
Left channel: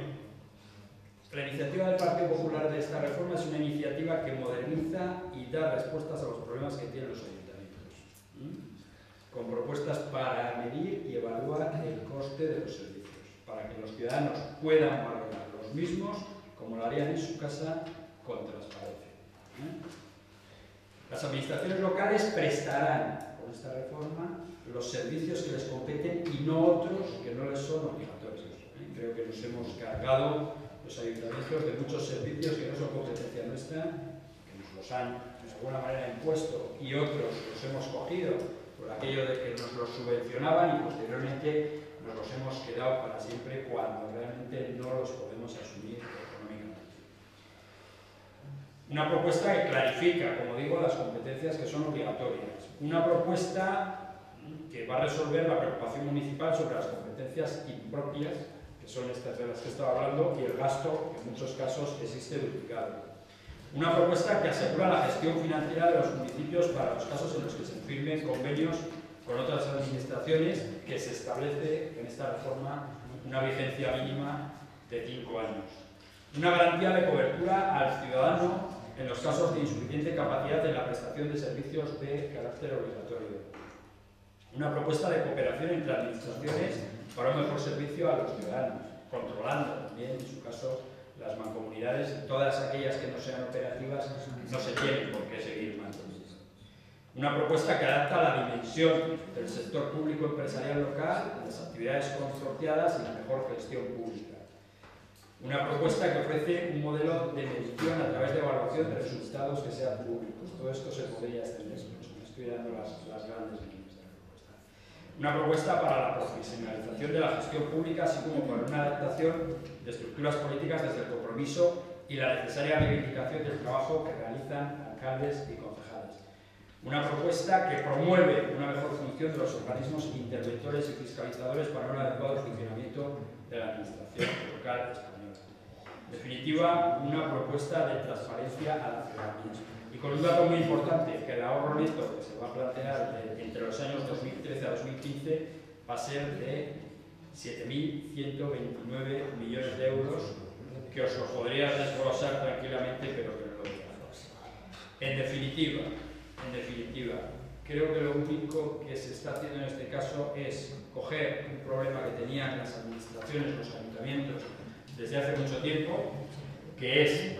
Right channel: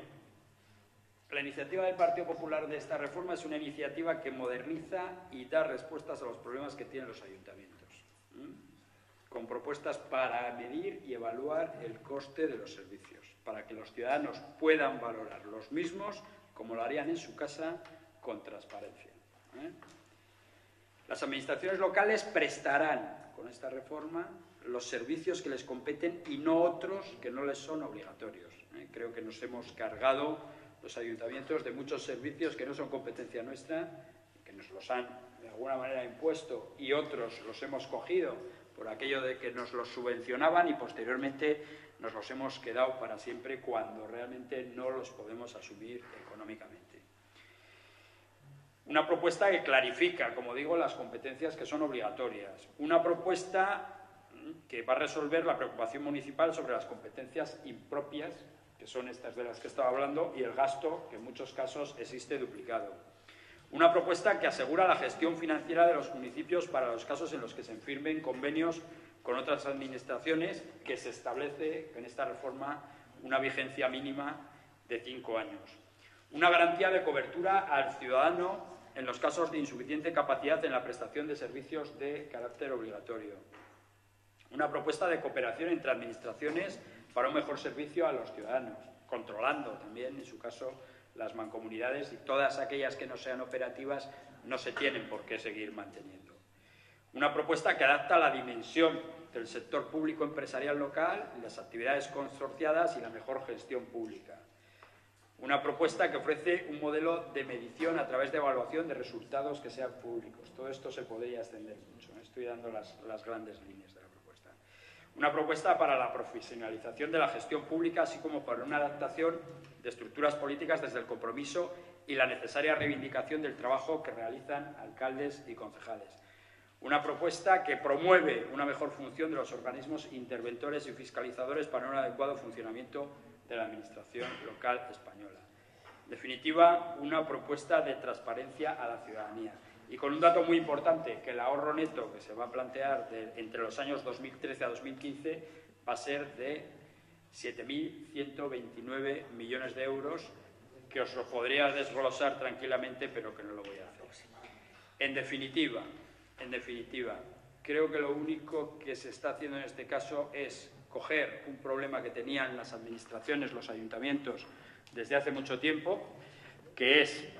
La iniciativa del Partido Popular de esta reforma es una iniciativa que moderniza y da respuestas a los problemas que tienen los ayuntamientos, con propuestas para medir y evaluar el coste de los servicios, para que los ciudadanos puedan valorar los mismos como lo harían en su casa con transparencia. Las administraciones locales prestarán con esta reforma los servicios que les competen y no otros que no les son obligatorios. Creo que nos hemos cargado los ayuntamientos de muchos servicios que no son competencia nuestra, que nos los han de alguna manera impuesto y otros los hemos cogido por aquello de que nos los subvencionaban y posteriormente nos los hemos quedado para siempre cuando realmente no los podemos asumir económicamente. Una propuesta que clarifica, como digo, las competencias que son obligatorias. Una propuesta que va a resolver la preocupación municipal sobre las competencias impropias, que son estas de las que estaba hablando, y el gasto, que en muchos casos existe duplicado. Una propuesta que asegura la gestión financiera de los municipios para los casos en los que se firmen convenios con otras administraciones, que se establece en esta reforma una vigencia mínima de 5 años. Una garantía de cobertura al ciudadano en los casos de insuficiente capacidad en la prestación de servicios de carácter obligatorio. Una propuesta de cooperación entre administraciones para un mejor servicio a los ciudadanos, controlando también, en su caso, las mancomunidades y todas aquellas que no sean operativas no se tienen por qué seguir manteniendo. Una propuesta que adapta la dimensión del sector público empresarial local, las actividades consorciadas y la mejor gestión pública. Una propuesta que ofrece un modelo de medición a través de evaluación de resultados que sean públicos. Todo esto se podría extender mucho. Me estoy dando las grandes líneas de la propuesta. Una propuesta para la profesionalización de la gestión pública, así como para una adaptación de estructuras políticas desde el compromiso y la necesaria reivindicación del trabajo que realizan alcaldes y concejales. Una propuesta que promueve una mejor función de los organismos interventores y fiscalizadores para un adecuado funcionamiento de la administración local española. En definitiva, una propuesta de transparencia a la ciudadanía. Y con un dato muy importante, que el ahorro neto que se va a plantear entre los años 2013 a 2015 va a ser de 7.129 millones de euros, que os lo podría desglosar tranquilamente, pero que no lo voy a hacer. En definitiva, creo que lo único que se está haciendo en este caso es coger un problema que tenían las administraciones, los ayuntamientos, desde hace mucho tiempo, que es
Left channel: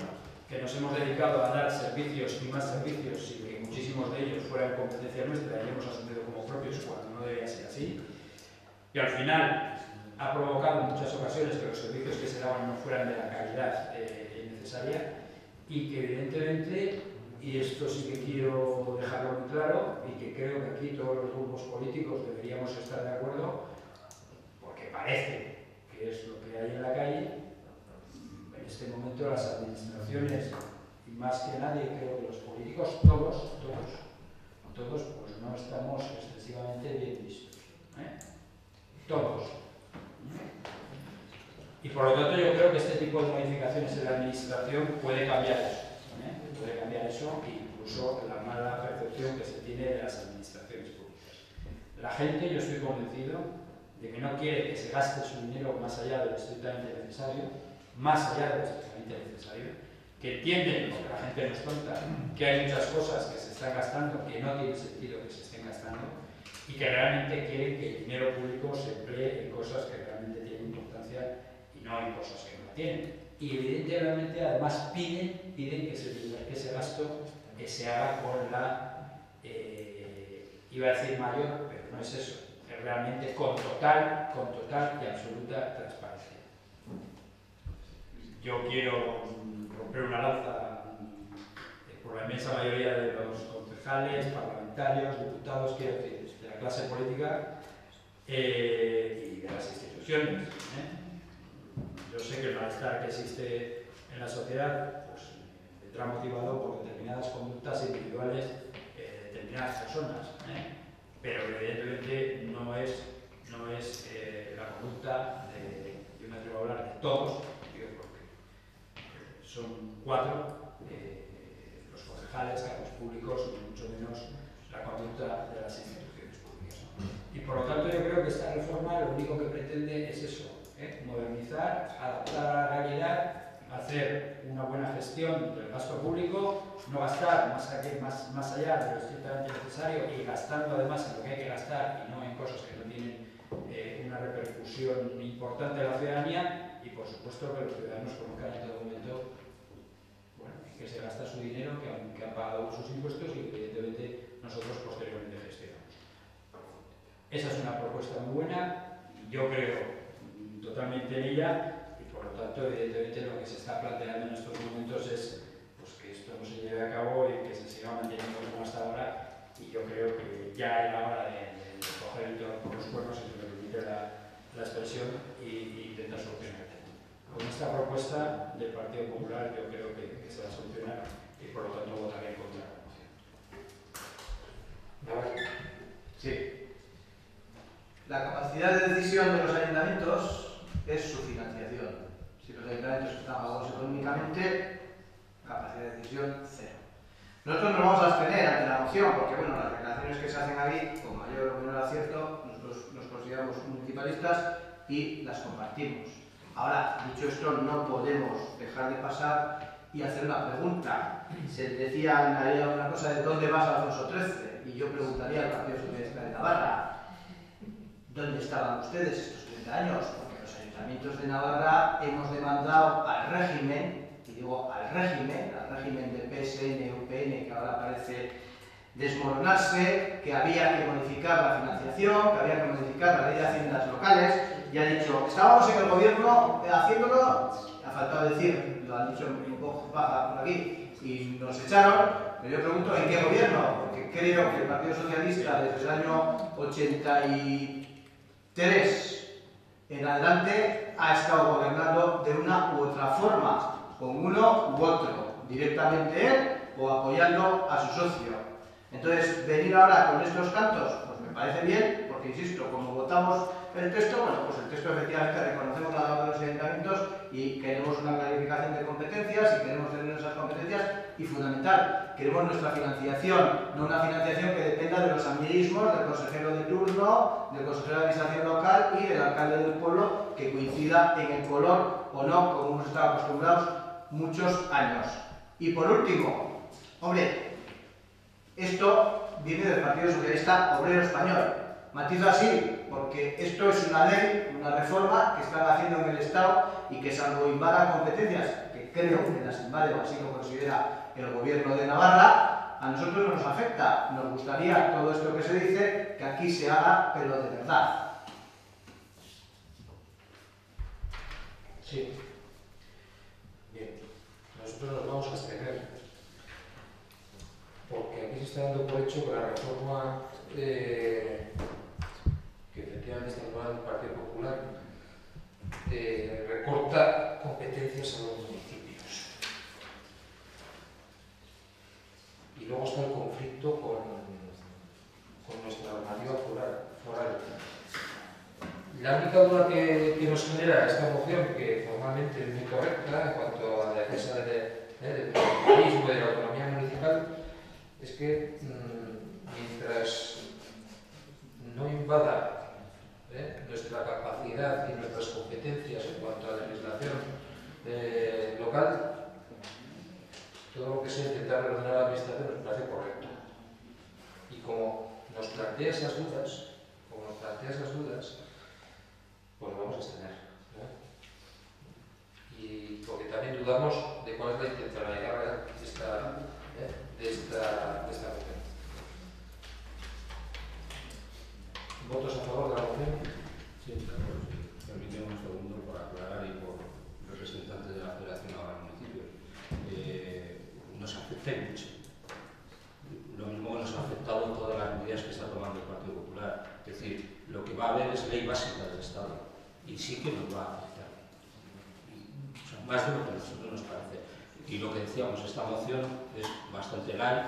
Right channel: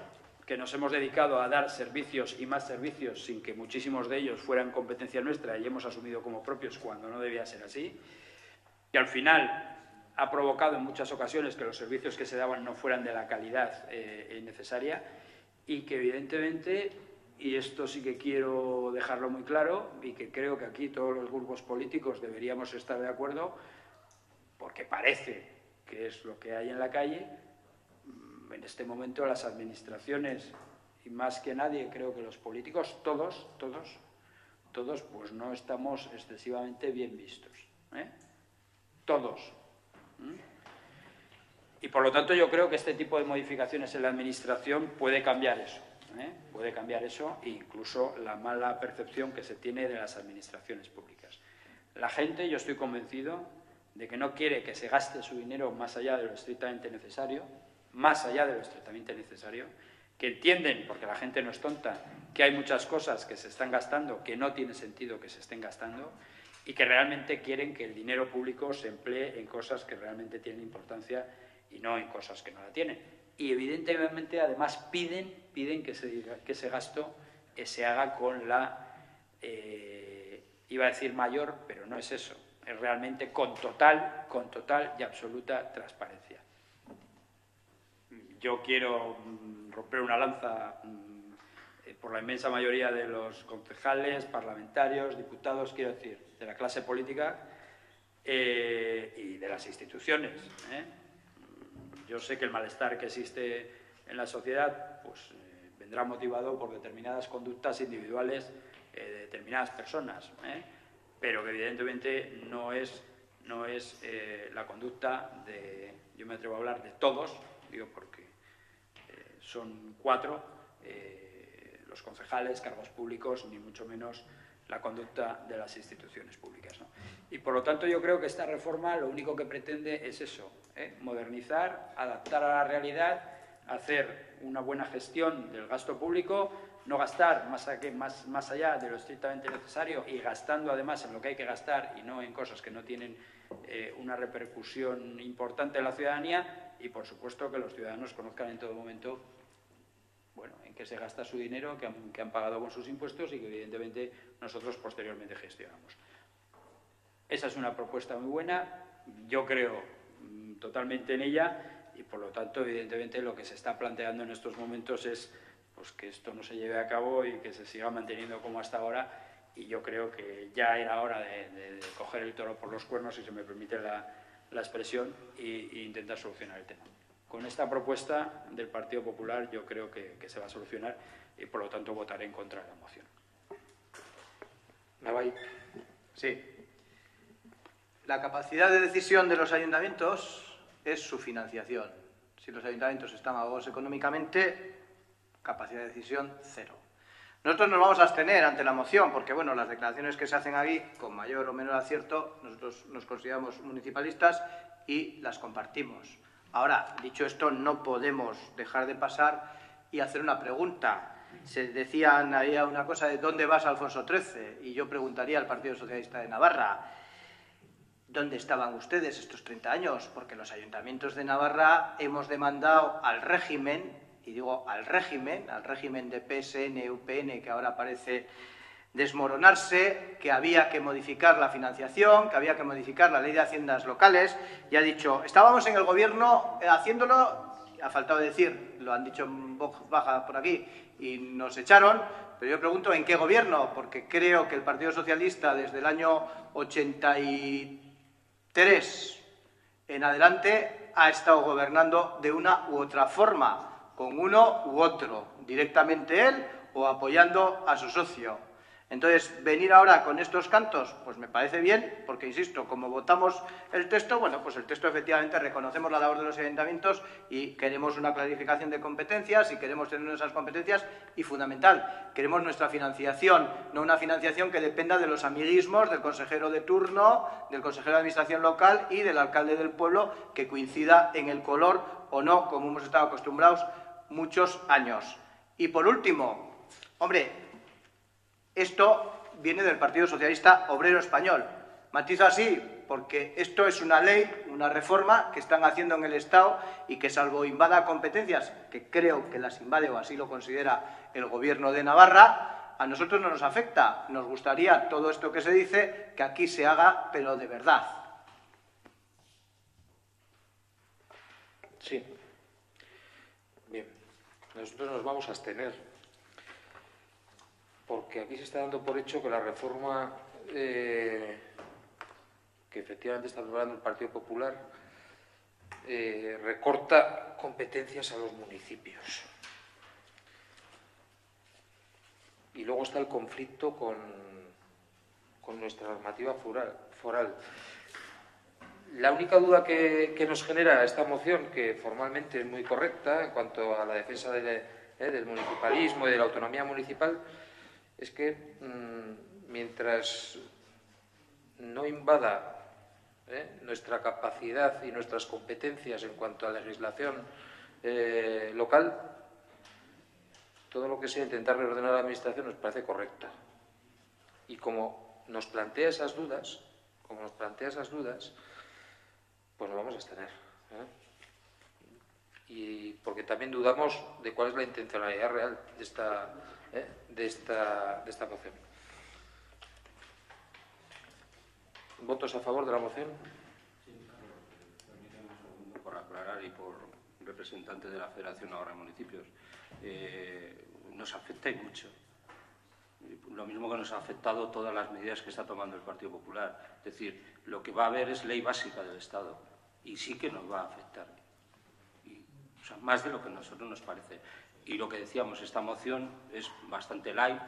que nos hemos dedicado a dar servicios y más servicios sin que muchísimos de ellos fueran competencia nuestra y hemos asumido como propios cuando no debía ser así, que al final ha provocado en muchas ocasiones que los servicios que se daban no fueran de la calidad necesaria y que evidentemente, y esto sí que quiero dejarlo muy claro y que creo que aquí todos los grupos políticos deberíamos estar de acuerdo, porque parece que es lo que hay en la calle, en este momento las administraciones y más que nadie creo que los políticos, todos pues no estamos excesivamente bien vistos, todos. Y por lo tanto yo creo que este tipo de modificaciones en la administración puede cambiar eso. Puede cambiar eso e incluso la mala percepción que se tiene de las administraciones públicas. La gente, yo estoy convencido de que no quiere que se gaste su dinero más allá de lo estrictamente necesario, que entienden, porque la gente no es tonta, que hay muchas cosas que se están gastando que no tiene sentido que se estén gastando y que realmente quieren que el dinero público se emplee en cosas que realmente tienen importancia y no en cosas que no la tienen. Y evidentemente además piden que ese gasto se haga con la, iba a decir mayor, pero no es eso, es realmente con total y absoluta transparencia. Yo quiero romper una lanza por la inmensa mayoría de los concejales, parlamentarios, diputados, quiero decir, de la clase política y de las instituciones. Yo sé que el malestar que existe en la sociedad pues, vendrá motivado por determinadas conductas individuales de determinadas personas, pero evidentemente no es la conducta de, yo me atrevo a hablar de todos, digo porque son 4 los concejales, cargos públicos, ni mucho menos la conducta de las instituciones públicas, ¿no? Y por lo tanto yo creo que esta reforma lo único que pretende es eso, modernizar, adaptar a la realidad hacer una buena gestión del gasto público, no gastar más allá de lo estrictamente necesario y gastando además en lo que hay que gastar y no en cosas que no tienen una repercusión importante en la ciudadanía, y por supuesto que los ciudadanos conozcan en todo momento, bueno, en qué se gasta su dinero, que han pagado sus impuestos y que evidentemente nosotros posteriormente gestionamos. Esa es una propuesta muy buena, yo creo totalmente en ella, y por lo tanto evidentemente lo que se está planteando en estos momentos es pues, que esto no se lleve a cabo y que se siga manteniendo como hasta ahora, y yo creo que ya era hora de coger el toro por los cuernos, si se me permite la expresión, e intentar solucionar el tema. Con esta propuesta del Partido Popular yo creo que se va a solucionar, y por lo tanto votaré en contra de la moción. Navai. Sí. La capacidad de decisión de los ayuntamientos es su financiación. Si los ayuntamientos están ahogados económicamente, capacidad de decisión cero. Nosotros nos vamos a abstener ante la moción porque, bueno, las declaraciones que se hacen ahí, con mayor o menor acierto, nosotros nos consideramos municipalistas y las compartimos. Ahora, dicho esto, no podemos dejar de pasar y hacer una pregunta. Se decían ahí una cosa de ¿dónde vas, Alfonso XIII? Y yo preguntaría al Partido Socialista de Navarra, ¿dónde estaban ustedes estos 30 años? Porque los ayuntamientos de Navarra hemos demandado al régimen, y digo al régimen de PSN, UPN, que ahora parece desmoronarse, que había que modificar la financiación, que había que modificar la ley de haciendas locales, y ha dicho, estábamos en el gobierno haciéndolo, ha faltado decir, lo han dicho en voz baja por aquí, y nos echaron, pero yo pregunto, ¿en qué gobierno? Porque creo que el Partido Socialista desde el año 83 en adelante ha estado gobernando de una u otra forma, con uno u otro, directamente él o apoyando a su socio. Entonces, venir ahora con estos cantos, pues me parece bien, porque insisto, como votamos el texto, bueno, pues el texto efectivamente reconocemos la labor de los ayuntamientos y queremos una clarificación de competencias y queremos tener esas competencias y, fundamental, queremos nuestra financiación, no una financiación que dependa de los amiguismos del consejero de turno, del consejero de administración local y del alcalde del pueblo, que coincida en el color o no, como hemos estado acostumbrados muchos años. Y por último, hombre, esto viene del Partido Socialista Obrero Español. Matizo así, porque esto es una ley, una reforma que están haciendo en el Estado y que, salvo invada competencias, que creo que las invade o así lo considera el Gobierno de Navarra, a nosotros no nos afecta. Nos gustaría todo esto que se dice, que aquí se haga, pero de verdad. Sí. Bien. Nosotros nos vamos a abstener, porque aquí se está dando por hecho que la reforma que efectivamente está aprobando el Partido Popular recorta competencias a los municipios. Y luego está el conflicto con nuestra normativa foral. La única duda que nos genera esta moción, que formalmente es muy correcta en cuanto a la defensa del municipalismo y de la autonomía municipal, es que mientras no invada nuestra capacidad y nuestras competencias en cuanto a legislación local, todo lo que sea intentar reordenar la administración nos parece correcto. Y como nos plantea esas dudas, pues lo vamos a abstener. Y porque también dudamos de cuál es la intencionalidad real de esta moción. ¿Votos a favor de la moción? Sí, claro. Permíteme un segundo por aclarar y por representantes de la Federación ahora Municipios. Nos afecta y mucho. Lo mismo que nos ha afectado todas las medidas que está tomando el Partido Popular. Es decir, lo que va a haber es ley básica del Estado y sí que nos va a afectar. O sea, más de lo que a nosotros nos parece. Y lo que decíamos, esta moción es bastante light,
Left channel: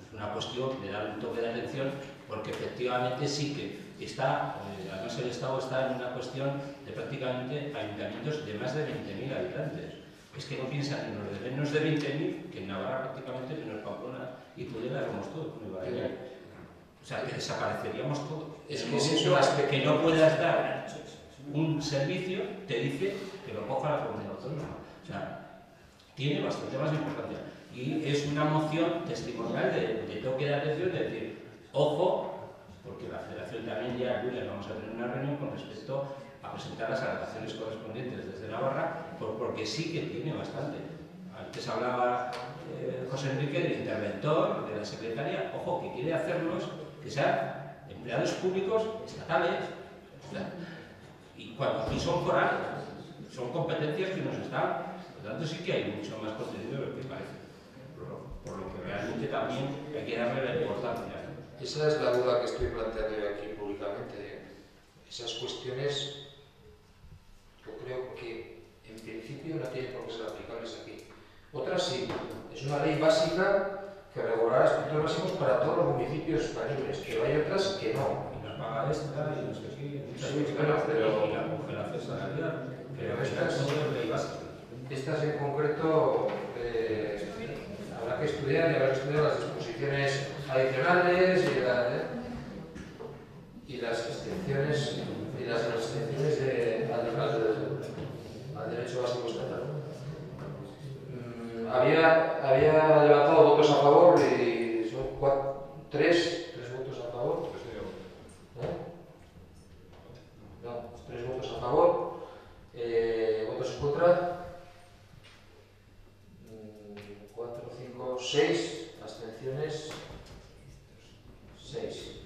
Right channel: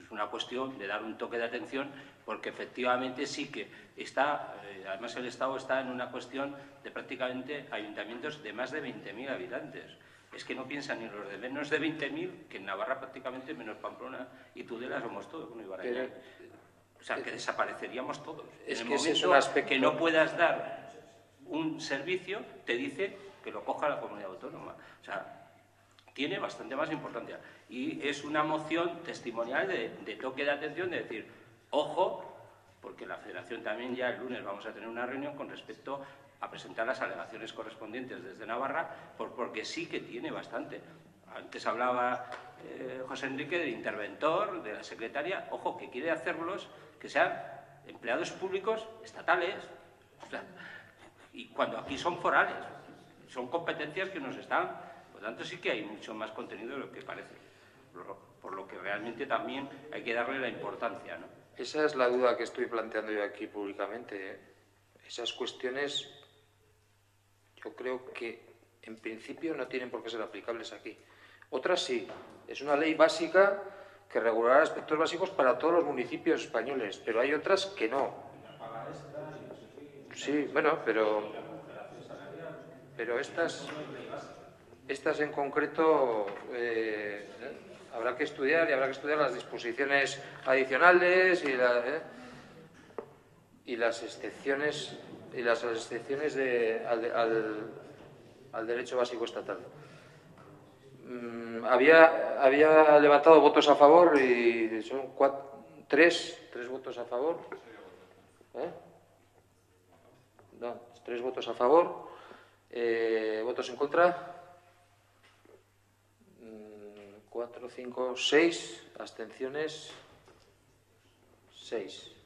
es una cuestión de dar un toque de atención, porque efectivamente sí que está, además el Estado está en una cuestión de prácticamente ayuntamientos de más de 20.000 habitantes. Es que no piensan en los de menos de 20.000, que en Navarra prácticamente, menos Pamplona y Tudela, somos todos muy baratos. O sea, que desapareceríamos todos. Es en que el es momento que no puedas dar un servicio, te dice que lo coja la comunidad autónoma. O sea, tiene bastante más importancia. Y es una moción testimonial de toque de atención, de decir, ojo, porque la Federación también ya el lunes vamos a tener una reunión con respecto a presentar las alegaciones correspondientes desde Navarra, porque sí que tiene bastante. Antes hablaba José Enrique del interventor, de la secretaria, ojo, que quiere hacerlos que sean empleados públicos estatales, o sea, y cuando aquí son forales, son competencias que nos están, por lo tanto sí que hay mucho más contenido de lo que parece, por lo que realmente también hay que darle la importancia. Esa es la duda que estoy planteando yo aquí públicamente. Esas cuestiones yo creo que en principio no tienen por qué ser aplicables aquí. Otras sí, es una ley básica que regulará aspectos básicos para todos los municipios españoles, pero hay otras que no. Sí, bueno, pero estas en concreto habrá que estudiar las disposiciones adicionales y las excepciones al derecho básico estatal. Había levantado votos a favor y son tres votos a favor. No, 3 votos a favor, votos en contra, 4, 5, 6, abstenciones, 6.